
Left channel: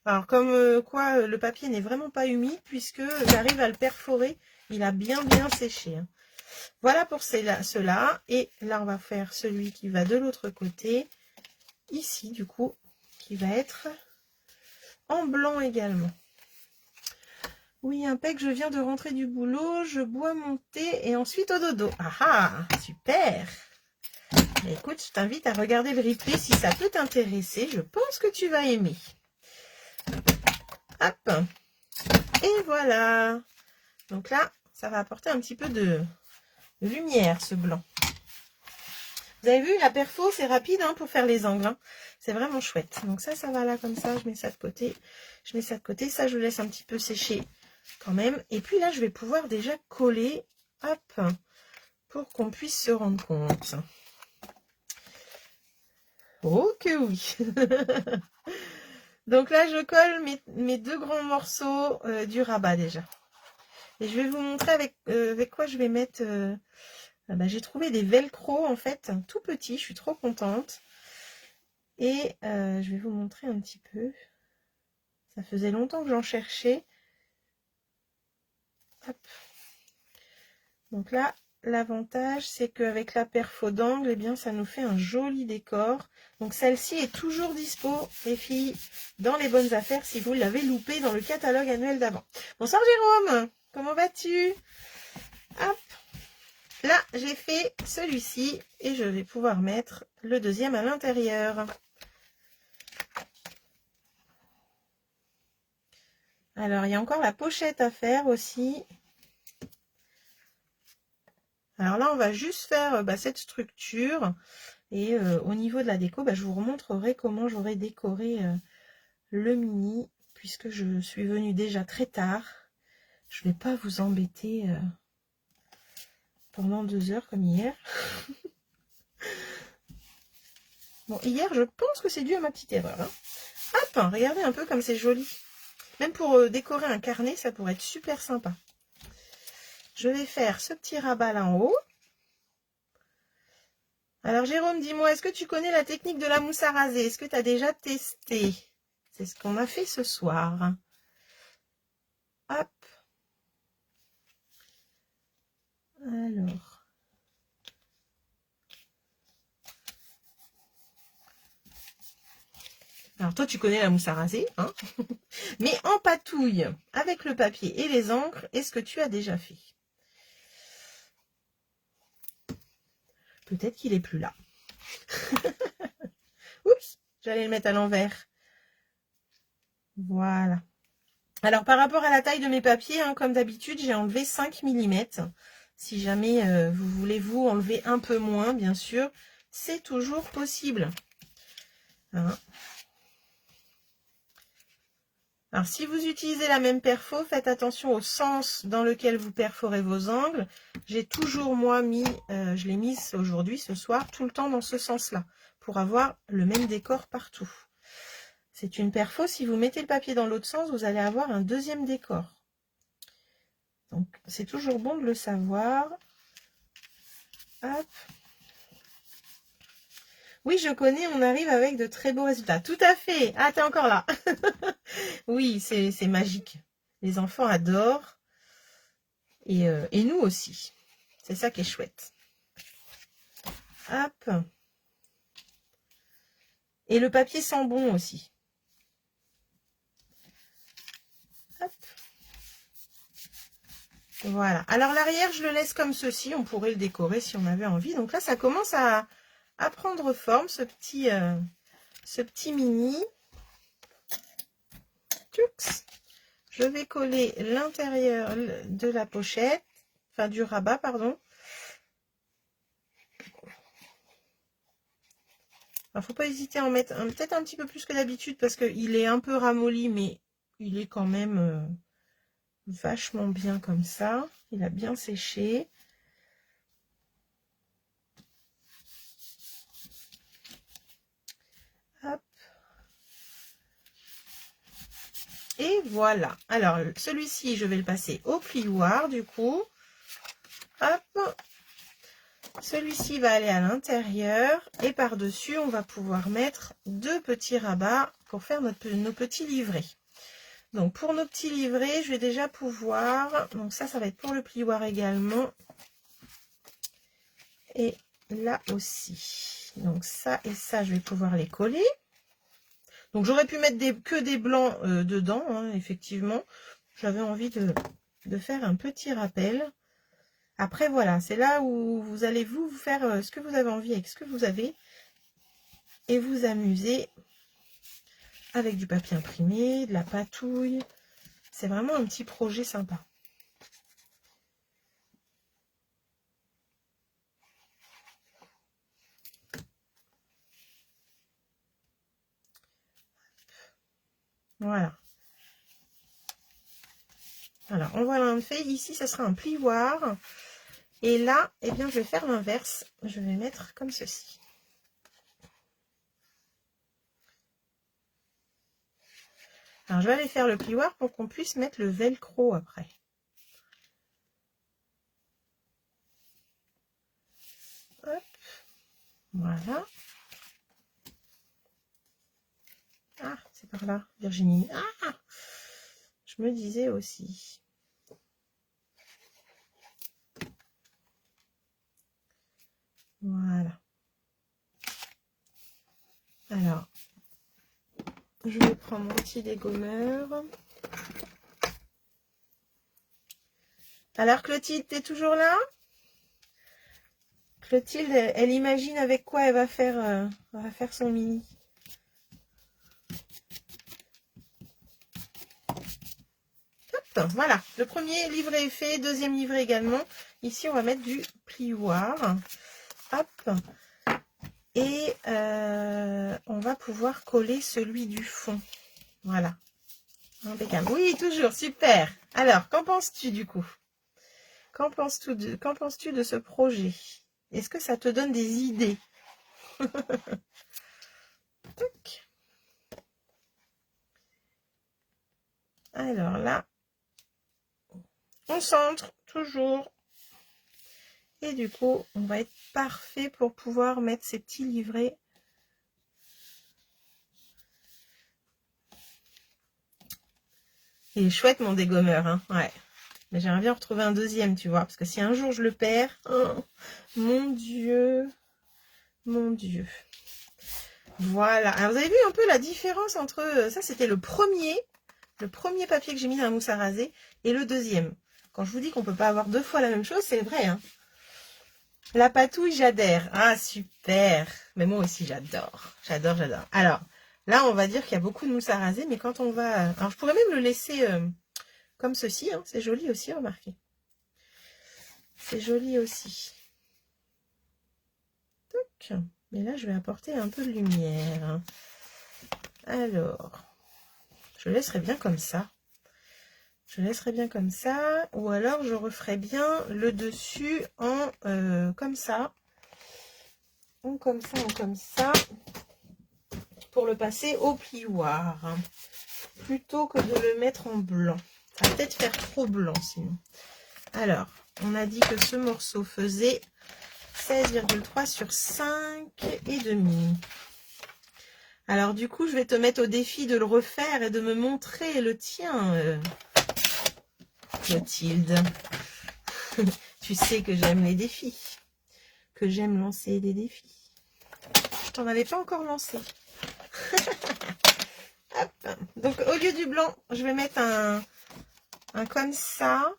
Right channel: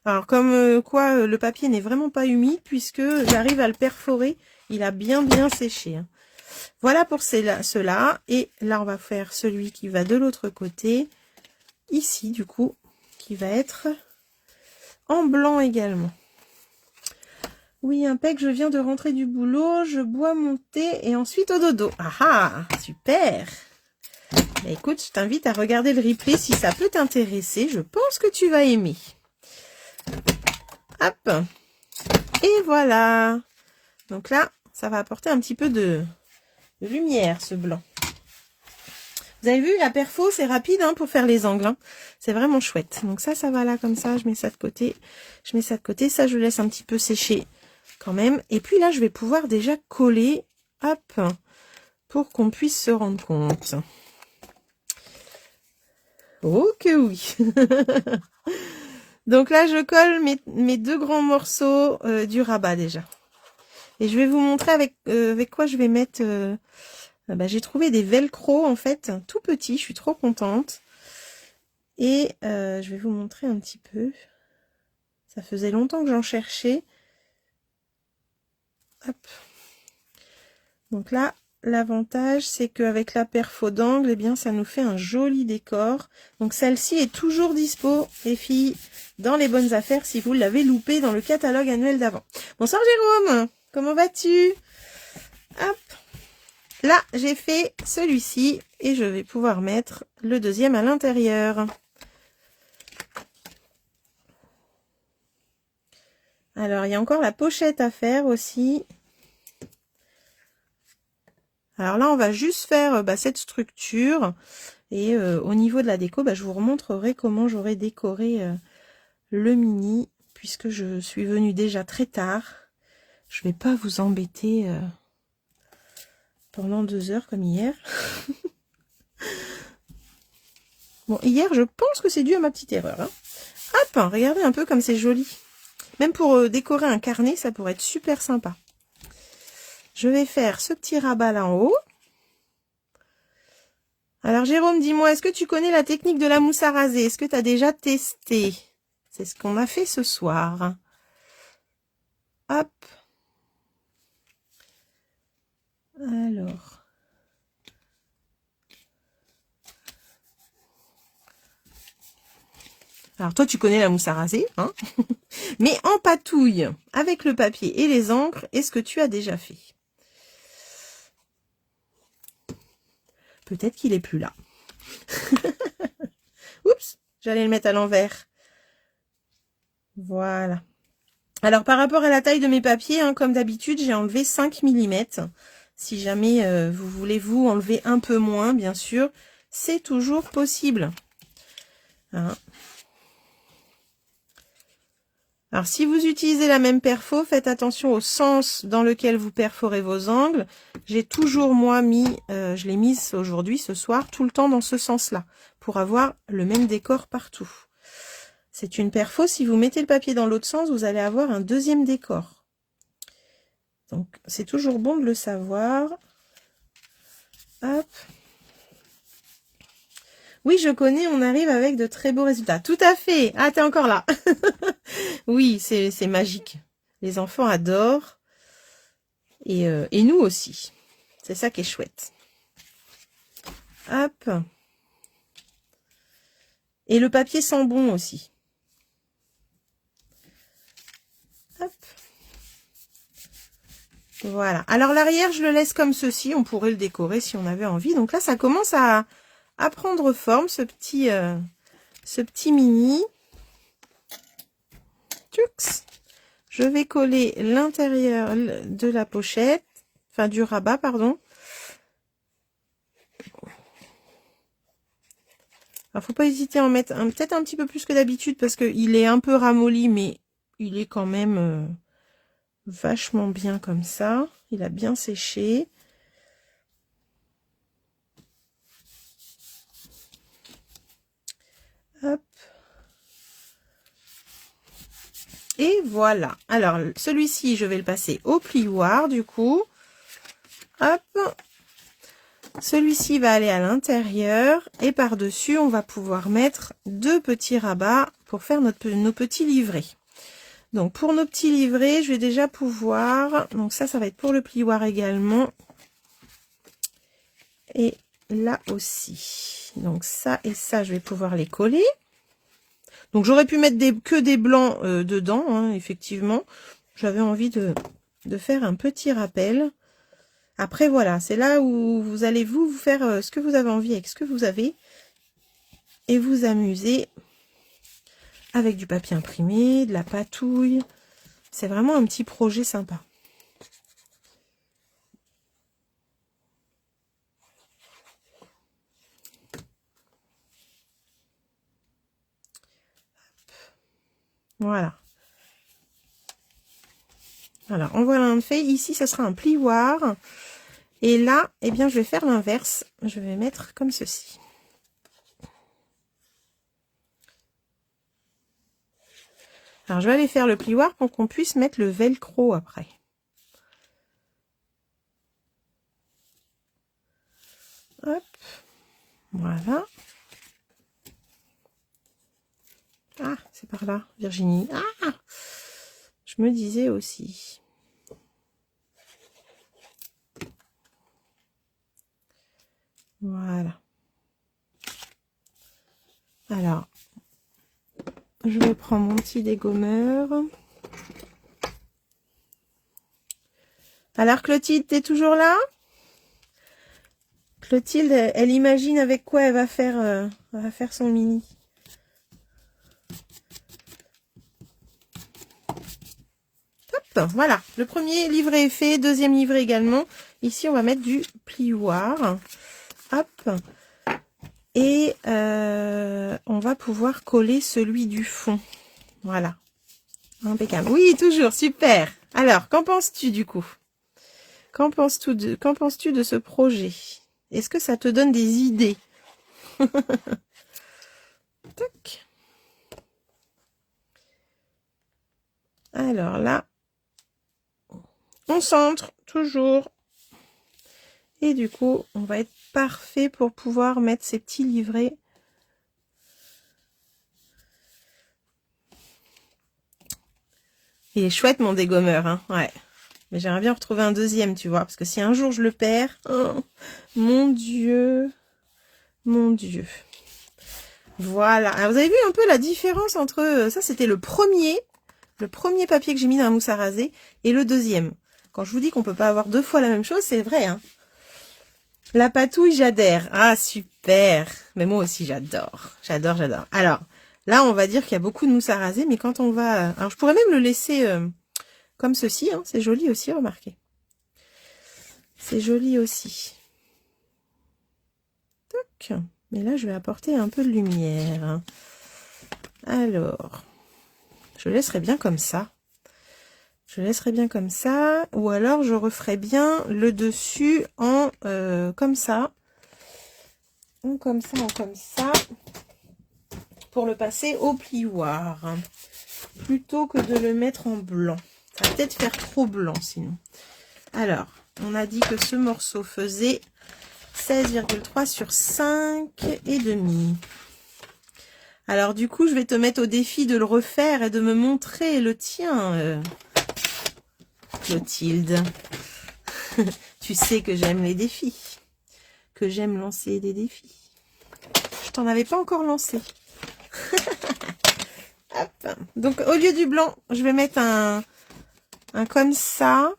Alors, comme quoi, le papier n'est vraiment pas humide puisque j'arrive à le perforer. Il a bien séché. Hein. Voilà pour ceux-là. Et là, on va faire celui qui va de l'autre côté. Ici, du coup, qui va être en blanc également. Oui, impec, je viens de rentrer du boulot. Je bois mon thé et ensuite au dodo. Ah ah, super. Bah, écoute, je t'invite à regarder le replay si ça peut t'intéresser. Je pense que tu vas aimer. Hop. Et voilà. Donc là, ça va apporter un petit peu de lumière, ce blanc. Vous avez vu, la perfo, c'est rapide hein, pour faire les angles. Hein. C'est vraiment chouette. Donc ça va là comme ça. Je mets ça de côté. Je mets ça de côté. Ça, je laisse un petit peu sécher quand même. Et puis là, je vais pouvoir déjà coller. Hop. Pour qu'on puisse se rendre compte. Oh que oui. Donc là, je colle mes deux grands morceaux du rabat déjà. Et je vais vous montrer avec quoi je vais mettre... j'ai trouvé des velcro en fait, tout petits. Je suis trop contente. Et je vais vous montrer un petit peu. Ça faisait longtemps que j'en cherchais. Hop. Donc là, l'avantage, c'est qu'avec la perfo d'angle, eh bien, ça nous fait un joli décor. Donc celle-ci est toujours dispo, les filles, dans les bonnes affaires, si vous l'avez loupé dans le catalogue annuel d'avant. Bonsoir Jérôme, comment vas-tu? Hop. Là, j'ai fait celui-ci et je vais pouvoir mettre le deuxième à l'intérieur. Alors, il y a encore la pochette à faire aussi. Alors là, on va juste faire cette structure. Et au niveau de la déco, je vous remontrerai comment j'aurai décoré le mini. Puisque je suis venue déjà très tard. Je ne vais pas vous embêter pendant 2 heures comme hier. Bon, hier, je pense que c'est dû à ma petite erreur. Hein. Hop, regardez un peu comme c'est joli. Même pour décorer un carnet, ça pourrait être super sympa. Je vais faire ce petit rabat là en haut. Alors Jérôme, dis-moi, est-ce que tu connais la technique de la mousse à raser? Est-ce que tu as déjà testé? C'est ce qu'on a fait ce soir. Hop. Alors. Alors toi, tu connais la mousse à raser, hein? Mais en patouille, avec le papier et les encres, est-ce que tu as déjà fait? Peut-être qu'il est plus là. Oups, j'allais le mettre à l'envers. Voilà. Alors, par rapport à la taille de mes papiers, hein, comme d'habitude, j'ai enlevé 5 mm. Si jamais vous voulez vous enlever un peu moins, bien sûr, c'est toujours possible. Hein. Alors, si vous utilisez la même perfo, faites attention au sens dans lequel vous perforez vos angles. J'ai toujours, moi, je l'ai mise aujourd'hui, ce soir, tout le temps dans ce sens-là, pour avoir le même décor partout. C'est une perfo, si vous mettez le papier dans l'autre sens, vous allez avoir un deuxième décor. Donc, c'est toujours bon de le savoir. Hop. Oui, je connais, on arrive avec de très beaux résultats. Tout à fait. Ah, t'es encore là. Oui, c'est magique. Les enfants adorent. Et nous aussi. C'est ça qui est chouette. Hop. Et le papier sent bon aussi. Hop. Voilà. Alors l'arrière, je le laisse comme ceci. On pourrait le décorer si on avait envie. Donc là, ça commence à prendre forme, ce petit mini. Tux. Je vais coller l'intérieur de la pochette, enfin du rabat, pardon. Alors, faut pas hésiter à en mettre peut-être un petit peu plus que d'habitude parce qu'il est un peu ramolli, mais il est quand même vachement bien comme ça. Il a bien séché. Hop. Et voilà. Alors, celui-ci, je vais le passer au plioir, du coup. Hop. Celui-ci va aller à l'intérieur. Et par-dessus, on va pouvoir mettre 2 petits rabats pour faire nos petits livrets. Donc, pour nos petits livrets, je vais déjà pouvoir... Donc, ça va être pour le plioir également. Et là aussi. Donc, ça et ça, je vais pouvoir les coller. Donc j'aurais pu mettre que des blancs dedans, hein, effectivement. J'avais envie de faire un petit rappel. Après, voilà, c'est là où vous allez vous faire ce que vous avez envie avec ce que vous avez. Et vous amuser avec du papier imprimé, de la patouille. C'est vraiment un petit projet sympa. Voilà. Alors, on voit un fait. Ici, ça sera un plioir. Et là, eh bien, je vais faire l'inverse. Je vais mettre comme ceci. Alors, je vais aller faire le plioir pour qu'on puisse mettre le velcro après. Hop. Voilà. Ah, c'est par là, Virginie. Ah, je me disais aussi. Voilà. Alors, je vais prendre mon petit dégommeur. Alors, Clotilde, t'es toujours là? Clotilde, elle imagine avec quoi elle va faire son mini. Hop, voilà, le premier livret est fait, deuxième livret également. Ici, on va mettre du plioir. Hop. Et on va pouvoir coller celui du fond. Voilà. Impeccable. Oui, toujours, super. Alors, qu'en penses-tu du coup? Qu'en penses-tu de ce projet? Est-ce que ça te donne des idées? Tac. Alors là, on centre toujours. Et du coup, on va être parfait pour pouvoir mettre ces petits livrets. Il est chouette mon dégommeur, hein, ouais. Mais j'aimerais bien retrouver un deuxième, tu vois. Parce que si un jour je le perds, oh, mon Dieu. Mon Dieu. Voilà. Alors, vous avez vu un peu la différence entre... Ça, c'était le premier papier que j'ai mis dans la mousse à raser. Et le deuxième. Quand je vous dis qu'on peut pas avoir deux fois la même chose, c'est vrai, hein. La patouille, j'adhère. Ah, super. Mais moi aussi, j'adore. J'adore, j'adore. Alors, là, on va dire qu'il y a beaucoup de mousse à raser. Mais quand on va... Alors, je pourrais même le laisser comme ceci. Hein. C'est joli aussi, remarquez. C'est joli aussi. Toc. Mais là, je vais apporter un peu de lumière. Alors, je laisserai bien comme ça. Je laisserai bien comme ça. Ou alors, je referai bien le dessus en comme ça. Ou comme ça, ou comme ça. Pour le passer au plioir. Plutôt que de le mettre en blanc. Ça va peut-être faire trop blanc sinon. Alors, on a dit que ce morceau faisait 16,3 sur 5 et demi. Alors du coup, je vais te mettre au défi de le refaire et de me montrer le tien, Clotilde. Tu sais que j'aime les défis, que j'aime lancer des défis. Je t'en avais pas encore lancé. Hop. Donc au lieu du blanc, je vais mettre un comme ça.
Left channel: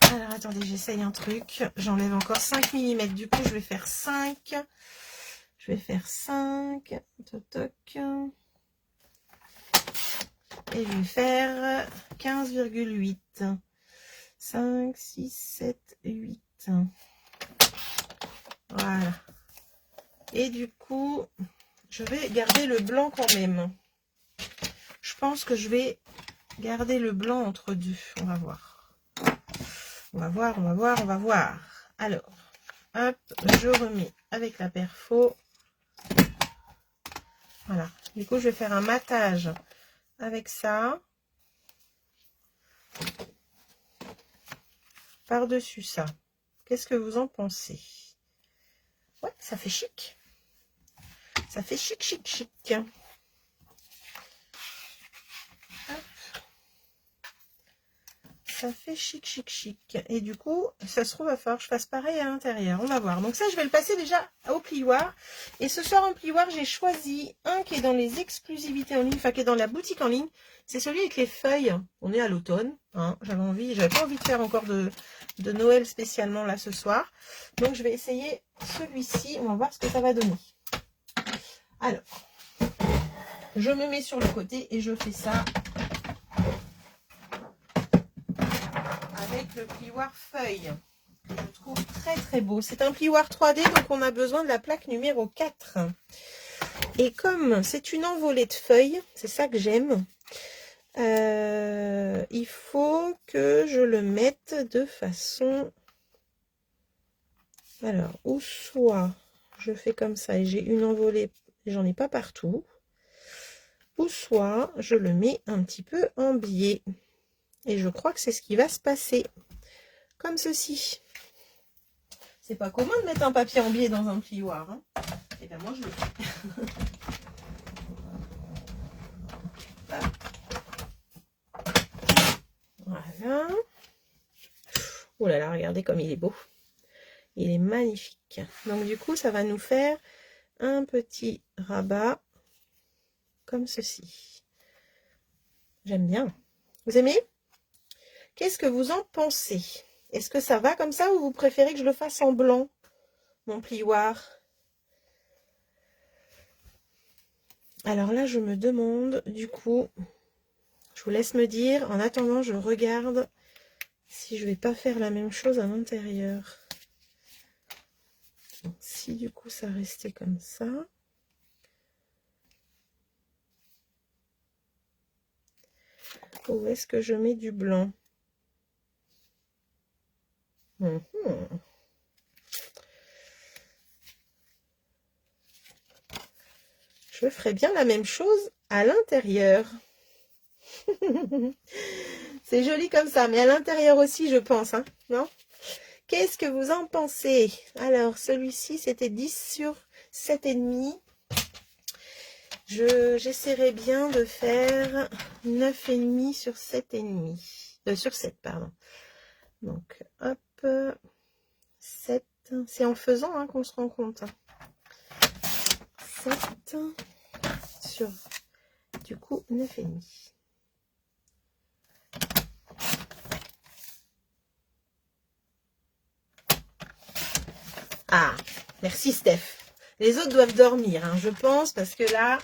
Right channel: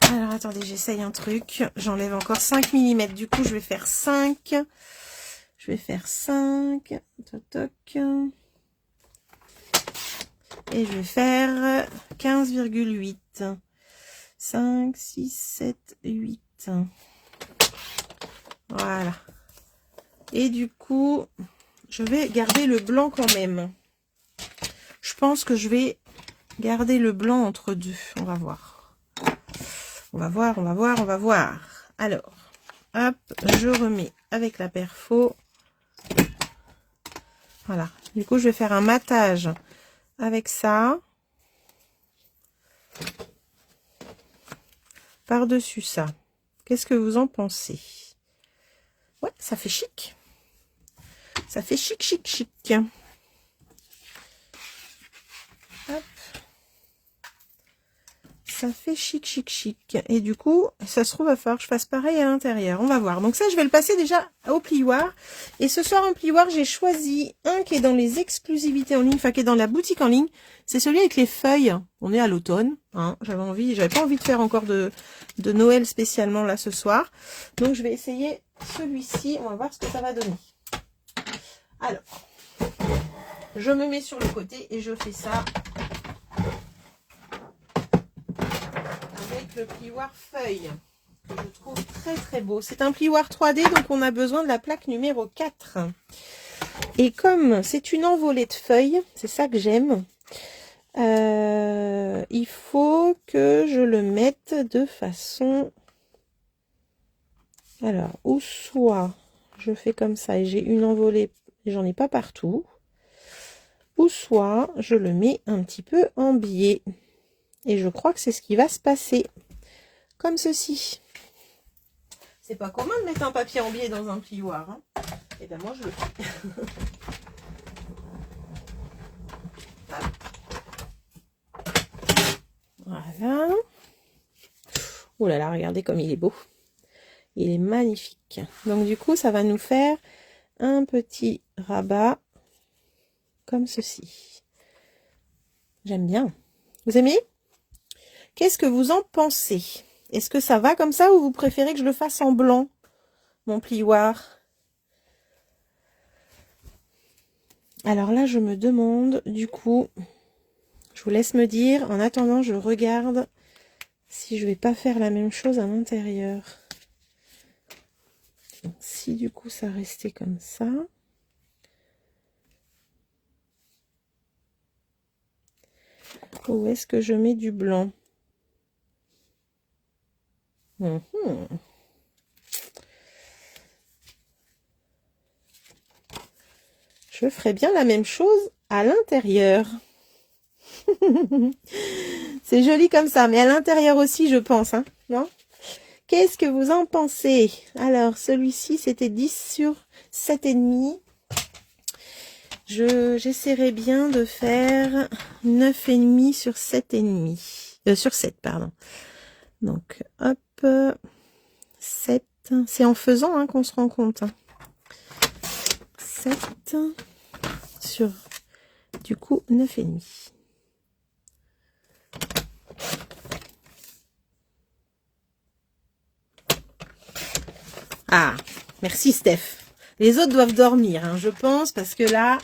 Alors, attendez, j'essaye un truc. J'enlève encore 5 mm. Du coup, je vais faire 5. Je vais faire 5. Toc, toc. Et je vais faire 15,8. 5, 6, 7, 8. Voilà. Et du coup, je vais garder le blanc quand même. Je pense que je vais garder le blanc entre deux. On va voir. On va voir, on va voir, on va voir. Alors, hop, je remets avec la perfo. Voilà. Du coup, je vais faire un matage avec ça. Par-dessus ça. Qu'est-ce que vous en pensez? Ouais, ça fait chic. Ça fait chic, chic, chic. Hop. Ça fait chic, chic, chic. Et du coup, ça se trouve, il va falloir que je fasse pareil à l'intérieur. On va voir. Donc ça, je vais le passer déjà au plioir. Et ce soir, en plioir, j'ai choisi un qui est dans les exclusivités en ligne, enfin qui est dans la boutique en ligne. C'est celui avec les feuilles. On est à l'automne. Hein. J'avais pas envie de faire encore de Noël spécialement là ce soir. Donc je vais essayer celui-ci. On va voir ce que ça va donner. Alors, je me mets sur le côté et je fais ça avec le plioir feuille. que je trouve très très beau. C'est un plioir 3D, donc on a besoin de la plaque numéro 4. Et comme c'est une envolée de feuilles, c'est ça que j'aime, il faut que je le mette de façon... Alors, ou soit je fais comme ça et j'ai une envolée, j'en ai pas partout, ou soit je le mets un petit peu en biais. Et je crois que c'est ce qui va se passer. Comme ceci. C'est pas commun de mettre un papier en biais dans un plioir. Hein. Et ben moi je le fais. Voilà. Oh là là, regardez comme il est beau. Il est magnifique. Donc du coup, ça va nous faire un petit rabat comme ceci. J'aime bien. Vous aimez? Qu'est-ce que vous en pensez? Est-ce que ça va comme ça ou vous préférez que je le fasse en blanc, mon plioir? Alors là, je me demande, du coup, je vous laisse me dire. En attendant, je regarde si je vais pas faire la même chose à l'intérieur. Si du coup, ça restait comme ça. Où est-ce que je mets du blanc? Je ferais bien la même chose à l'intérieur. C'est joli comme ça, mais à l'intérieur aussi, je pense, hein, non? Qu'est-ce que vous en pensez? Alors, celui-ci, c'était 10 sur 7,5. J'essaierai bien de faire 9,5 sur 7,5. Sur 7, pardon. Donc, hop, 7. C'est en faisant hein, qu'on se rend compte. Hein. 7 sur, du coup, 9,5. Ah, merci Steph. Les autres doivent dormir, hein, je pense, parce que là,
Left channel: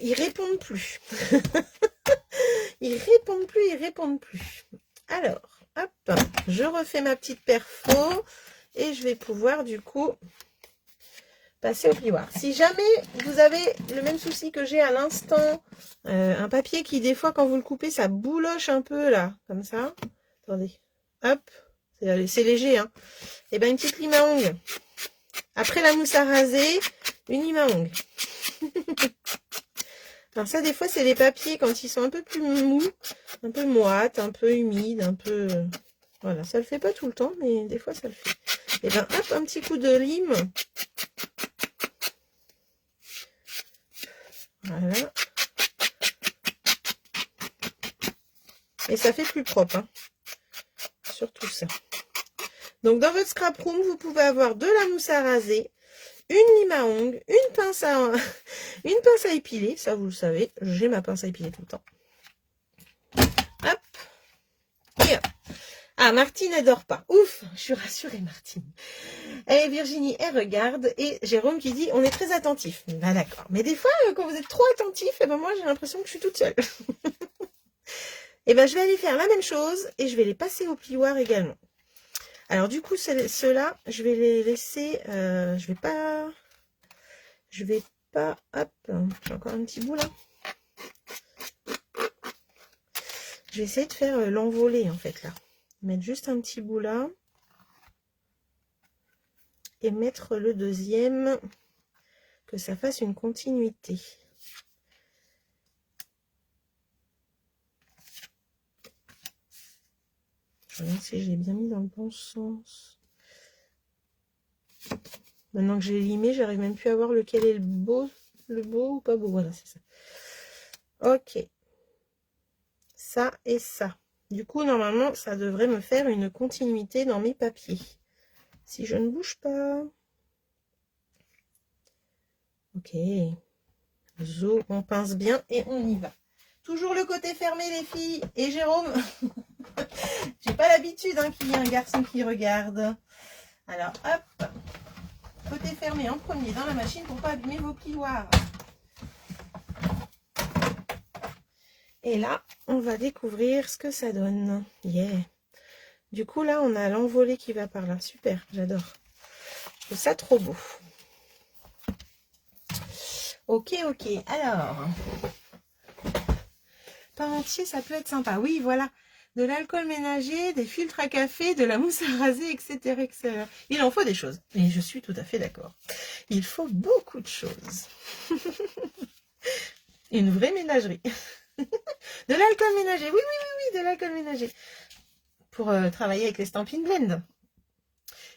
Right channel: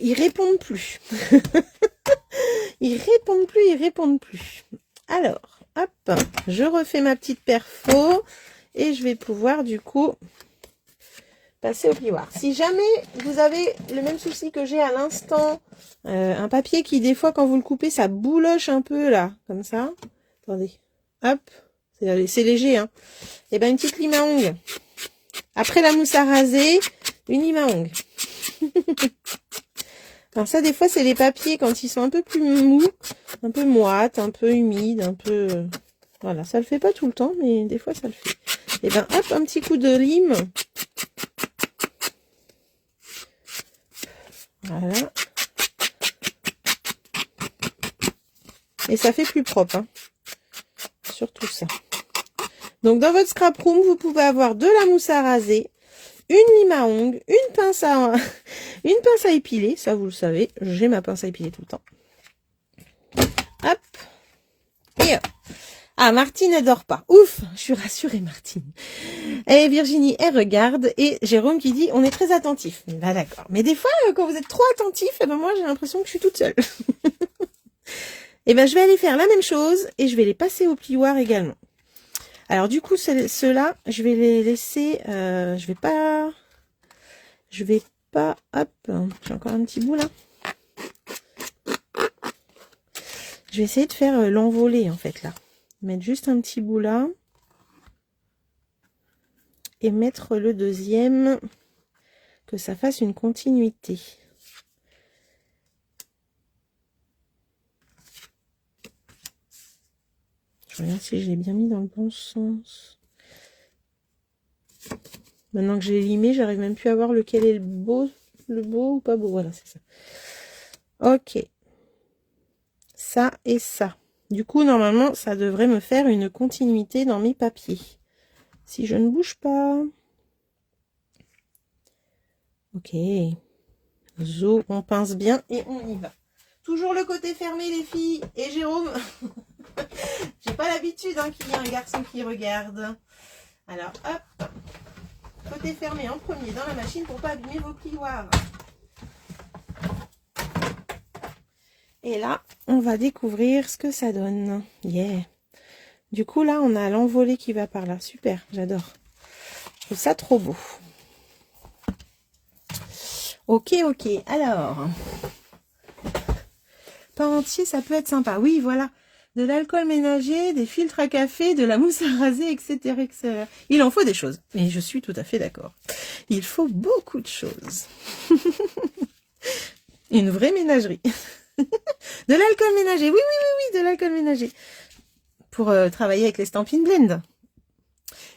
ils répondent plus. Ils répondent plus. Alors, hop, je refais ma petite perfo et je vais pouvoir du coup passer au plioir. Si jamais vous avez le même souci que j'ai à l'instant, un papier qui des fois quand vous le coupez ça bouloche un peu là, comme ça. Attendez, hop, c'est léger hein. Et ben une petite lime à ongles. Après la mousse à raser, une lime à ongles. Alors ça des fois c'est les papiers quand ils sont un peu plus mous, un peu moites, un peu humides, un peu... Voilà, ça le fait pas tout le temps, mais des fois ça le fait. Et ben hop, un petit coup de lime. Voilà. Et ça fait plus propre, hein. Surtout ça. Donc dans votre scrap room, vous pouvez avoir de la mousse à raser, une lime à ongles, une pince à épiler, ça vous le savez, j'ai ma pince à épiler tout le temps. Hop. Et hop. Ah, Martine, elle dort pas. Ouf, je suis rassurée, Martine. Et Virginie, elle regarde. Et Jérôme qui dit, on est très attentif. Bah d'accord. Mais des fois, quand vous êtes trop attentif, eh ben, moi, j'ai l'impression que je suis toute seule. Et ben, je vais aller faire la même chose et je vais les passer au plioir également. Alors, du coup, ceux-là, je vais les laisser... je vais pas... Hop, j'ai encore un petit bout là. Je vais essayer de faire l'envolée, en fait, là. Mettre juste un petit bout là. Et mettre le deuxième, que ça fasse une continuité. Je regarde si je l'ai bien mis dans le bon sens. Maintenant que j'ai limé, j'arrive même plus à voir lequel est le beau ou pas beau. Voilà, c'est ça. Ok. Ça et ça. Du coup, normalement, ça devrait me faire une continuité dans mes papiers. Si je ne bouge pas. Ok. Zo, on pince bien et on y va. Toujours le côté fermé, les filles. Et Jérôme, j'ai pas l'habitude hein, qu'il y ait un garçon qui regarde. Alors, hop. Côté fermé en premier dans la machine pour pas abîmer vos plioirs. Et là, on va découvrir ce que ça donne. Yeah. Du coup, là, on a l'envolée qui va par là. Super, j'adore. Je trouve ça trop beau. Ok, ok. Alors, pain entier, ça peut être sympa. Oui, voilà. De l'alcool ménager, des filtres à café, de la mousse à raser, etc., etc. Il en faut des choses. Et je suis tout à fait d'accord. Il faut beaucoup de choses. Une vraie ménagerie. De l'alcool ménager. Oui, oui, oui, oui, de l'alcool ménager. Pour travailler avec les Stampin' Blend.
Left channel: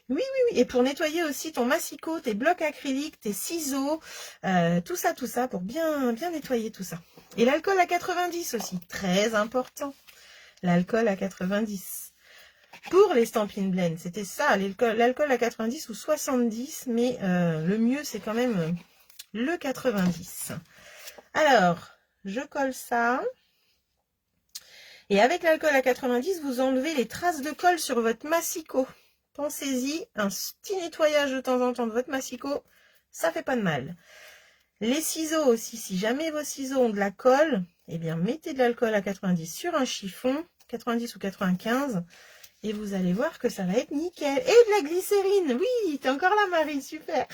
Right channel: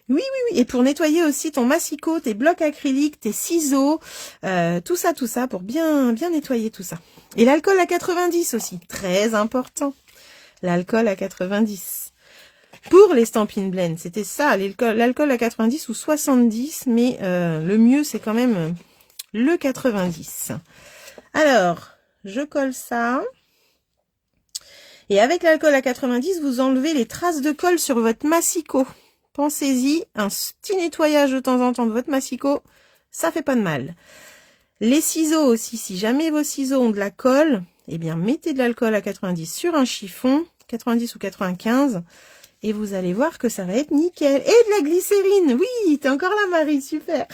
Oui, oui, oui. Et pour nettoyer aussi ton massicot, tes blocs acryliques, tes ciseaux, tout ça, pour bien nettoyer tout ça. Et l'alcool à 90 aussi, très important. L'alcool à 90. Pour les Stampin' Blend, c'était ça, l'alcool à 90 ou 70, mais le mieux, c'est quand même le 90. Alors, je colle ça. Et avec l'alcool à 90, vous enlevez les traces de colle sur votre massicot. Pensez-y, un petit nettoyage de temps en temps de votre massicot, ça fait pas de mal. Les ciseaux aussi, si jamais vos ciseaux ont de la colle, eh bien mettez de l'alcool à 90 sur un chiffon, 90 ou 95, et vous allez voir que ça va être nickel. Et de la glycérine, oui, t'es encore là Marie, super.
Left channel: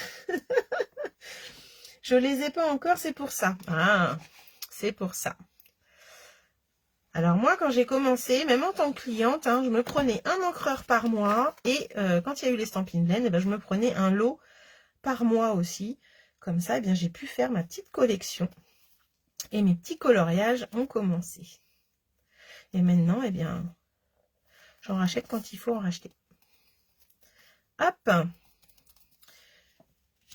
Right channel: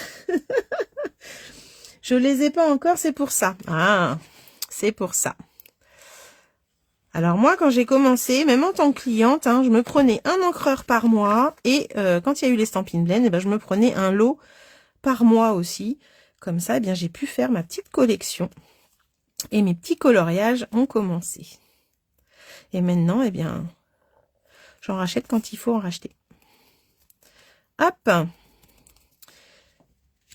Je les ai pas encore, c'est pour ça. Ah, c'est pour ça. Alors moi, quand j'ai commencé, même en tant que cliente, je me prenais un encreur par mois et quand il y a eu les Stampin' Blend, je me prenais un lot par mois aussi. Comme ça, eh bien j'ai pu faire ma petite collection et mes petits coloriages ont commencé. Et maintenant, eh bien, j'en rachète quand il faut en racheter. Hop.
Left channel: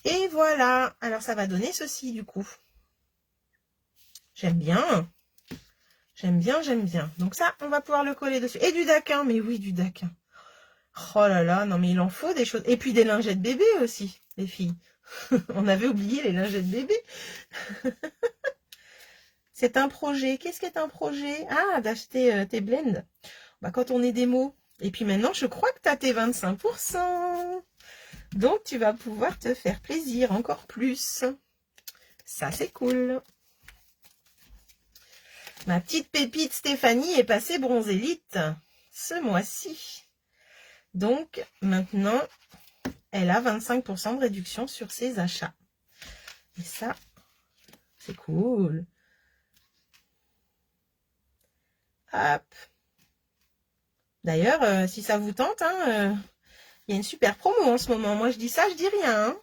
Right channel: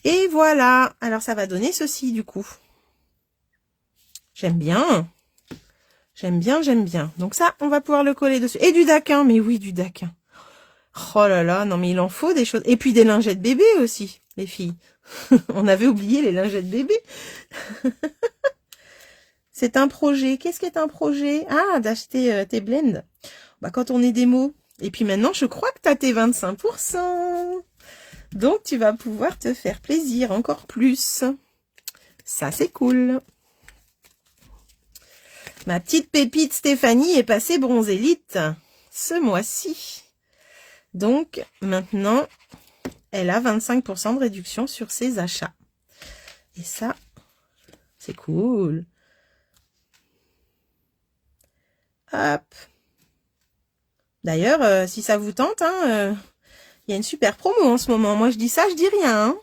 Et voilà. Alors ça va donner ceci du coup. J'aime bien. J'aime bien, j'aime bien. Donc ça, on va pouvoir le coller dessus. Et du daquin, mais oui, du daquin. Oh là là, non mais il en faut des choses. Et puis des lingettes bébés aussi, les filles. On avait oublié les lingettes bébés. C'est un projet. Qu'est-ce qu'est un projet? Ah, d'acheter tes blends. Bah, quand on est démo. Et puis maintenant, je crois que tu as tes 25%. Donc, tu vas pouvoir te faire plaisir encore plus. Ça, c'est cool. Ma petite pépite Stéphanie est passée bronzélite ce mois-ci. Donc, maintenant, elle a 25% de réduction sur ses achats. Et ça, c'est cool. Hop. D'ailleurs, si ça vous tente, il y a une super promo en ce moment. Moi, je dis ça, je dis rien.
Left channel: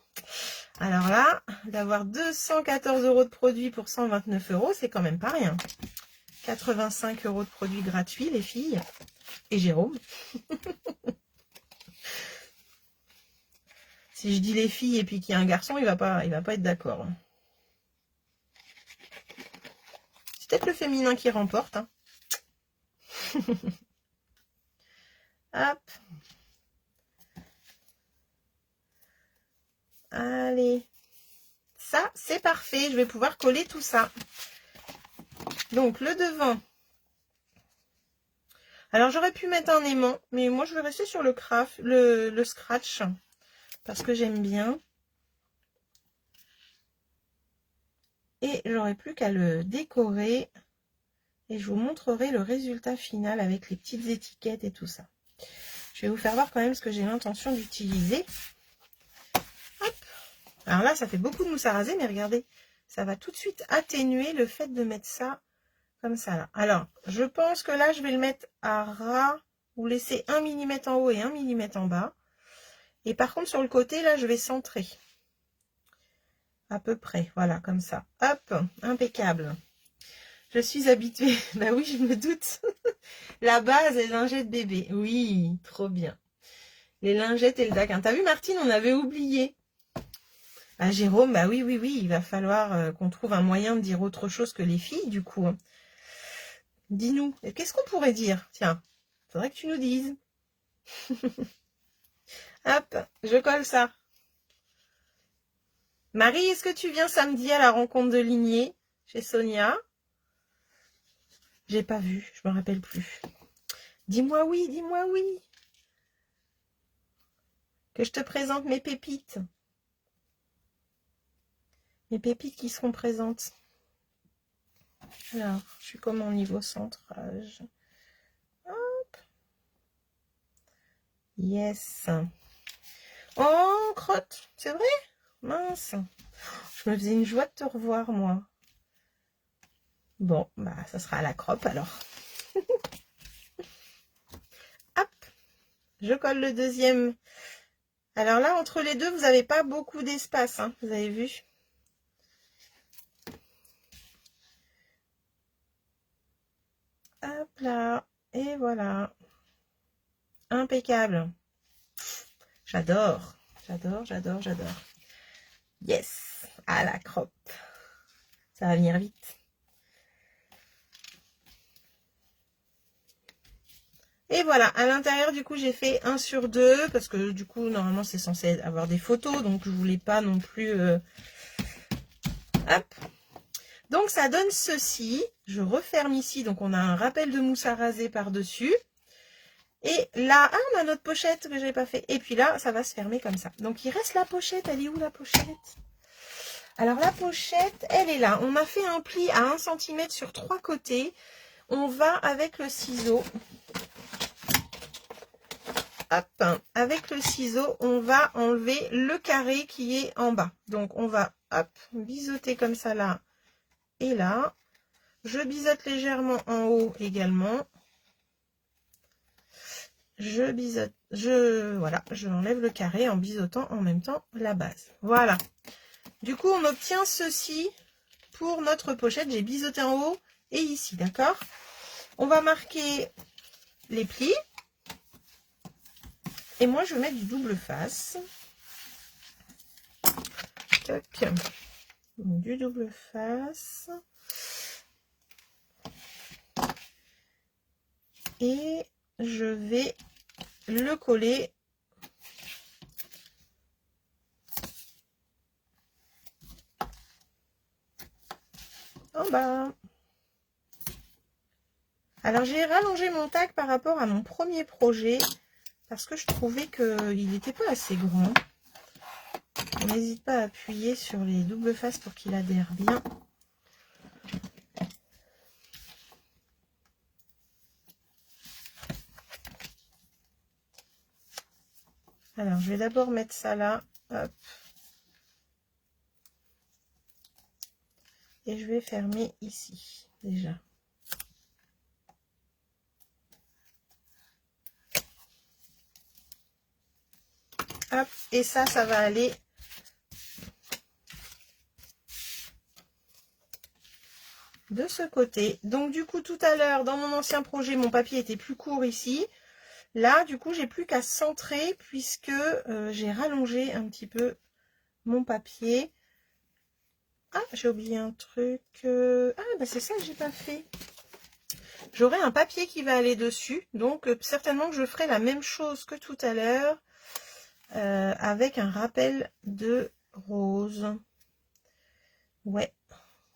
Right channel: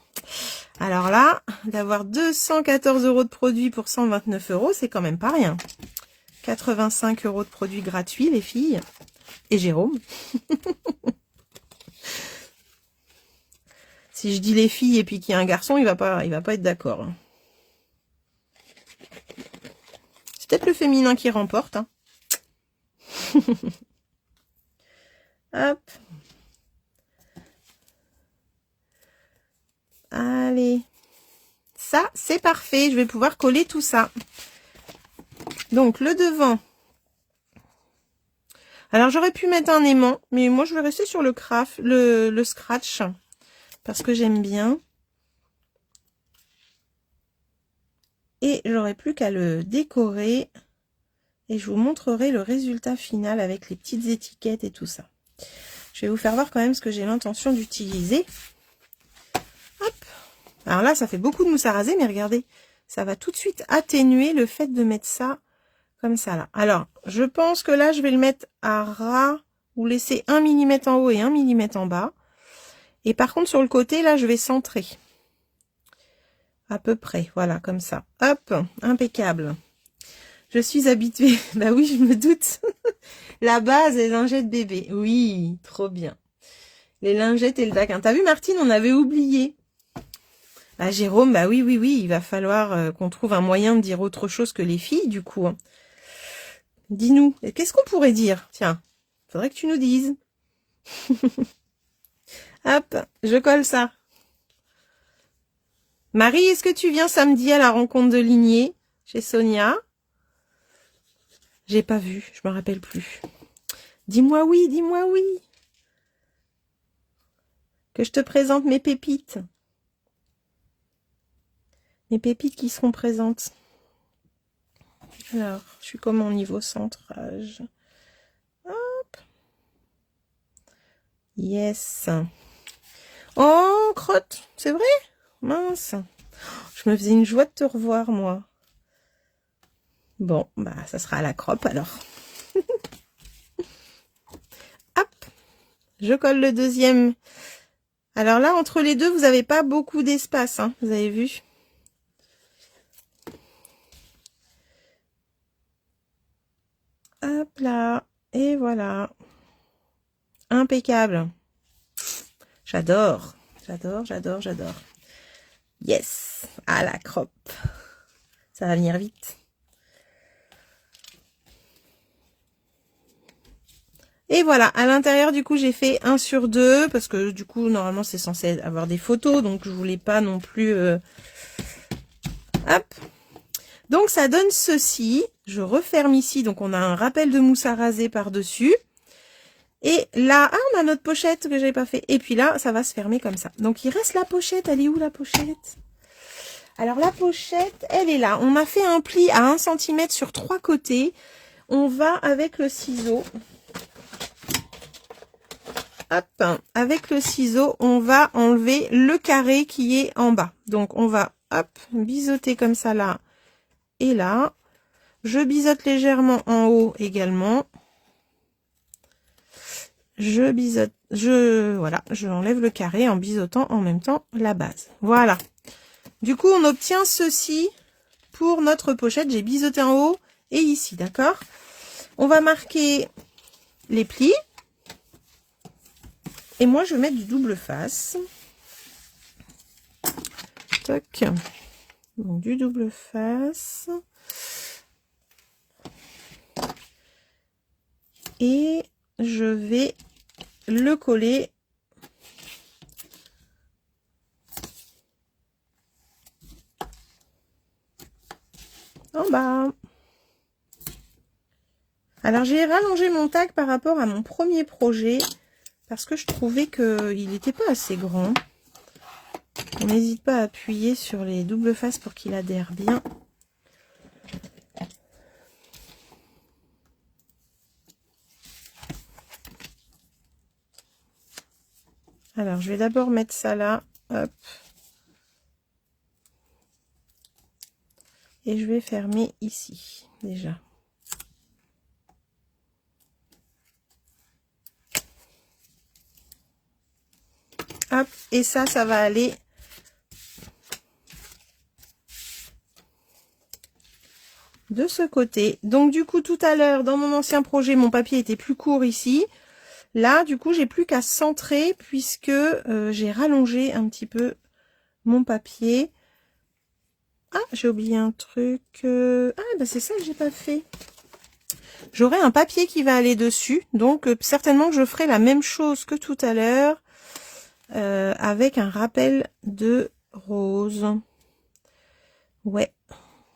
Alors là, d'avoir 214 € de produits pour 129 €, c'est quand même pas rien. 85 € de produits gratuits, les filles. Et Jérôme. Si je dis les filles et puis qu'il y a un garçon, il va pas être d'accord. C'est peut-être le féminin qui remporte. Hop. Allez. Ça, c'est parfait. Je vais pouvoir coller tout ça. Donc, le devant. Alors, j'aurais pu mettre un aimant, mais moi, je vais rester sur le craft, le scratch, parce que j'aime bien. Et j'aurais plus qu'à le décorer. Et je vous montrerai le résultat final avec les petites étiquettes et tout ça. Je vais vous faire voir quand même ce que j'ai l'intention d'utiliser. Hop. Alors là, ça fait beaucoup de mousse à raser, mais regardez, ça va tout de suite atténuer le fait de mettre ça comme ça là. Alors, je pense que là, je vais le mettre à ras ou laisser 1 mm en haut et 1 mm en bas. Et par contre, sur le côté, là, je vais centrer. À peu près, voilà, comme ça. Hop, impeccable. Je suis habituée. Bah oui, je me doute. La base, les lingettes bébé. Oui, trop bien. Les lingettes et le daquin. T'as vu, Martine, on avait oublié. Ah, Jérôme, bah oui, oui, oui, il va falloir qu'on trouve un moyen de dire autre chose que les filles, du coup. Dis-nous, qu'est-ce qu'on pourrait dire? Tiens, faudrait que tu nous dises. Hop, je colle ça. Marie, est-ce que tu viens samedi à la rencontre de Lignée chez Sonia? J'ai pas vu, je me rappelle plus. Dis-moi oui, dis-moi oui. Que je te présente mes pépites. Mes pépites qui seront présentes. Alors, je suis comme en niveau centrage. Hop. Yes. Oh, crotte, c'est vrai? Mince. Je me faisais une joie de te revoir, moi. Bon, bah, ça sera à la croppe, alors. Hop, je colle le deuxième. Alors là, entre les deux, vous n'avez pas beaucoup d'espace, hein, vous avez vu? Hop là, et voilà. Impeccable. J'adore, j'adore, j'adore, j'adore. Yes, à la croppe. Ça va venir vite. Et voilà, à l'intérieur, du coup, j'ai fait 1 sur 2, parce que du coup, normalement, c'est censé avoir des photos, donc je voulais pas non plus... Hop. Donc, ça donne ceci. Je referme ici, donc on a un rappel de mousse à raser par-dessus. Et là, ah, on a notre pochette que j'avais pas fait. Et puis là, ça va se fermer comme ça. Donc, il reste la pochette. Elle est où, la pochette? Alors, la pochette, elle est là. On a fait un pli à 1 cm sur 3 côtés. On va avec le ciseau... Hop, avec le ciseau, on va enlever le carré qui est en bas. Donc, on va, hop, biseauter comme ça là et là. Je biseaute légèrement en haut également. Je biseaute, voilà, je enlève le carré en biseautant en même temps la base. Voilà. Du coup, on obtient ceci pour notre pochette. J'ai biseauté en haut et ici, d'accord? On va marquer les plis. Et moi, je vais mettre du double face. Toc. Donc, du double face. Et je vais le coller en bas. Alors, j'ai rallongé mon tag par rapport à mon premier projet parce que je trouvais qu'il n'était pas assez grand. N'hésite pas à appuyer sur les doubles faces pour qu'il adhère bien. Alors, je vais d'abord mettre ça là. Hop. Et je vais fermer ici, déjà. Hop. Et ça va aller de ce côté. Donc, du coup, tout à l'heure, dans mon ancien projet, mon papier était plus court ici. Là, du coup, j'ai plus qu'à centrer puisque j'ai rallongé un petit peu mon papier. Ah, j'ai oublié un truc. Ah, bah c'est ça que j'ai pas fait. J'aurai un papier qui va aller dessus. Donc, certainement que je ferai la même chose que tout à l'heure avec un rappel de rose. Ouais.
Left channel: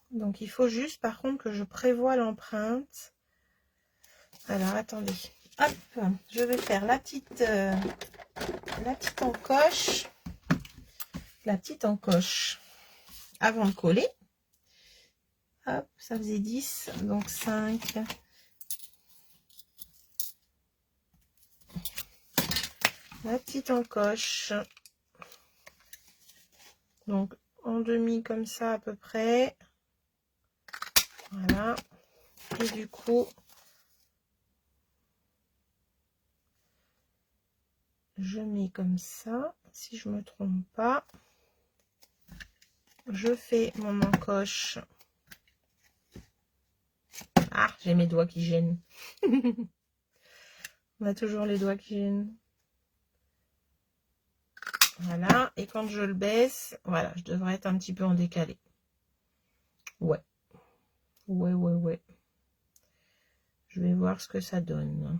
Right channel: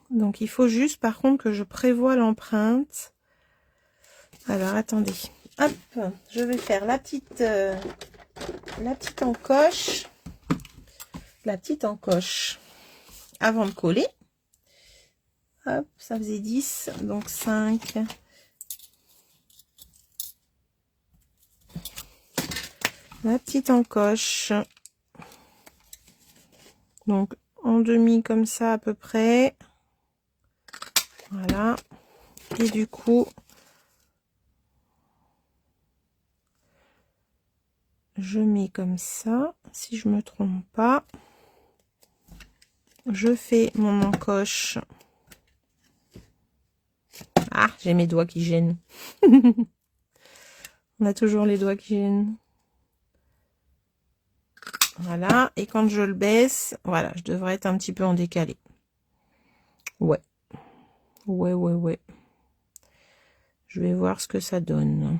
Donc, il faut juste, par contre, que je prévoie l'empreinte. Alors, attendez. Hop, je vais faire la petite encoche. La petite encoche avant de coller. Hop, ça faisait 10, donc 5. La petite encoche. Donc, en demi comme ça à peu près. Voilà. Et du coup, je mets comme ça, si je me trompe pas. Je fais mon encoche. Ah, j'ai mes doigts qui gênent. On a toujours les doigts qui gênent. Voilà. Et quand je le baisse, voilà, je devrais être un petit peu en décalé. Ouais. Ouais. Je vais voir ce que ça donne.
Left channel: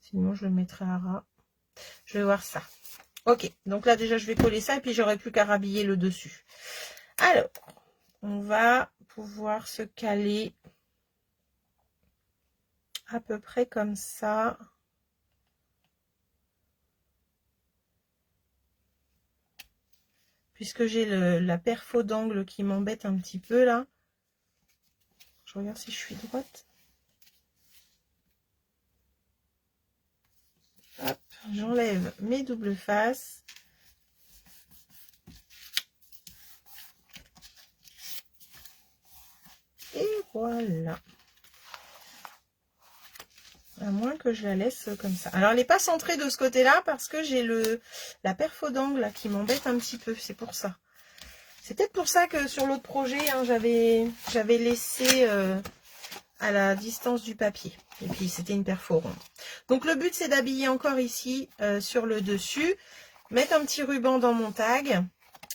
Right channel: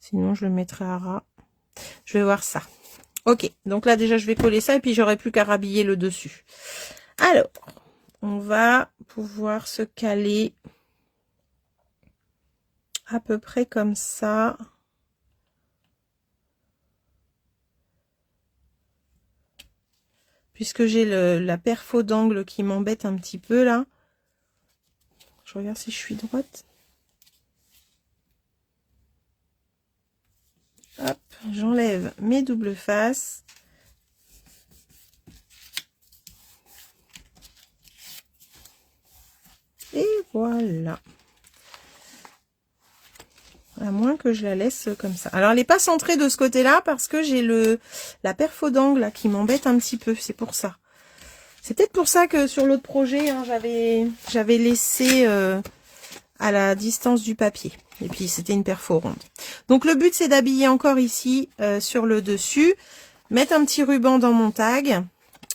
Sinon, je le mettrai à ras. Je vais voir ça. Ok, donc là déjà je vais coller ça et puis j'aurai plus qu'à rhabiller le dessus. Alors, on va pouvoir se caler à peu près comme ça. Puisque j'ai la perfo d'angle qui m'embête un petit peu là. Je regarde si je suis droite. J'enlève mes doubles faces. Et voilà. À moins que je la laisse comme ça. Alors, elle n'est pas centrée de ce côté-là parce que j'ai la perfo d'angle qui m'embête un petit peu. C'est pour ça. C'est peut-être pour ça que sur l'autre projet, hein, j'avais laissé à la distance du papier. Et puis, c'était une perfo ronde. Donc, le but, c'est d'habiller encore ici sur le dessus. Mettre un petit ruban dans mon tag.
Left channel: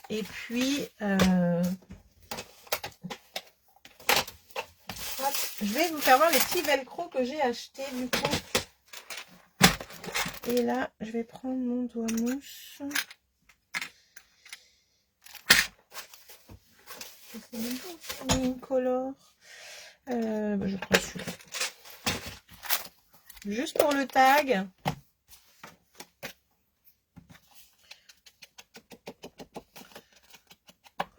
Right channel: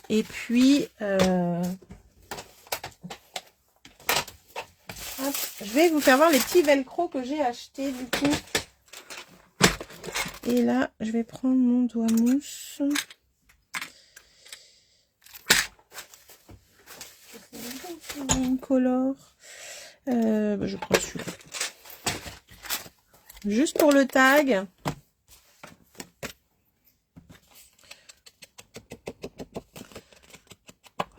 Et puis... je vais vous faire voir les petits velcro que j'ai achetés du coup. Et là, je vais prendre mon doigt mousse. Je colore. Je prends celui-là. Juste pour le tag.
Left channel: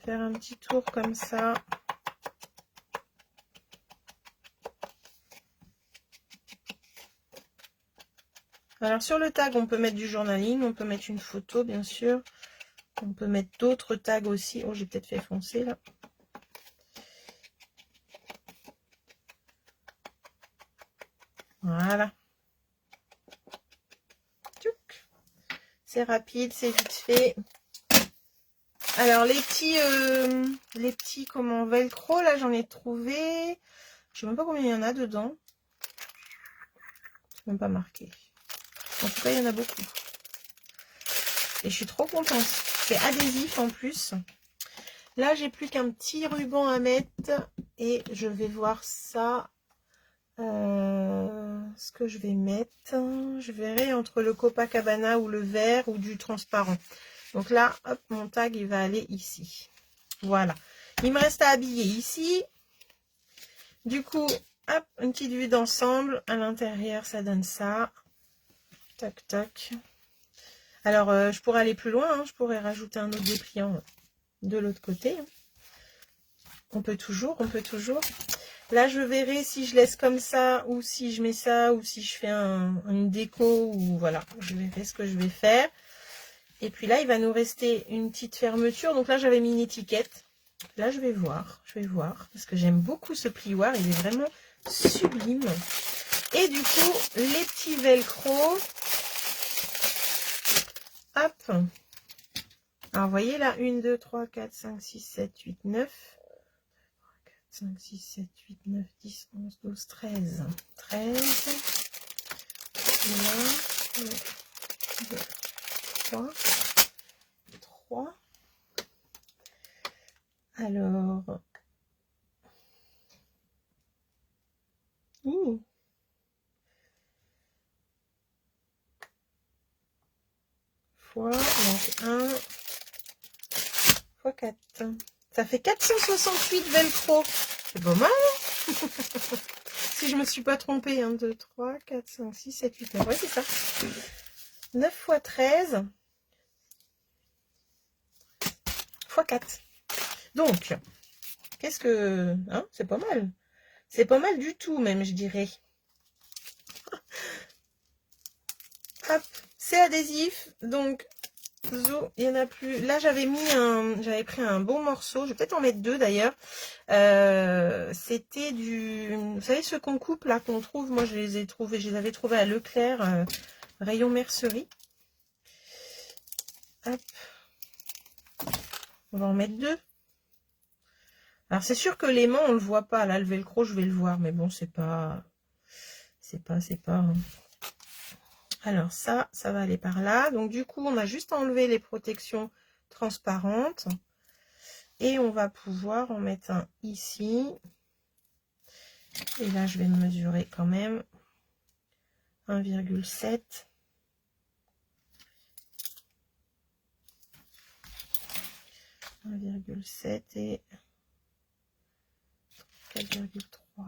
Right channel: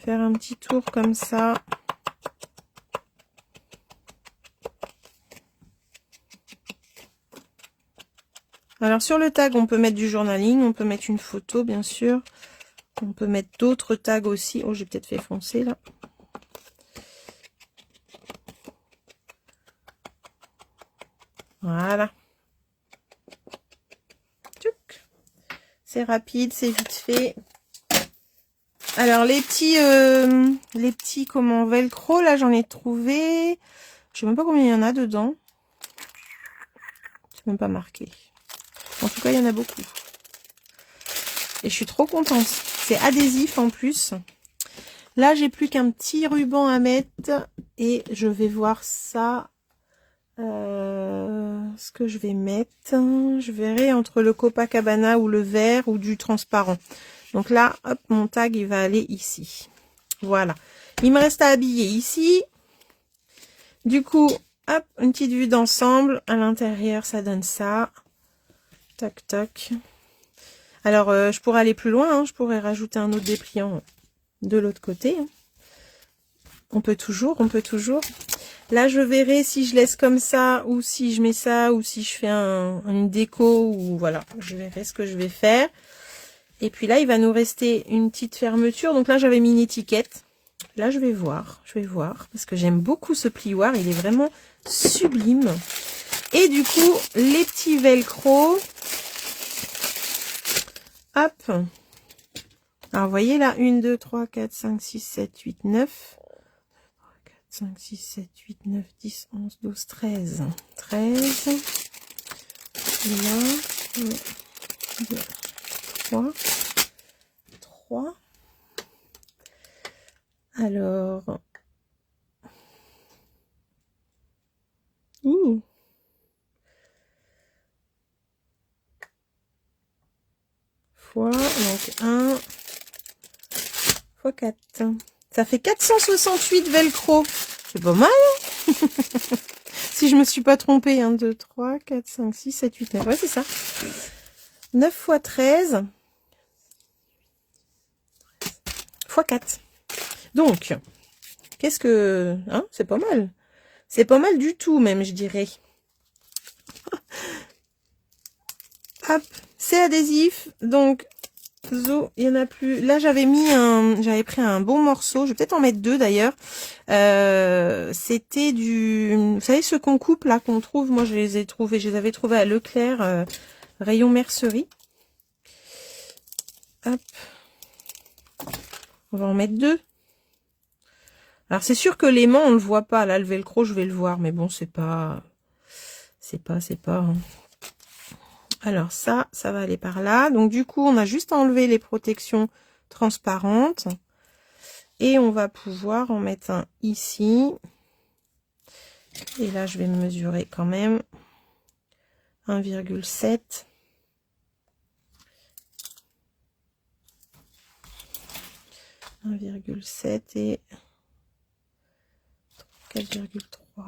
Faire un petit tour comme ça. Alors sur le tag, on peut mettre du journaling, on peut mettre une photo bien sûr. On peut mettre d'autres tags aussi. Oh, j'ai peut-être fait foncer là. Voilà. C'est rapide, c'est vite fait. Alors les petits comment velcro, là j'en ai trouvé. Je sais même pas combien il y en a dedans. C'est même pas marqué. En tout cas, il y en a beaucoup. Et je suis trop contente. C'est adhésif en plus. Là, j'ai plus qu'un petit ruban à mettre. Et je vais voir ça. Ce que je vais mettre. Je verrai entre le Copacabana ou le vert ou du transparent. Donc là, hop, mon tag, il va aller ici. Voilà. Il me reste à habiller ici. Du coup, hop, une petite vue d'ensemble. À l'intérieur, ça donne ça. Tac, tac. Alors, je pourrais aller plus loin. Hein. Je pourrais rajouter un autre dépliant de l'autre côté. On peut toujours, on peut toujours. Là, je verrai si je laisse comme ça, ou si je mets ça, ou si je fais une déco, ou voilà. Je verrai ce que je vais faire. Et puis là, il va nous rester une petite fermeture. Donc là, j'avais mis une étiquette. Là, je vais voir, parce que j'aime beaucoup ce plioir. Il est vraiment sublime. Et du coup, les petits velcro. Hop. Alors, vous voyez là, 1, 2, 3, 4, 5, 6, 7, 8, 9. 5, 6, 7, 8, 9, 10, 11, 12, 13. 13. Et là, 1, 2, 3. 3. Alors. Ouh. Fois, donc 1 fois 4. Ça fait 468 velcro. C'est pas mal. Si je me suis pas trompée. 1, 2, 3, 4, 5, 6, 7, 8, 9. Ouais, c'est ça. 9 fois 13. Fois 4. Donc, qu'est-ce que... Hein, c'est pas mal. C'est pas mal du tout, même, je dirais. Hop, c'est adhésif. Donc, zo, il n'y en a plus. Là, j'avais pris un bon morceau. Je vais peut-être en mettre deux, d'ailleurs. C'était vous savez, ce qu'on coupe, là, qu'on trouve. Moi, je les avais trouvés à Leclerc, rayon mercerie. Hop. On va en mettre deux. Alors, c'est sûr que l'aimant, on le voit pas. Là, le velcro, je vais le voir. Mais bon, c'est pas... hein. Alors, ça va aller par là. Donc, du coup, on a juste enlevé les protections transparentes. Et on va pouvoir en mettre un ici. Et là, je vais mesurer quand même 1,7. 1,7 et 4,3.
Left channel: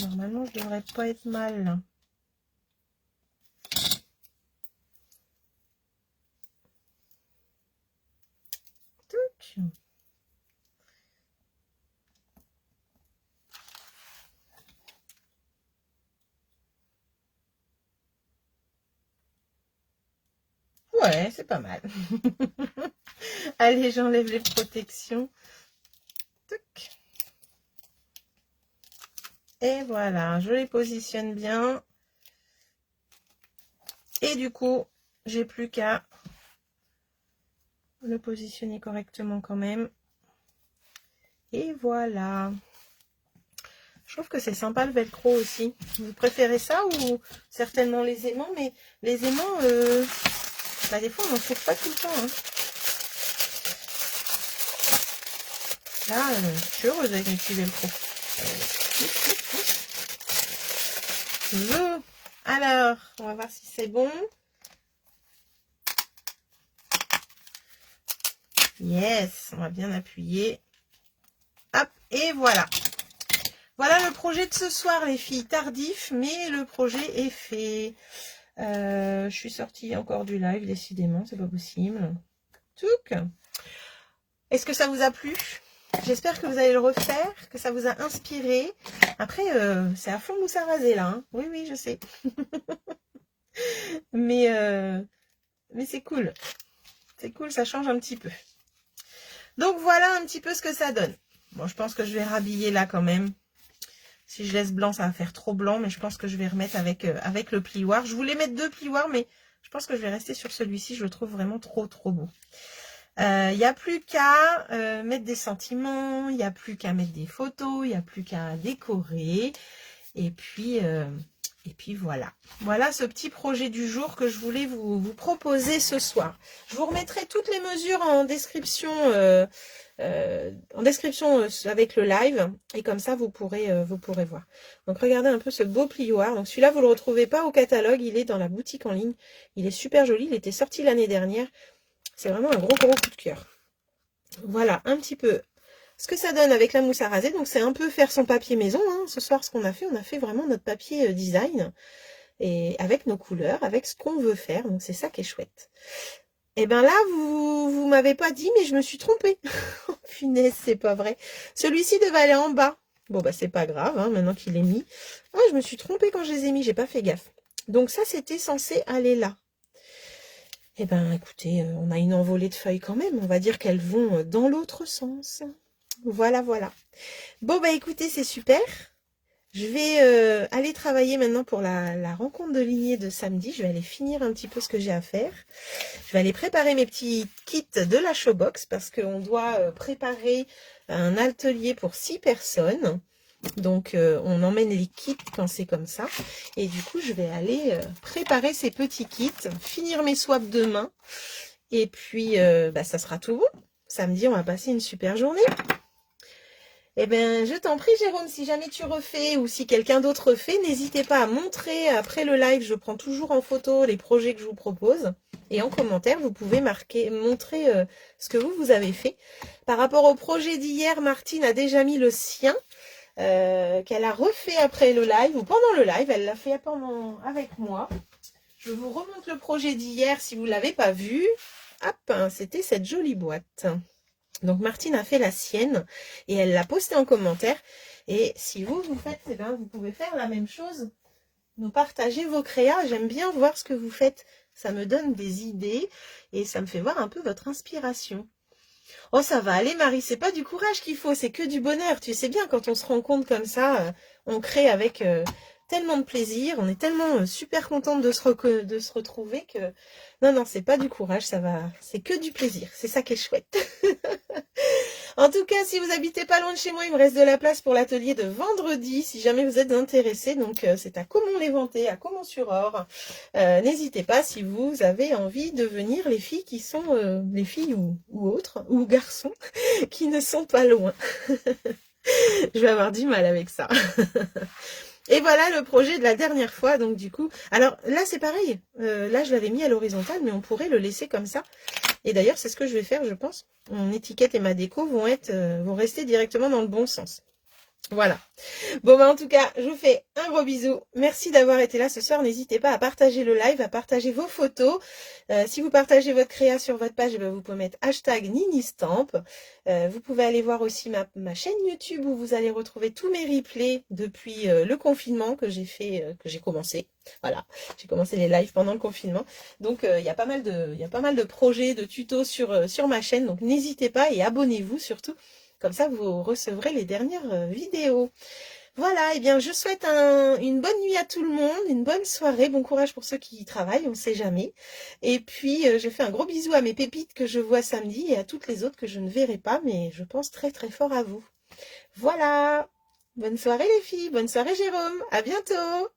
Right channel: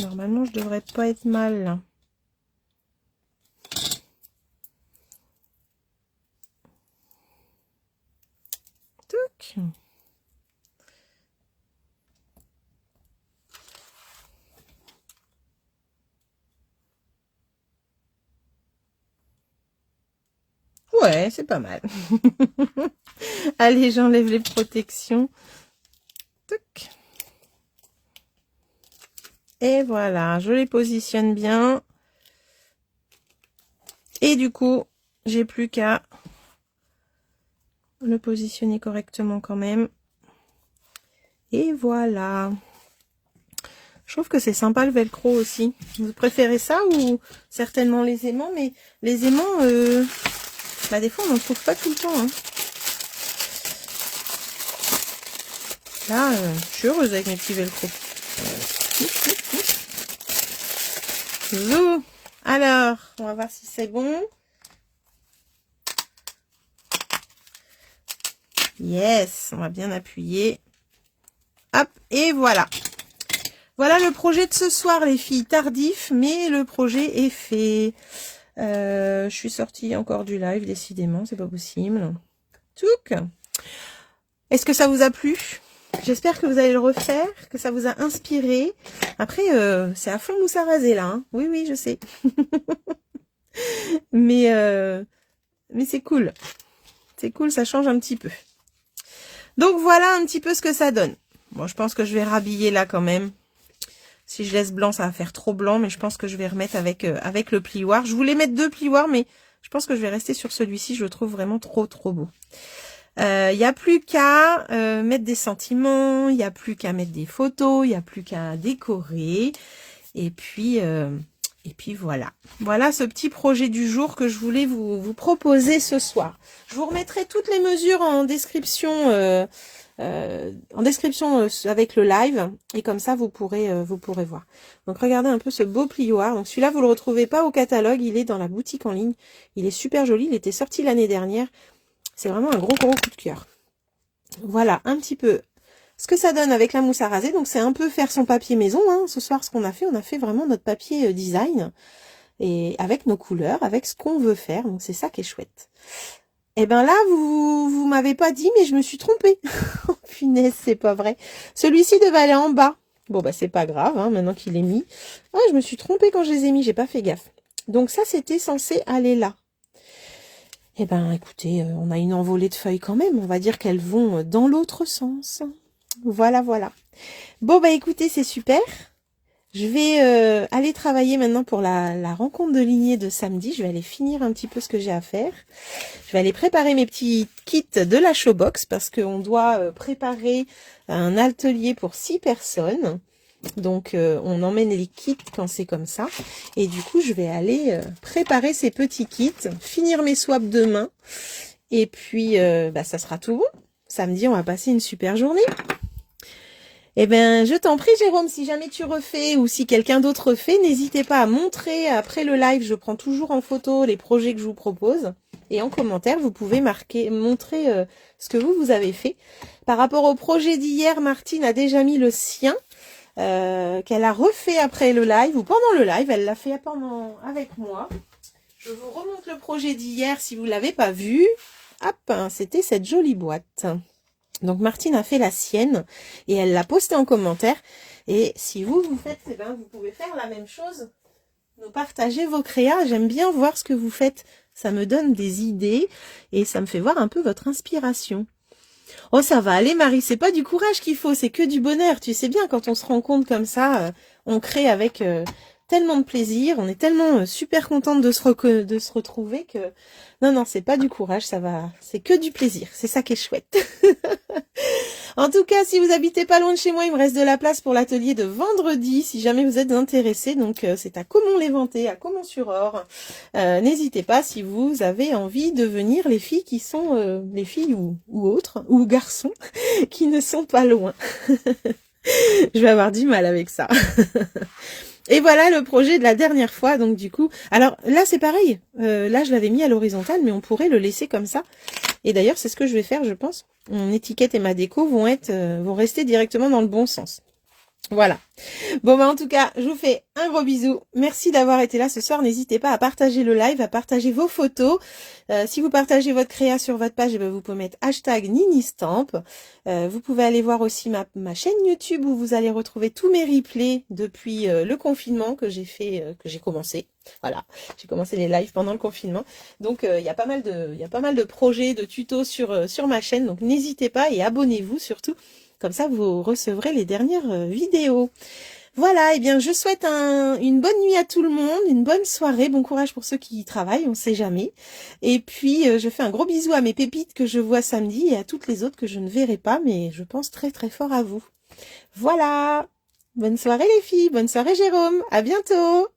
Normalement, je devrais pas être mal. Toc. Ouais, c'est pas mal. Allez, j'enlève les protections. Toc. Et voilà, je les positionne bien. Et du coup, j'ai plus qu'à le positionner correctement quand même. Et voilà. Je trouve que c'est sympa le velcro aussi. Vous préférez ça ou certainement les aimants? Mais les aimants, bah des fois on n'en trouve pas tout le temps. Hein. Là, je suis heureuse avec mes petits velcro. Zou. Alors, on va voir si c'est bon. Yes, on va bien appuyer. Hop, et voilà. Voilà le projet de ce soir, les filles. Tardif, mais le projet est fait. Je suis sortie encore du live, décidément, c'est pas possible. Touc. Est-ce que ça vous a plu? J'espère que vous allez le refaire, que ça vous a inspiré. Après, c'est à fond mousse à raser là. Hein. Oui, oui, je sais. mais c'est cool. C'est cool, ça change un petit peu. Donc voilà un petit peu ce que ça donne. Bon, je pense que je vais rhabiller là quand même. Si je laisse blanc, ça va faire trop blanc, mais je pense que je vais remettre avec le plioir. Je voulais mettre 2 plioirs, mais je pense que je vais rester sur celui-ci. Je le trouve vraiment trop beau. Il n'y a plus qu'à mettre des sentiments, il n'y a plus qu'à mettre des photos, il n'y a plus qu'à décorer. Et puis voilà. Voilà ce petit projet du jour que je voulais vous proposer ce soir. Je vous remettrai toutes les mesures en description avec le live. Et comme ça, vous pourrez voir. Donc, regardez un peu ce beau plioir. Donc, celui-là, vous le retrouvez pas au catalogue. Il est dans la boutique en ligne. Il est super joli. Il était sorti l'année dernière. C'est vraiment un gros coup de cœur. Voilà, un petit peu ce que ça donne avec la mousse à raser. Donc, c'est un peu faire son papier maison. Hein. Ce soir, ce qu'on a fait, on a fait vraiment notre papier design. Et avec nos couleurs, avec ce qu'on veut faire. Donc, c'est ça qui est chouette. Et ben là, vous m'avez pas dit, mais je me suis trompée. Oh, punaise, c'est pas vrai. Celui-ci devait aller en bas. Bon, bah, c'est pas grave, hein, maintenant qu'il est mis. Ah, je me suis trompée quand je les ai mis, j'ai pas fait gaffe. Donc, ça, c'était censé aller là. Eh ben, écoutez, on a une envolée de feuilles quand même. On va dire qu'elles vont dans l'autre sens. Voilà, voilà. Bon, bah, écoutez, c'est super. Je vais aller travailler maintenant pour la rencontre de lignée de samedi. Je vais aller finir un petit peu ce que j'ai à faire. Je vais aller préparer mes petits kits de la Showbox parce qu'on doit préparer un atelier pour 6 personnes. Donc, on emmène les kits quand c'est comme ça. Et du coup, je vais aller préparer ces petits kits, finir mes swaps demain. Et puis, ça sera tout bon. Samedi, on va passer une super journée. Eh bien, je t'en prie, Jérôme, si jamais tu refais ou si quelqu'un d'autre refait, n'hésitez pas à montrer après le live. Je prends toujours en photo les projets que je vous propose. Et en commentaire, vous pouvez montrer ce que vous avez fait. Par rapport au projet d'hier, Martine a déjà mis le sien, qu'elle a refait après le live ou pendant le live. Elle l'a fait avec moi. Je vous remonte le projet d'hier si vous ne l'avez pas vu. Hop, c'était cette jolie boîte. Donc Martine a fait la sienne et elle l'a postée en commentaire. Et si vous faites, eh ben, vous pouvez faire la même chose. Nous partager vos créas. J'aime bien voir ce que vous faites. Ça me donne des idées et ça me fait voir un peu votre inspiration. Oh, ça va aller, Marie. C'est pas du courage qu'il faut, c'est que du bonheur. Tu sais bien, quand on se rend compte comme ça, on crée avec tellement de plaisir. On est tellement super contente de se retrouver que... Non, c'est pas du courage, ça va. C'est que du plaisir. C'est ça qui est chouette. En tout cas, si vous habitez pas loin de chez moi, il me reste de la place pour l'atelier de vendredi, si jamais vous êtes intéressés. Donc, c'est à Caumont-les-Ventés, à Caumont-sur-Orge. N'hésitez pas si vous avez envie de venir, les filles qui sont, les filles ou autres, ou garçons, qui ne sont pas loin. Je vais avoir du mal avec ça. Et voilà le projet de la dernière fois, donc du coup... Alors là, c'est pareil. Là, je l'avais mis à l'horizontale, mais on pourrait le laisser comme ça. Et d'ailleurs, c'est ce que je vais faire, je pense. Mon étiquette et ma déco vont rester directement dans le bon sens. Voilà. Bon, bah, en tout cas, je vous fais un gros bisou. Merci d'avoir été là ce soir. N'hésitez pas à partager le live, à partager vos photos. Si vous partagez votre créa sur votre page, eh ben, vous pouvez mettre hashtag Ministamp. Vous pouvez aller voir aussi ma chaîne YouTube où vous allez retrouver tous mes replays depuis le confinement que j'ai fait, que j'ai commencé. Voilà, j'ai commencé les lives pendant le confinement. Donc, il y a pas mal de projets, de tutos sur ma chaîne. Donc, n'hésitez pas et abonnez-vous surtout. Comme ça, vous recevrez les dernières vidéos. Voilà, et bien je souhaite une bonne nuit à tout le monde, une bonne soirée, bon courage pour ceux qui y travaillent, on ne sait jamais. Et puis je fais un gros bisou à mes pépites que je vois samedi et à toutes les autres que je ne verrai pas, mais je pense très très fort à vous. Voilà, bonne soirée les filles, bonne soirée Jérôme, à bientôt.